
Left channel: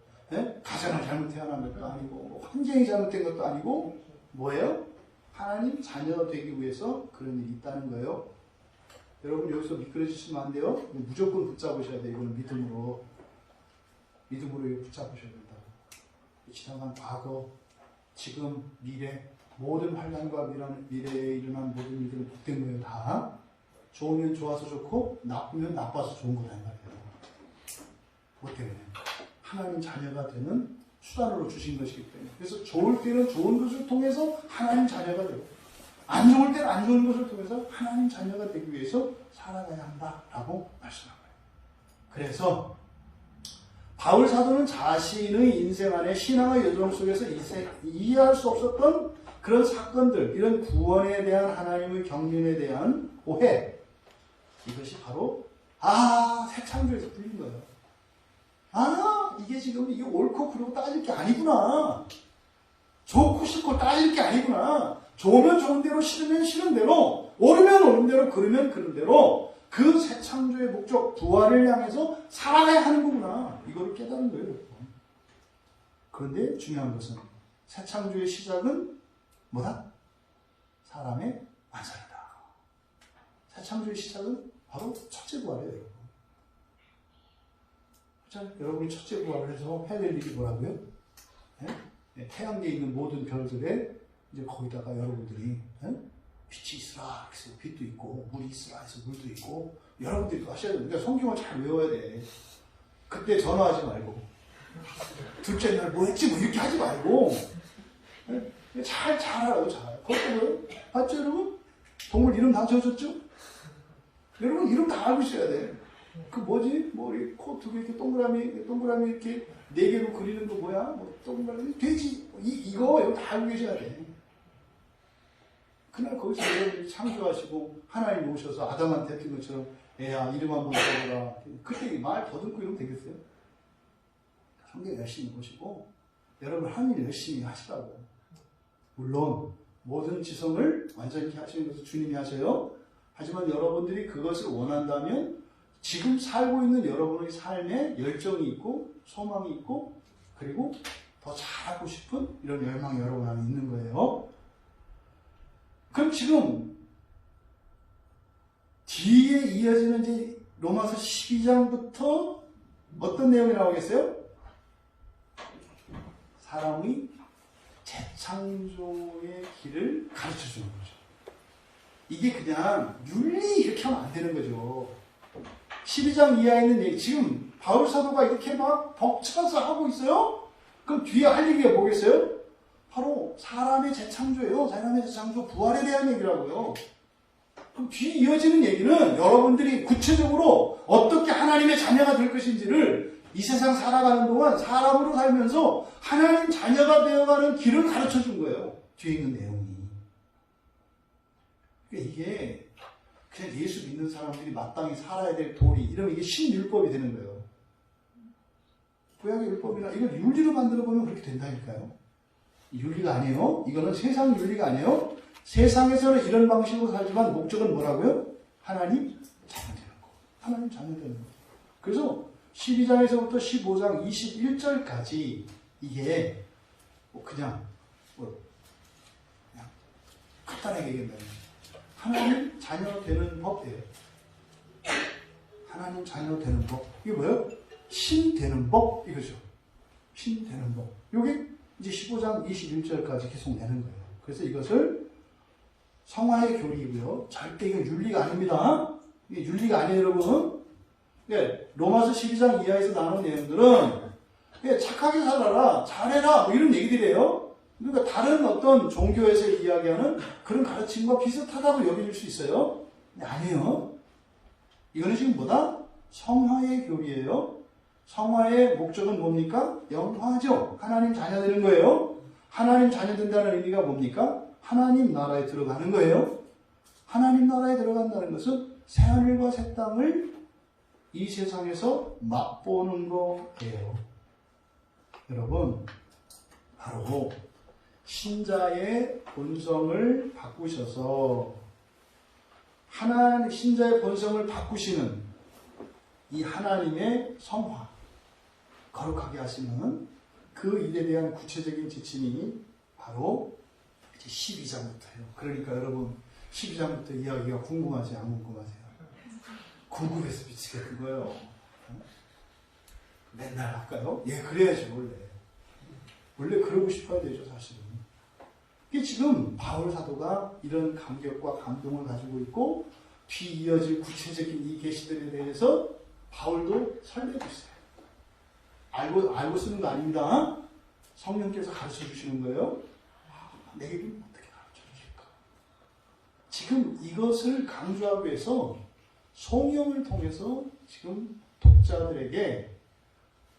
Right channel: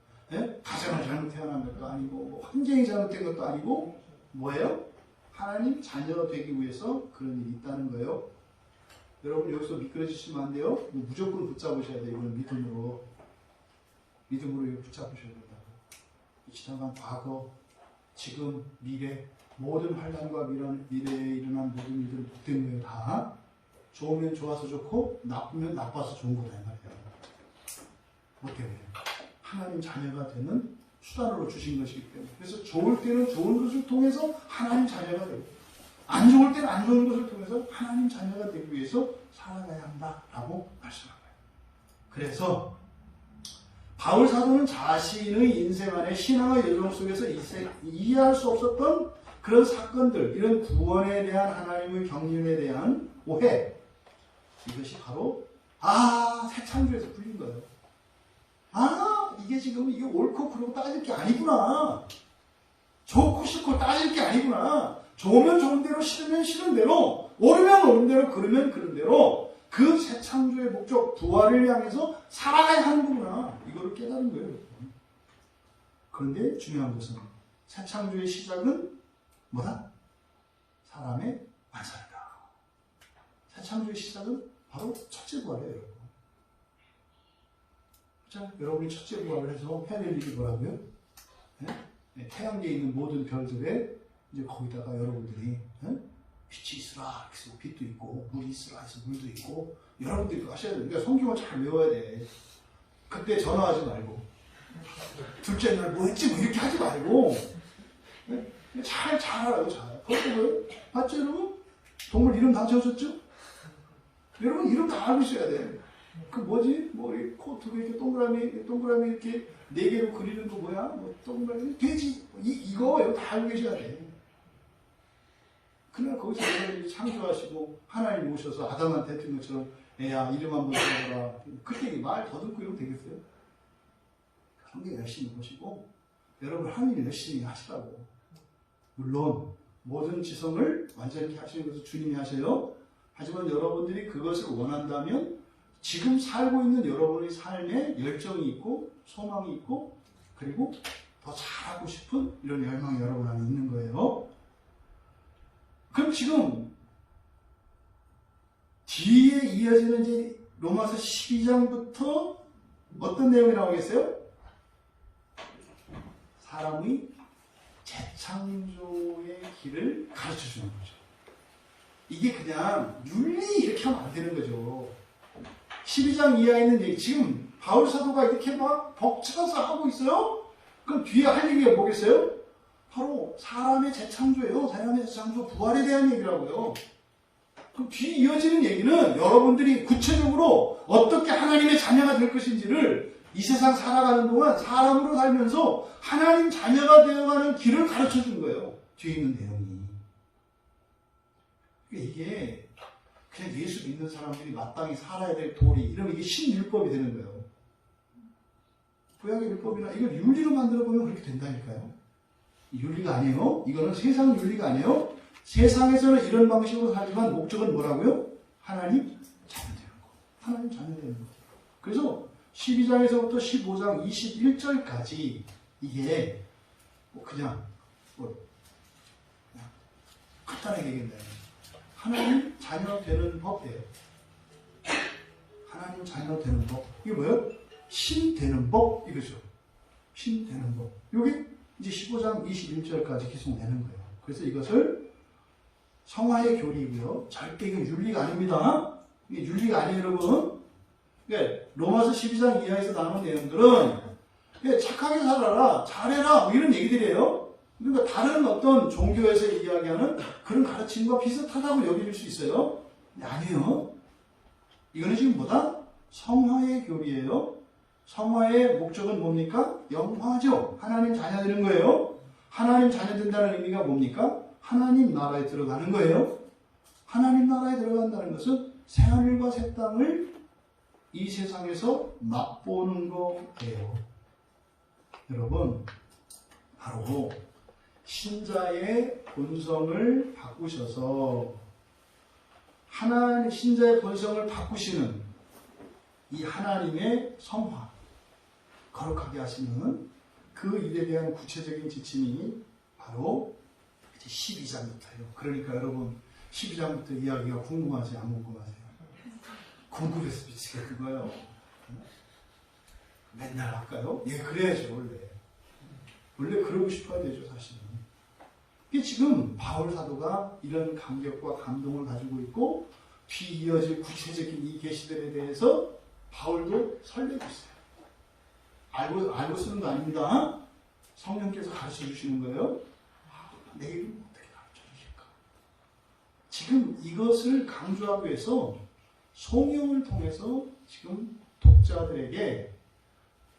가정을 잘못 태어난 것도 아니고, 환경이 잘못된 것도 아니고, 뭐예요? 하나님 자녀 되기 위해서 그런 일이 있다는 거예요. 여러분 여기서 미끄러지시면 안 돼요. 무조건 붙잡으셔야 돼요. 이건 믿음으로 이거 붙잡으셔야 된다고. 지나간 과거, 지금, 미래, 모든 환난과 미래에 일어난 모든 일들은 복된 거예요. 다 좋으면 좋아서 좋고, 나쁘면 나빠서 좋은 거다 이 말이에요. 어때요? 하나님 자녀가 되는 수단으로 주신 것이기 때문에. 그래서 좋을 때는 좋은 것을 통해서 하나님 자녀가 되고, 안 좋을 때는 안 좋은 것을 통해서 하나님 자녀가 되기 위해서 살아가야 한다라고 말씀한 거예요. 그래서 바울 사도는 자신의 인생 안에 신앙의 여정 속에서 이해할 수 없었던 그런 사건들, 이런 구원에 대한 하나님의 경륜에 대한 오해, 이것이 바로 새 창조에서 풀린 거예요. 이게 지금 이게 옳고 그르고 따질 게 아니구나. 좋고 싫고 따질 게 아니구나. 좋으면 좋은 대로, 싫으면 싫은 대로, 옳으면 옳은 대로, 그르면 그른 대로 그 새 창조의 목적, 부활을 향해서 살아가야 하는 거구나. 이걸 깨달은 거예요. 그런데 중요한 것은 새 창조의 시작은 뭐다? 사람의 완성이다. 새 창조의 시작은 바로 첫째 부활이에요, 여러분. 자, 여러분이 첫째 부활을 해서 해야 될 일이 뭐라고요? 태양계에 있는 모든 별들에 이제 거기다가 여러분들이 빛이 있으라 해서 빛도 있고, 물이 있으라 해서 물도 있고, 여러분들이 하셔야 되는데 성경을 잘 외워야 돼. 그때 전화하지 말고, 둘째 날 뭐 했지 뭐 이렇게 하지 말고, 잘 알아요. 잘. 그것도 뭐예요? 봤죠 여러분? 동물 이름 다 지어줬죠? 여러분 이름 다 알고 있어야 돼. 그 뭐지? 뭐 이 코트고 이렇게 동그라미 이렇게 4개로 그리는 거 뭐야? 뭐 동그라미 돼지 이거 여러분 다 알고 계셔야 돼. 그날 거기서 여러분들이 창조하시고 하나님 오셔서 아담한테 했던 것처럼 애야 이름 한번 써보라. 그때 말 더듬고 이러면 되겠어요? 성경 열심히 보시고 여러분 하나님 열심히 하시라고. 물론 모든 지성을 완전히 하시는 것을 주님이 하세요. 하지만 여러분들이 그것을 원한다면 지금 살고 있는 여러분의 삶에 열정이 있고 소망이 있고 그리고 더 잘하고 싶은 이런 열망이 여러분 안에 있는 거예요. 그럼 지금 뒤에 이어지는 이제 로마서 12장부터 어떤 내용이 나오겠어요? 사람의 재창조의 길을 가르쳐 주는 거죠. 이게 그냥 윤리 이렇게 하면 안 되는 거죠. 12장 이하에 있는 얘기, 지금 바울 사도가 이렇게 막 벅차서 하고 있어요? 그럼 뒤에 할 얘기가 뭐겠어요? 바로 사람의 재창조예요. 사람의 재창조, 부활에 대한 얘기라고요. 그럼 뒤에 이어지는 얘기는 여러분들이 구체적으로 어떻게 하나님의 자녀가 될 것인지를 이 세상 살아가는 동안 사람으로 살면서 하나님 자녀가 되어가는 길을 가르쳐 준 거예요. 뒤에 있는 내용이. 이게 그냥 예수 믿는 사람들이 마땅히 살아야 될 도리, 이러면 이게 신율법이 되는 거예요. 구약의 율법이나 이걸 윤리로 만들어보면 그렇게 된다니까요. 윤리가 아니에요. 이거는 세상 윤리가 아니에요. 세상에서는 이런 방식으로 살지만 목적은 뭐라고요? 하나님 자녀 되는 거. 하나님 자녀 되는 거. 그래서 12장에서부터 15장 21절까지 이게 그냥 간단하게 얘기한다면 하나님 자녀 되는 법이에요. 하나님 자녀 되는 법. 이게 뭐예요? 신 되는 법 이거죠. 신 되는 법. 이게 이제 15장 21절까지 계속 내는 거예요. 그래서 이것을 성화의 교리이고요. 절대 이게 윤리가 아닙니다. 이게 윤리가 아니에요, 여러분. 로마서 12장 이하에서 나오는 내용들은 착하게 살아라, 잘해라, 뭐 이런 얘기들이에요. 그러니까 다른 어떤 종교에서 이야기하는 그런 가르침과 비슷하다고 여길 수 있어요. 근데 아니에요. 이거는 지금 뭐다? 성화의 교리예요. 성화의 목적은 뭡니까? 영화죠. 하나님 자녀 되는 거예요. 하나님 자녀 된다는 의미가 뭡니까? 하나님 나라에 들어가는 거예요. 하나님 나라에 들어간다는 것은 새하늘과 새 땅을 이 세상에서 맛보는 거예요. 여러분, 바로 신자의 본성을 바꾸셔서 신자의 본성을 바꾸시는 이 하나님의 성화, 거룩하게 하시는 그 일에 대한 구체적인 지침이 바로 이제 12장부터예요. 그러니까 여러분 12장부터 이야기가 궁금하지 안 궁금하세요? 궁금해서 미치겠는 거예요. 맨날 할까요? 예, 그래야죠 원래. 원래 그러고 싶어야 되죠 사실은. 이게 지금 바울 사도가 이런 감격과 감동을 가지고 있고 뒤이어질 구체적인 이 계시들에 대해서 바울도 설레고 있어요. 알고 쓰는 거 아닙니다. 성령께서 가르쳐 주시는 거예요. 내일은 어떻게 가르쳐 주실까? 지금 이것을 강조하기 위해서 성령을 통해서 지금 독자들에게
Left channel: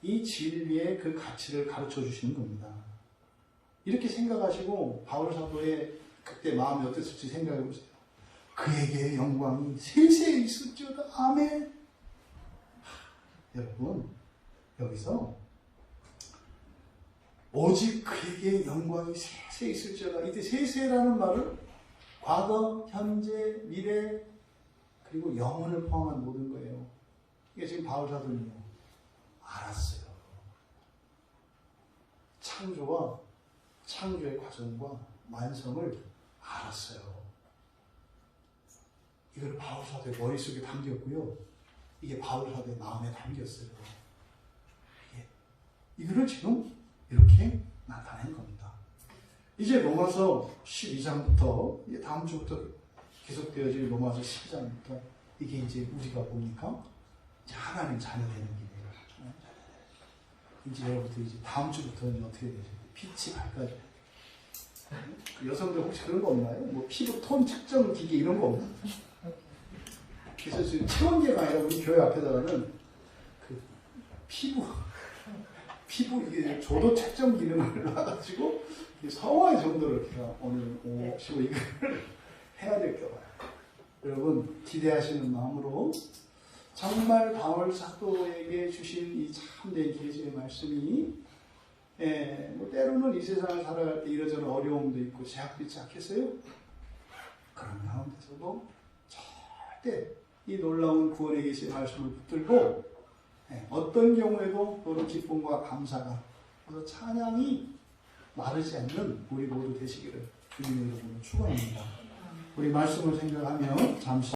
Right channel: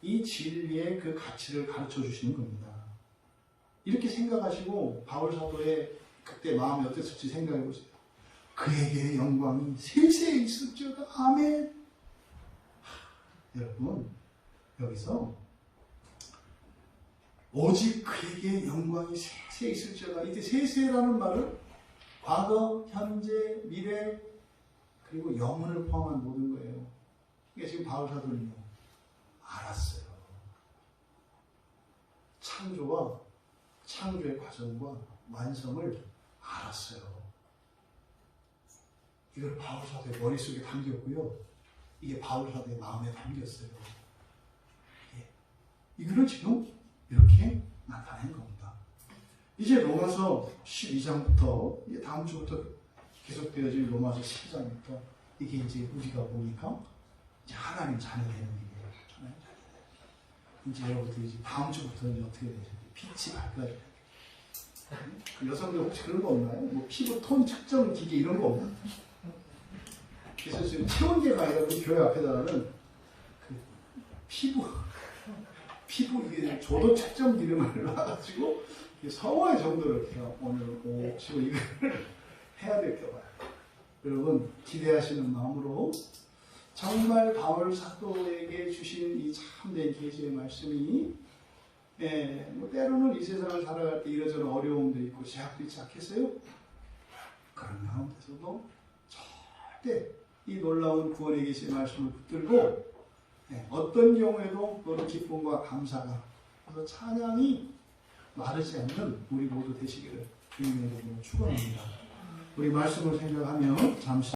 이 진리의 그 가치를 가르쳐 주시는 겁니다. 이렇게 생각하시고 바울 사도의 그때 마음이 어땠을지 생각해 보세요. 그에게 영광이 세세에 있을지어다. 아멘. 여러분, 여기서 오직 그에게 영광이 세세에 있을지어다. 이때 세세라는 말은 과거, 현재, 미래 그리고 영혼을 포함한 모든 거예요. 이게 지금 바울 사도는요 알았어요. 창조의 과정과 완성을 알았어요. 이걸 바울 사도의 머릿속에 담겼고요. 이게 바울 사도의 마음에 담겼어요. 이거를 지금 이렇게 나타낸 겁니다. 이제 로마서 12장부터 다음 주부터 계속되어질 로마서 12장부터 이게 이제 우리가 보니까 이제 하나님 자녀 되는 길이에요. 이제 여러분들 이제 다음 주부터는 어떻게 되죠? 빛이 밝아야 돼요. 여성들 혹시 그런 거 없나요? 뭐 피부 톤 측정 기계 이런 거 없나? 그래서 지금 체온계가 아니라 우리 교회 앞에다가는 그 피부 이게 조도 측정 기능을 놔가지고 서워할 정도로 이렇게 오늘 15 이거를 해야 될까 봐요. 여러분 기대하시는 마음으로 정말 바울 사도에게 주신 이 참된 계시의 말씀이 뭐 때로는 이 세상을 살아갈 때 이러저런 어려움도 있고 제약도 있지 않겠어요? 그런 가운데서도 절대 이 놀라운 구원의 계시의 말씀을 붙들고 어떤 경우에도 그런 기쁨과 감사가 그래서 찬양이 마르지 않는 우리 모두 되시기를 주님의 이름으로 축원합니다. 우리 말씀을 생각하며 잠시